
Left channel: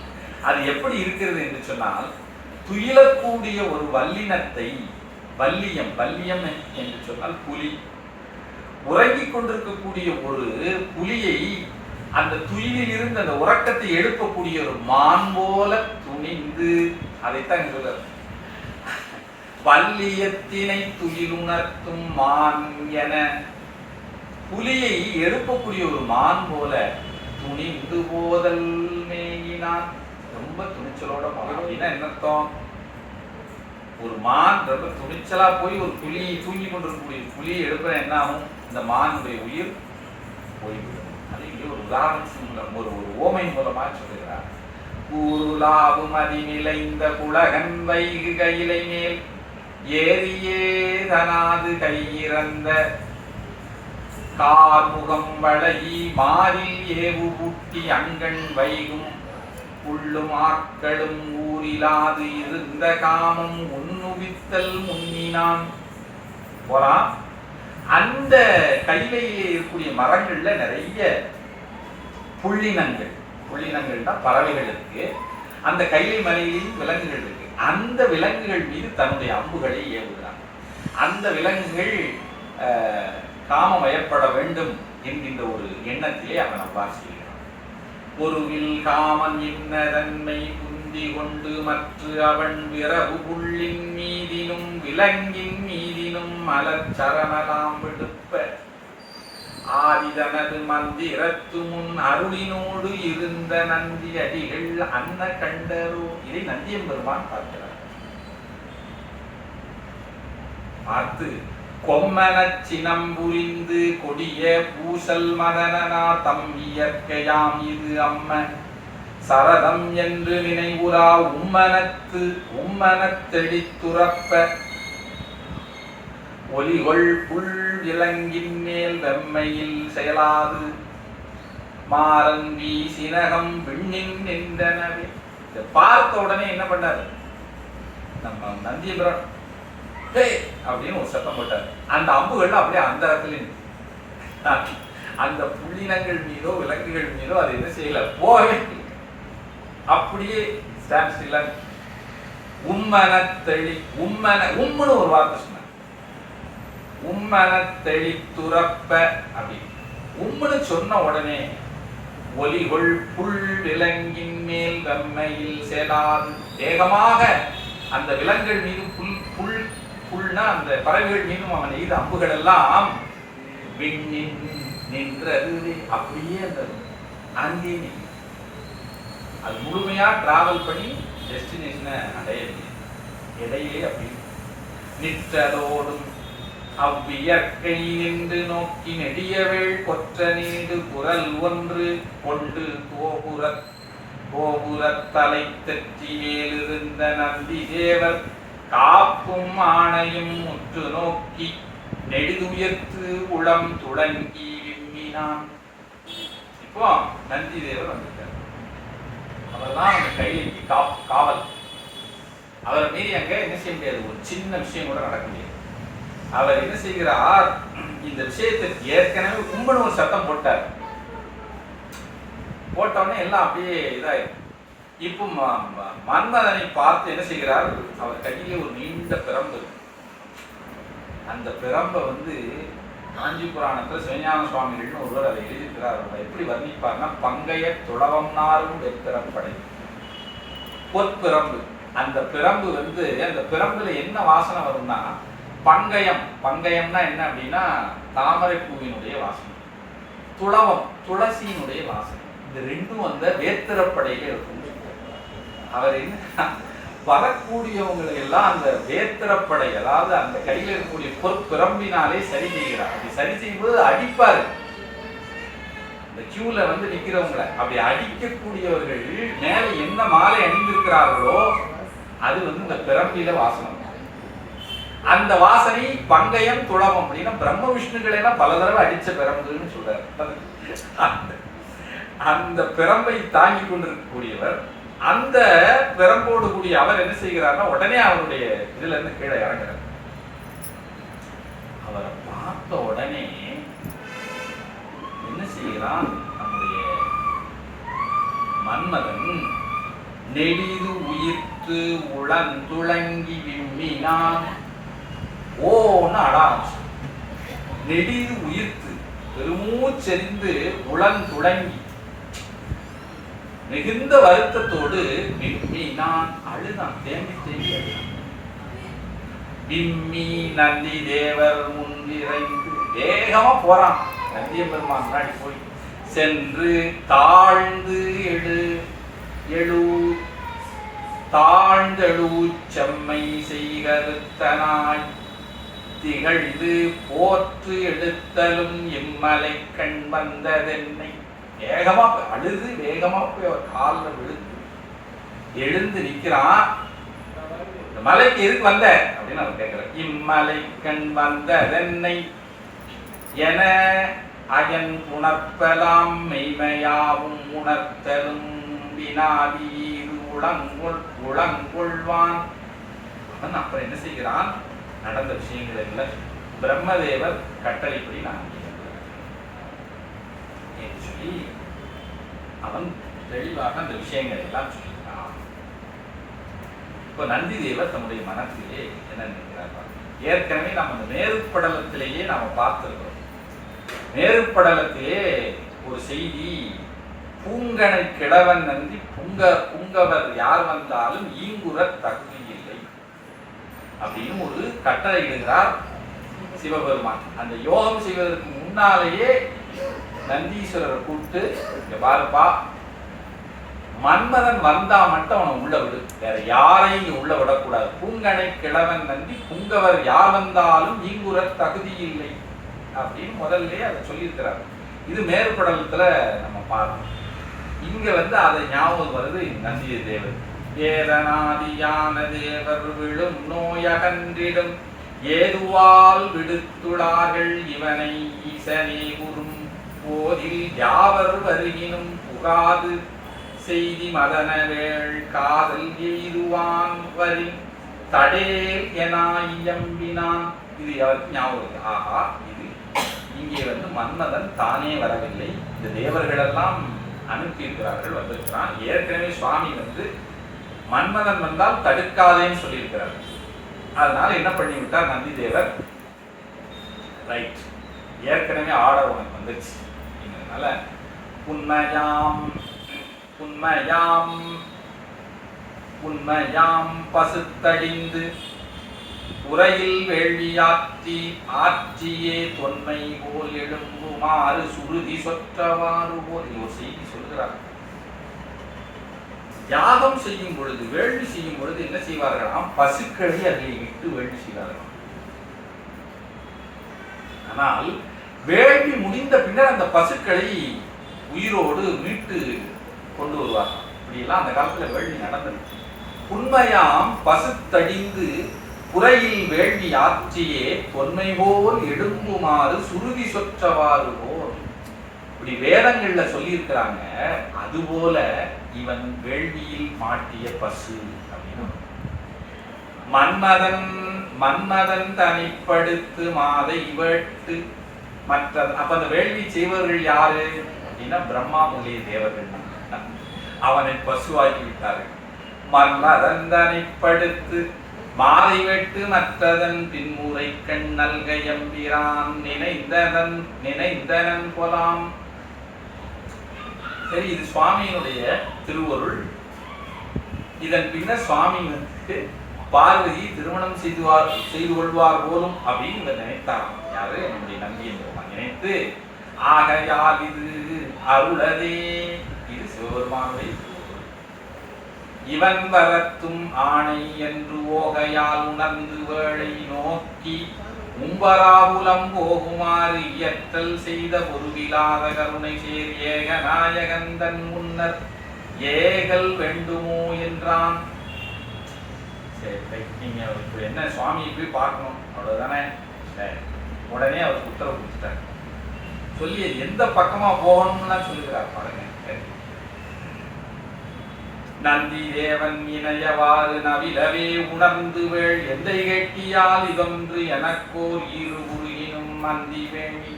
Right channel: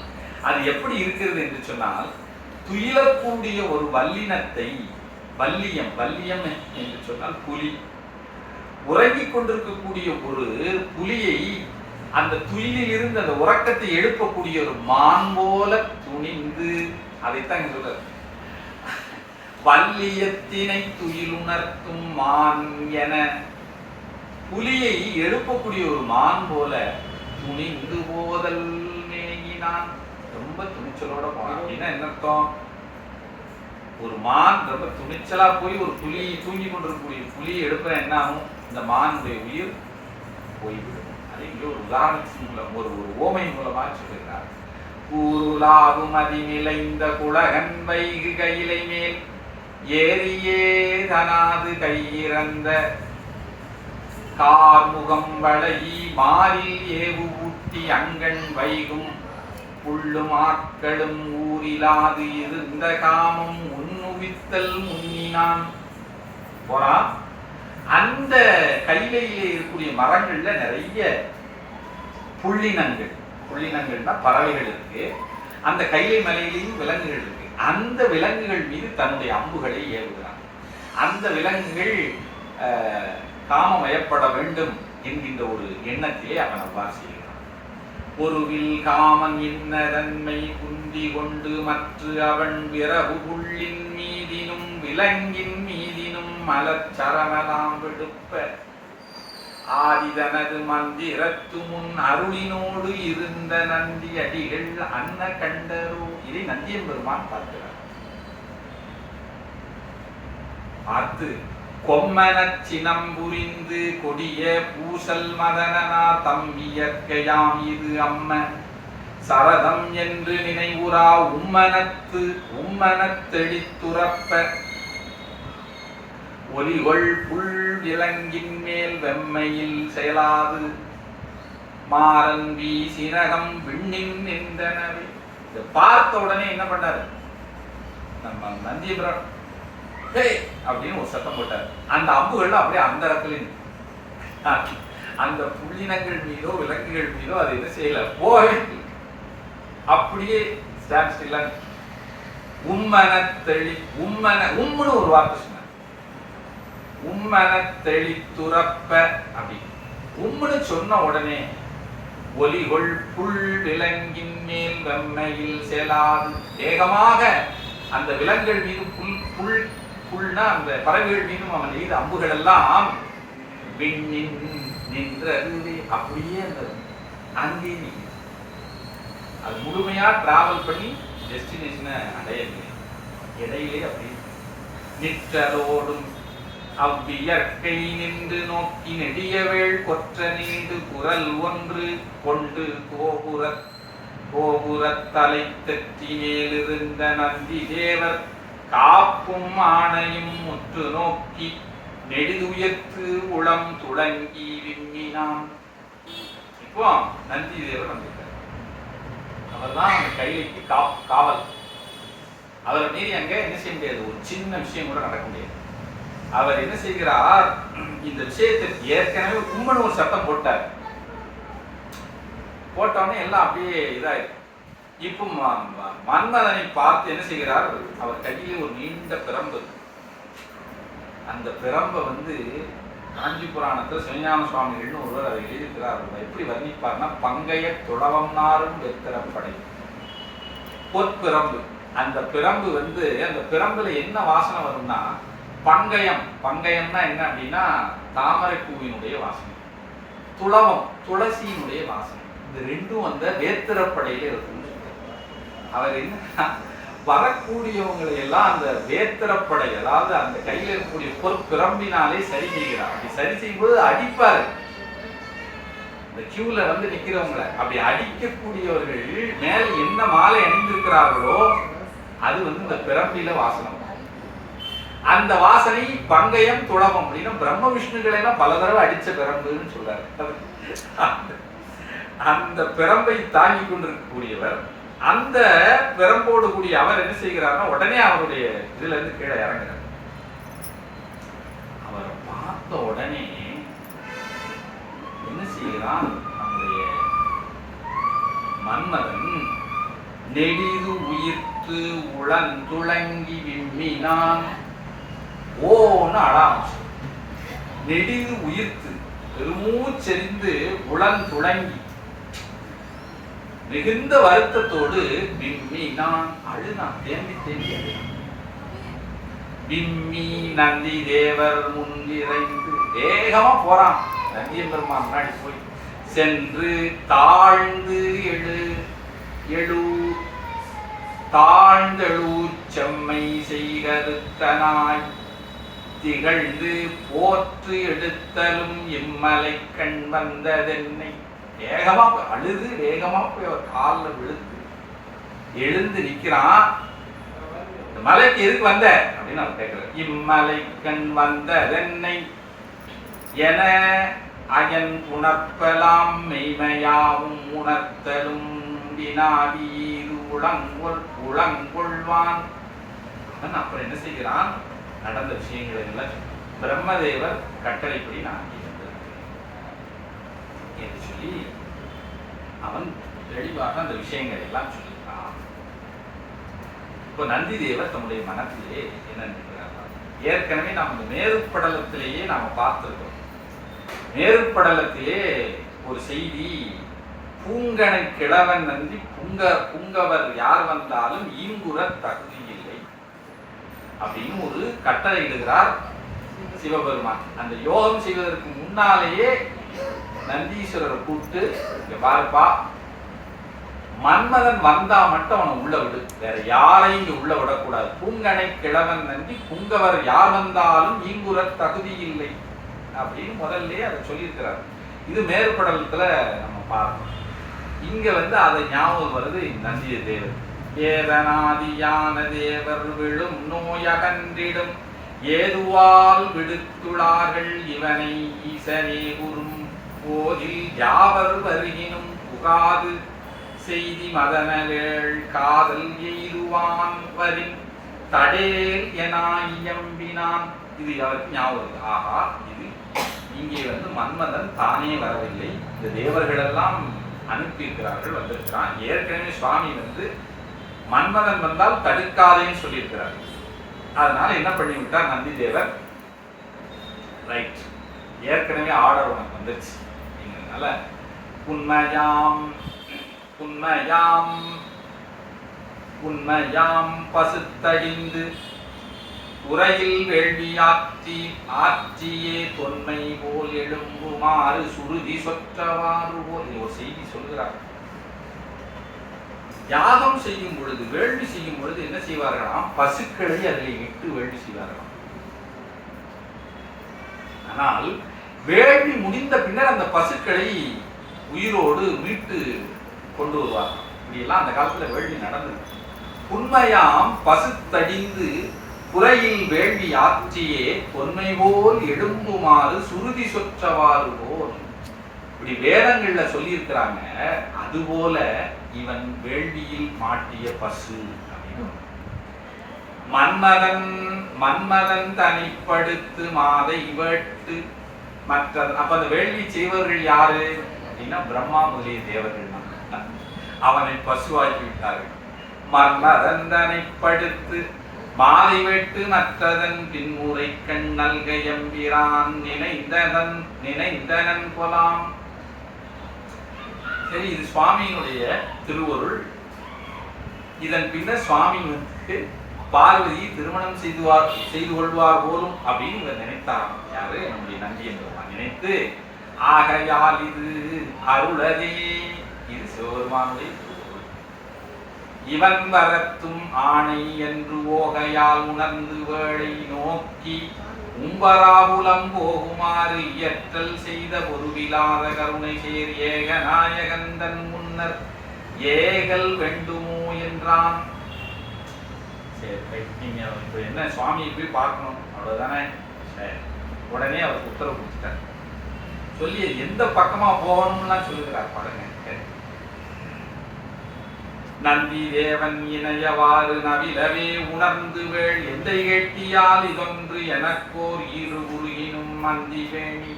அது எப்படி இருக்கிறது என்று சொன்னால், துயிலக்கூடிய ஒரு வல்லினத்தை, வல்லியம் என்று சொன்னால் புலி, உறங்கிக் கொண்டிருக்கக்கூடிய ஒரு புலியை அந்த துயிலில் இருந்து அந்த உறக்கத்தை எழுப்பக்கூடிய ஒரு மான் போல துணிந்து, அதைத்தான் இங்க சொல்றாரு. வல்லியத்தினை துயிலுணர்த்தும் மான் என, புலியை எழுப்பக்கூடிய ஒரு மான் போல துணிந்து போதல் மேகினான். ரொம்ப துணிச்சலோட போனான். அப்படின்னா என்ன அர்த்தம்? ஒரு மான் ரொம்ப துணிச்சலா போய் ஒரு புலி, தூங்கி கொண்டிருக்கக்கூடிய புலியை எழுப்புற என்ன ஆகும்? இந்த மானுடைய உயிர் போய்விடும். ஒரு உதாரணத்தின் ஒரு ஓமை மூலமா சொல்லுகிறார். கூறுலாவும் அதிநிலைந்த குலகன் வைகு கையிலை மேல் ஏறியே தனாது கையிறந்த கார்முகம் வளையி மாறில் ஏவு ஊட்டி அங்கண் வைகும் புள்ளும் ஆட்களும் ஊரிலாது இருந்த காமம் உன்னுவித்தல் முன்னினான். போறான். அந்த கையிலையிலே இருக்கக்கூடிய மரங்கள்ல நிறைய புள்ளினங்கள்னா பறவைகள் இருக்கு. அந்த கைலை மலையிலேயும் விலங்குகள் இருக்கு. அந்த விலங்குகள் மீது தன்னுடைய அம்புகளை ஏவுகிறான். அந்த விலங்குகள் காமமயப்பட வேண்டும் என்கின்ற ஒரு எண்ணத்திலே அவன் அவ்வாறு செய்கிறான். ஒருவில் காமன் இன்னதன்மை குந்தி கொண்டு மற்ற அவன் விரவு புள்ளின் மீதிலும் விலங்கின் மீதிலும் மலச்சரமலாம் விடுப்ப ஆதிதனது மந்திரத்து முன் அருளினோடு இருந்த நந்தி அடிகள் அன்ன கண்டரோ. இதை நந்தியம்பெருமான் பார்க்கிறார். பார்த்து கொம்மனச் சினம் புரிந்து கொடிய பூசல் மதனனா தம் இயற்கையாம் இது அம்ம சரதம் என்று நினைவுறா உம்மனத்தெளித்துறப்ப ஒலிகொள் புல் விலங்கின் மேல் வெம்மையில் செயலாது மாறன் வீசினகம் விண்ணின் நின்றனவே. பார்த்த உடனே என்ன பண்ணாரு நம்ம நந்தியபுரம் அப்படின்னு ஒரு சத்தம் போட்டார். அந்த அம்புகள் அப்படியே அந்த இடத்துல அந்த புள்ளினங்கள் மீதோ விலங்குகள் மீதோ அது என்ன செய்யல, போகவே அப்படியே ஸ்டாண்ட் ஸ்டில்லா. உம்முன்னு ஒரு வார்த்தை சொன்னார். உம்மனத்தெளித்துறப்ப அப்படின்னு உம்முன்னு சொன்ன உடனே ஒலிகொள் புல் விலங்கின் மேல் வெம்மையில் செலாது வேகமாக அந்த விலங்குகள் மீது புல்னா அந்த பறவைகள் மீதும் அவன் எய்த அம்புகள் எல்லாம் விண்ணின் நின்றது. அப்படியே அந்த அங்கே அது முழுமையா டிராவல் பண்ணி டெஸ்டினேஷனை அடையவில்லை, இடையிலே அப்படி நிற்றலோடும் அவ்வியற்கை நின்று நோக்கி நெடியவேள் கொற்ற நீடு குரல் ஒன்று கொண்டு கோபுரத்தலை தெற்றி மேலிருந்த நந்தி தேவர் காப்பும் ஆணையும் முற்று நோக்கி நெடுதுயர்த்து உளம் துளங்கி விம்மினான். இப்போ நந்தி தேவர் வந்திருக்கார். அவர்தான் அந்த கைலிக்கு காவல். அவர் மீறி அங்க என்ன செய்ய முடியாது, ஒரு சின்ன விஷயம் கூட நடக்க முடியாது. அவர் என்ன செய்கிறார், இந்த விஷயத்தை ஏற்கனவே கும்பன ஒரு சட்டம் போட்டார். போட்டவனே எல்லாம் அப்படியே இதாயிருக்கு. இப்போ மன்மதனை பார்த்து என்ன செய்கிறார், அவர் கையிலே ஒரு நீண்ட பிரம்பு. அந்த பிரம்பை காஞ்சி புராணத்துல சிவஞான சுவாமிகள்னு ஒருவர் அதை எழுதியிருக்கிறார். எப்படி வர்ணிப்பார்னா, பங்கைய துளவம்னாரும் வெத்திரப்படை பொற்பிரம்பு. அந்த பிரம்பு அந்த பிரம்புல என்ன வாசனை வரும்னா, பங்கயம்னா என்ன அப்படின்னா தாமரை பூவினுடைய வாசனை, துளவம் துளசியினுடைய வாசனை. இந்த ரெண்டும் வேத்திரப்படையில இருக்கும். அவர் என்ன வரக்கூடியவங்களை எல்லாம் அந்த வேத்திரப்படை, அதாவது அந்த கையில இருக்கக்கூடிய பொற்பிரம்பினாலே சரி செய்கிறார். அப்படி சரி செய்யும்போது அடிப்பாரு. இந்த கியூல நிக்கிறவங்களை அப்படி அடிக்கக்கூடியவர்கள் மேல என்ன மாலை அணிந்திருக்கிறார்களோ அது இந்த பிரம்பில வாசனை. அந்த வாசனை பங்கயம் துளவம் அப்படின்னா பிரம்ம விஷ்ணுக்களை எல்லாம் பல தடவை அடிச்ச பிரம்புன்னு சொல்றாரு. அந்த பிரம்பை தாங்கி கொண்டிருக்கக்கூடியவர், அந்த பிரம்போடு கூடிய அவர் என்ன செய்கிறார்னா, உடனே அவருடைய இதுல இருந்து கீழே இறங்குறார். அவரை பார்த்த உடனே என்ன செய்கிறான் நம்முடைய மன்மதன், நெடிது உயிர்த்து உளந்துளங்கி விம்மினான். ஓன்னு அடாச்சு. நெடிது உயிர்த்து பெருமூச்செறிந்து உளந்துளங்கி மிகுந்த வருத்தத்தோடு விம்மினான், அழுதான், தேம்பி தேம்பி அழுதான். விம்மி நந்தி தேவர் முன்னிறைந்து வேகமா போறான். நந்தியம் பெருமான் முன்னாடி போய் சென்று தாழ்ந்து தாழ்ந்தெழு செம்மை செய்கருத்தனாய் திகழ்ந்து போற்று எடுத்தலும் இம்மலை கண் வந்ததென்னை. வேகமா அழுது வேகமா போய் அவர் காலில் விழுந்து எழுந்து நிக்கிறான். இந்த மலைக்கு எதுக்கு வந்த அப்படின்னு அவர் கேட்கிறார். இம்மலை கண் வந்ததென்னை என அயன் உணர்த்தலாம் மெய்மையாவும் உணர்த்தலும் வினாவீது உளங்கொள்வான். அவன் அப்புறம் என்ன செய்கிறான், நடந்த விஷயங்கள் எல்லாம் பிரம்மதேவர் கட்டளைப்படி நான் என்று சொல்லி அவன் தெளிவாக அந்த விஷயங்கள் எல்லாம் சொல்லியிருக்கான். இப்போ நந்தி தேவர் தம்முடைய மனத்திலே என்ன நினைக்கிறார், ஏற்கனவே நாம் அந்த மேருப்படலத்திலேயே நாம் பார்த்திருக்கிறோம். மேருப்படலத்திலே ஒரு செய்தி, பூங்கனை கிழவன் நந்தி புங்கவர் யார் வந்தாலும் ஈங்குற தகுதி இல்லை அப்படின்னு ஒரு கட்டளை இடுகிறார் சிவபெருமான். அந்த யோகம் செய்வதற்கு முன்னாலேயே நந்தீஸ்வரரை கூப்பிட்டு, பாருப்பா, மன்மதன் வந்தா மட்டும் அவனை உள்ள விடு, வேற யாரையும் இங்க உள்ள விடக்கூடாது. பூங்கனை கிழவன் நந்தி புங்கவர் யார் வந்தாலும் ஈங்குற தகுதி இல்லை அப்படின்னு முதல்ல அதை சொல்லியிருக்கிறார். இது மேற்படலத்துல நம்ம பார்க்கணும். இங்க அதை ஞாபகம் வருது நந்திய தேவர். வேதனாதியான தேவர் விழும் நோயகன்றிடும் ஏதுவால் விடுத்துளார்கள் இவனை ஈசனே குறும் போதில் யாவர் வருகினும் புகாது செய்தி மதனவேள் காதல் எய்துவான் வரின் தடேல் என இயம்பினான். இது யாருக்கு ஞாபகம்? ஆஹா, இது இங்கே மன்மதன் தானே வரவில்லை, இந்த தேவர்கள் எல்லாம் அனுப்பியிருக்கிறார்கள், வந்திருக்கிறான். ஏற்கனவே சுவாமி மன்மதன் வந்தால் தடுக்காதேன்னு சொல்லியிருக்கிறார். அதனால என்ன பண்ணிவிட்டார் நந்தி தேவர், ரைட், ஏற்கனவே ஆர்டர் உனக்கு வந்துருச்சு, அதனால புன்மையாம் புன்மையாம் புன்மையாம் பசுத்தடிந்து உரையில் வேள்வியாற்றி ஆற்றியே தொன்மை போல் எழும்புமாறு சுருதி சொற்றவாறு போல். இது ஒரு செய்தி சொல்கிறார். யாகம் செய்யும் பொழுது, வேள்வி செய்யும் பொழுது என்ன செய்வார்களாம்? பசுக்களை அதில் இட்டு வேள்வி செய்வார்களாம். ஆனால் வேள்வி முடிந்த பின்னர் அந்த பசுக்களை உயிரோடு மீட்டு கொண்டு வருவார். இப்படியெல்லாம் அந்த காலத்துல வேள்வி நடந்தது. உண்மையாம் பசுத்தடிந்து குறையில் வேள்வி ஆற்றியே பொன்மை போல் எழும்புமாறு சுருதி சொற்றவாறு போல். இப்படி வேதங்கள்ல சொல்லி இருக்கிறாங்க. அதுபோல இவன் வேள்வியில் மாட்டிய பசு அப்படின்னு. மன்மதன் தனிப்படுத்து மாதை வெட்டு மற்ற. அப்ப அந்த வேள்வி செய்வர்கள் யாரு அப்படின்னா பிரம்மா முதலிய தேவர்கள். அவனை பசுவாக்கி விட்டார்கள். மன்மதன் தனிப்படுத்து மாலை வெட்டு மற்றதன் பின்முறை கண்ணல் கயம்பிரான் நினைந்தனன் கொலாம். சரி, இது சுவாமியினுடைய திருவருள். இதன் பின்னர் சுவாமிக்கு பார்வதி திருமணம் செய்து கொள்வார் போலும் அப்படின்னு இவர் நினைத்தாராம். யாரு? நம்முடைய நந்திய பெருமான் நினைத்து, ஆகையால் இது அருளதே, இது சிவபெருமானுடைய இவன் வரத்தும் ஆணை என்று ஓகையால் உணர்ந்து வேளை நோக்கி உம்பராபுலம் போகுமாறு இயற்றல் செய்த பொருவிலாத கருணை சேர் ஏக நாயகந்தன் முன்னர் ஏகல் வேண்டுமோ என்றான். நீங்க என்ன சுவாமியை போய் பார்க்கணும் அவ்வளவுதானே. உடனே அவர் உத்தரவு கொடுத்துட்டார். சொல்லி எந்த பக்கமா போகணும்லாம் சொல்லுகிறார் பாருங்க. நந்தி தேவன் இணையவாறு நவிலவே உணர்ந்து வேள் எந்தை கேட்டியால் இதொன்று எனக்கோர் இரு உருகினும் மந்தி வேணி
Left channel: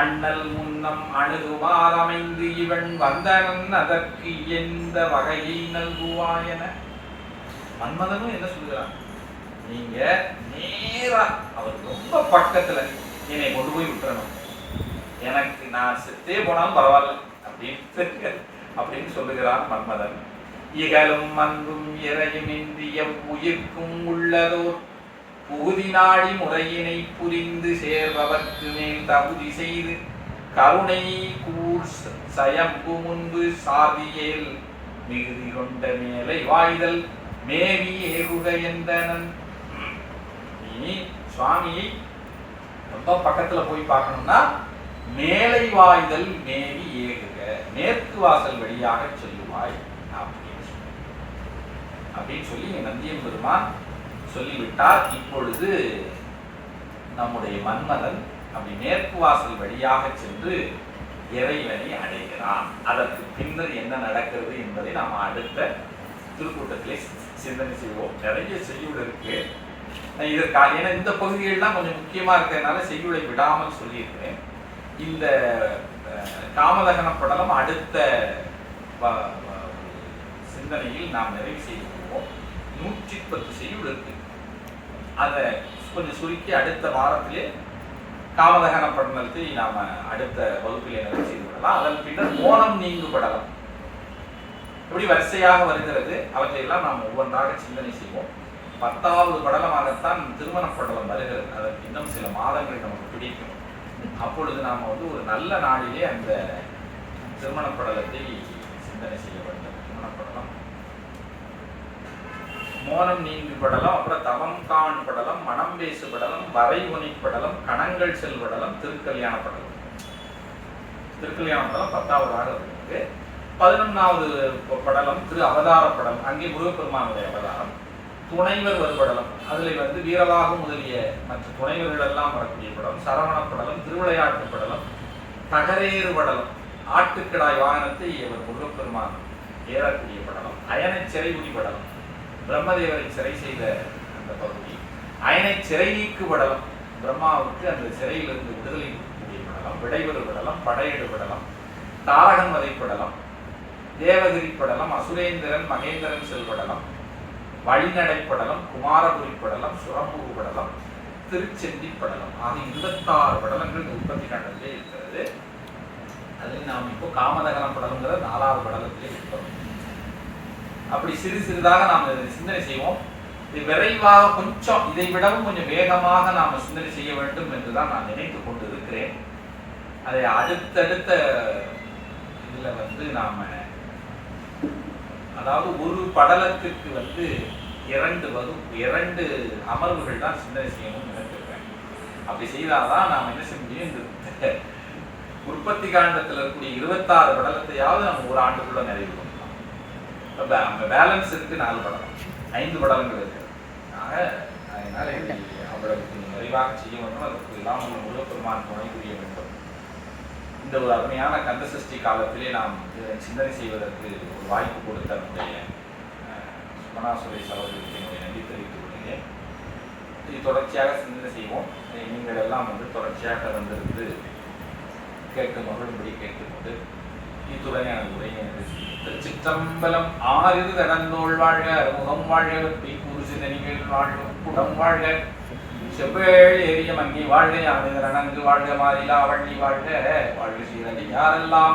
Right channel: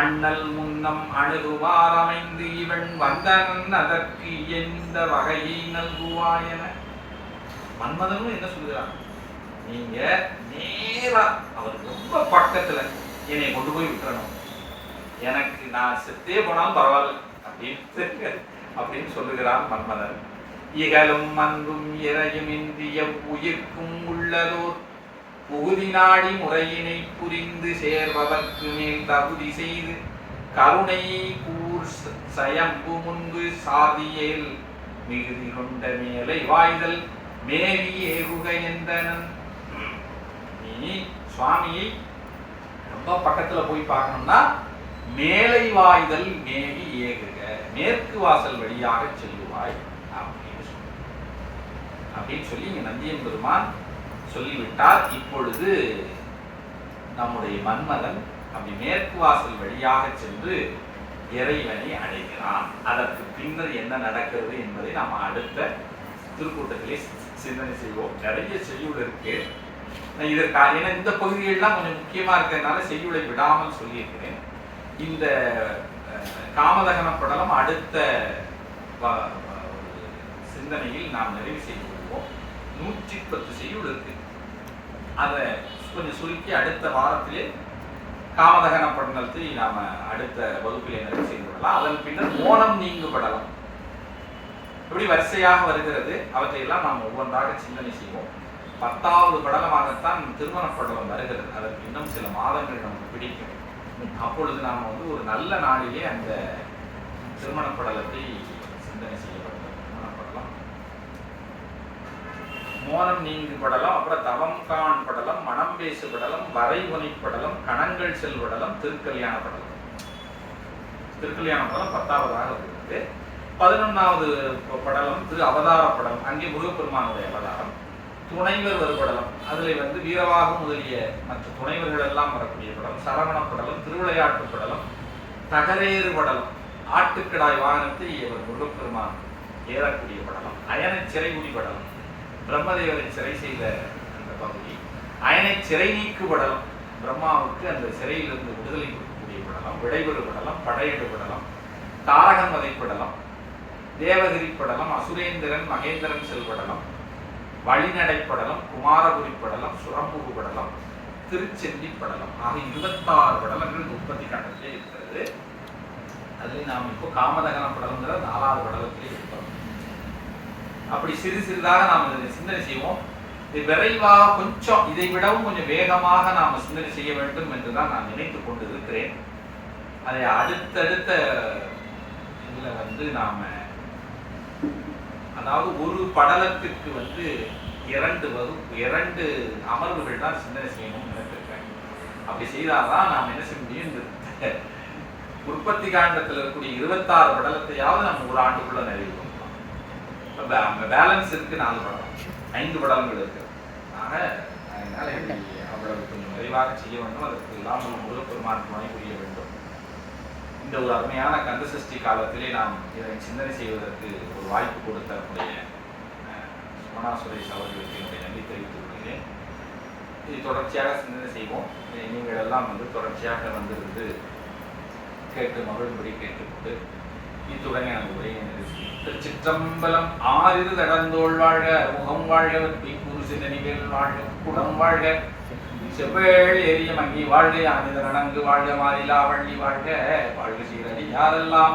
அண்ணல் முன்னம் அணுகுமார் அமைந்து இவன் வந்தனன் அதற்கு எந்த வகையை நல்குவாயென. மன்மதனும் என்ன சொல்கிறான்? நீங்க நேரா அவர் ரொம்ப பக்கத்துல என்னை கொண்டு போய் விட்டுறணும், எனக்கு நான் செத்தே போனாலும் பரவாயில்ல அப்படின்னு சொல்லுகிறான் மன்மதன். இகலும் அன்பும் இறையுமின்றிய உயிர்க்கும் உள்ளதோர் புகுதி நாடி முறையினை புரிந்து சேர்பவர்க்கு மேல் தகுதி செய்து கருணை கூர் சயம்பு முன்பு சாதியேல் மிகுதி கொண்ட மேலை வாய்தல் மேவி ஏகுக என்றனன். நீ சுவாமியை ரொம்ப பக்கத்துல போய் பார்க்கணும்னா மேலை வாய்தல் மேவி ஏகுக, மேற்கு வாசல் வழியாக செல்லுவாய் அப்படின்னு சொல்லி நந்தியம் பெருமான் சொல்லிவிட்டார். இப்பொழுது நம்முடைய மன்மதன் அப்படி மேற்கு வாசல் வழியாக சென்று இறைவனை அடைகிறான். அதற்கு பின்னர் என்ன நடக்கிறது என்பதை நாம் அடுத்த திருக்கூட்டத்திலே சிந்தனை செய்வோம். நிறைய செய்யுள் இருக்கு. இதற்காக ஏன்னா இந்த பகுதிகள்லாம் கொஞ்சம் முக்கியமா இருக்கிறதுனால செய்யுளை விடாமல் சொல்லியிருக்கிறேன். இந்த காமதகன படலம் அடுத்த சிந்தனையில் நாம் நிறைவு செய்வோம். 110 செய்யுள் இருக்கு. அதை கொஞ்சம் சுருக்கி அடுத்த வாரத்திலே காமதகன படலத்தை நாம அடுத்த வகுப்பிலே நிறைவு செய்து கொள்ளலாம். அதன் பின்னர் மோனம் நீங்கு படலம் எப்படி வரிசையாக வருகிறது அவற்றையெல்லாம் நாம் ஒவ்வொன்றாக சிந்தனை செய்வோம். 10வது படலமாகத்தான் திருமண படலம் வருகிறது. அதற்கு இன்னும் சில மாதங்கள் நமக்கு பிடிக்கும். அப்பொழுது நாம் ஒரு நல்ல நாளிலே அந்த திருமண படலத்தை சிந்தனை செய்ய வேண்டும். மோனம் நீங்கு படலம், அப்புறம் தவம் காண் படலம், மனம் பேசு படலம், வரைமுனை படலம், கணங்கள் செல் படலம், திருக்கல்யாண படலம். திருக்கல்யாண படலம் 10வதாக இருக்கு. 11வது படலம் திரு அவதார படலம். அங்கே முருகப்பெருமானுடைய அவதாரம். துணைவர் வருபடலம், அதில் வந்து வீரவாகு முதலிய மற்ற துணைவர்கள் எல்லாம் வரக்கூடிய படம். சரவண படலம், திருவிளையாட்டு படலம், தகரேறு படலம், ஆட்டுக்கிடாய் வாகனத்தை இவர் முருகப்பெருமான் ஏறக்கூடிய படலம். அயனை சிறைகுடி படலம், பிரம்மதேவரை சிறை செய்த அந்த பகுதி. அயனை சிறை நீக்கு படலம், பிரம்மாவுக்கு அந்த சிறையிலிருந்து விடுதலை கொடுக்கக்கூடிய படலம். விடைபெறு படலம், படையெடு படலம், தாரகன் வதை படலம், தேவகிரி படலம், அசுரேந்திரன் மகேந்திரன் செல்படலம், வழிநடை படலம், குமாரபுரி படலம், சுரம்புகு படலம், திருச்செந்தி படலம் ஆக 26 படலங்கள் உற்பத்தி காண்டத்திலே இருக்கிறது. அதில் நாம் இப்போ காமதகன படலங்கிற 4வது படலத்திலே இருக்கிறோம். அப்படி சிறு சிறிதாக நாம் இதை சிந்தனை செய்வோம். இது விரைவாக கொஞ்சம் இதை விடவும் கொஞ்சம் வேகமாக நாம் சிந்தனை செய்ய வேண்டும் என்றுதான் நான் நினைத்து கொண்டு இருக்கிறேன். அதை அடுத்தடுத்த இதில் வந்து நாம அதாவது ஒரு படலத்திற்கு வந்து 2 அமர்வுகள் தான் சிந்தனை செய்யணும்னு நினைச்சிருக்கேன். அப்படி செய்தால்தான் நாம் என்ன செய்ய முடியும், இந்த உற்பத்தி காண்டத்தில் இருக்கக்கூடிய 26 படலத்தையாவது நம்ம ஒரு ஆண்டுக்குள்ள நிறைவேற்றோம். பேலன்ஸ் இருக்கு 4 படலம், 5 படலங்கள் இருக்கு. அதனால அவ்வளவு கொஞ்சம் நிறைவாக செய்ய வேண்டும். அதற்கு எல்லாம் முருகப்பெருமான் துணை புரிய வேண்டும். இந்த ஒரு அருமையான கந்த சஷ்டி காலத்திலே நாம் இதை சிந்தனை செய்வதற்கு ஒரு வாய்ப்பு கொடுத்த நம்முடைய சுமனா சுரேஷ் அவர்களுக்கு என்னுடைய நன்றி தெரிவித்துக் கொள்கிறேன். இது தொடர்ச்சியாக சிந்தனை செய்வோம். நீங்கள் எல்லாம் வந்து தொடர்ச்சியாக வந்திருந்து கேட்டு மகிழும்படி கேட்டுக்கொண்டு இத்துடன் எனது உரையை திருச்சிற்றம்பலம். ஆறிரு தடந்தோள் வாழ்க, முகம் வாழ்க, வெற்றி கூறு நெறிகள் வாழ்க, குடம் வாழ்க, செவ்வேள் எரிய மங்கி வாழ்க, யானிதர் அணங்கு வாழ்க, மாறிலா வள்ளி வாழ்க, வாழ்க சீரடி யாரெல்லாம்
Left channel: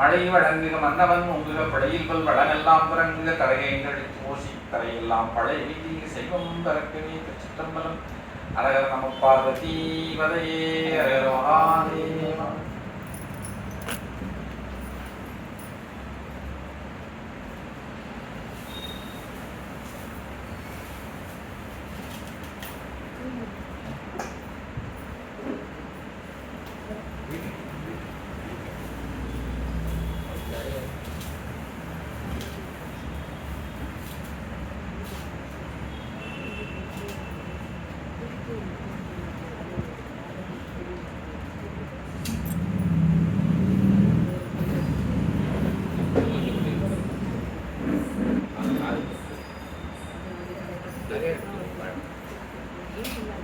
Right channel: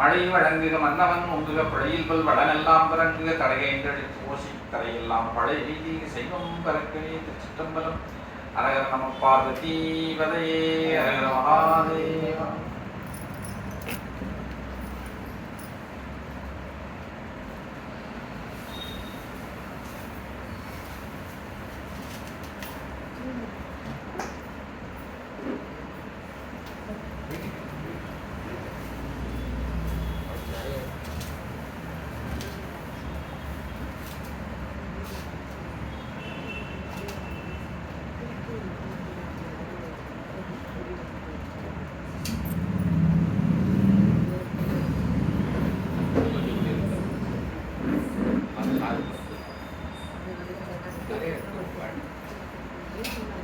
மழை வழங்குக, மன்னவன் ஒங்குக, படையில் கொள் வளனெல்லாம் பிறங்குக, கரையென்றடி கோஷி கரையெல்லாம் பழை வீதிக, செய்வம் பறக்கவே. திருச்சிற்றம்பலம். அரகர நம பார்வதி பதையே, அரகர மகாதேவா. Thank you.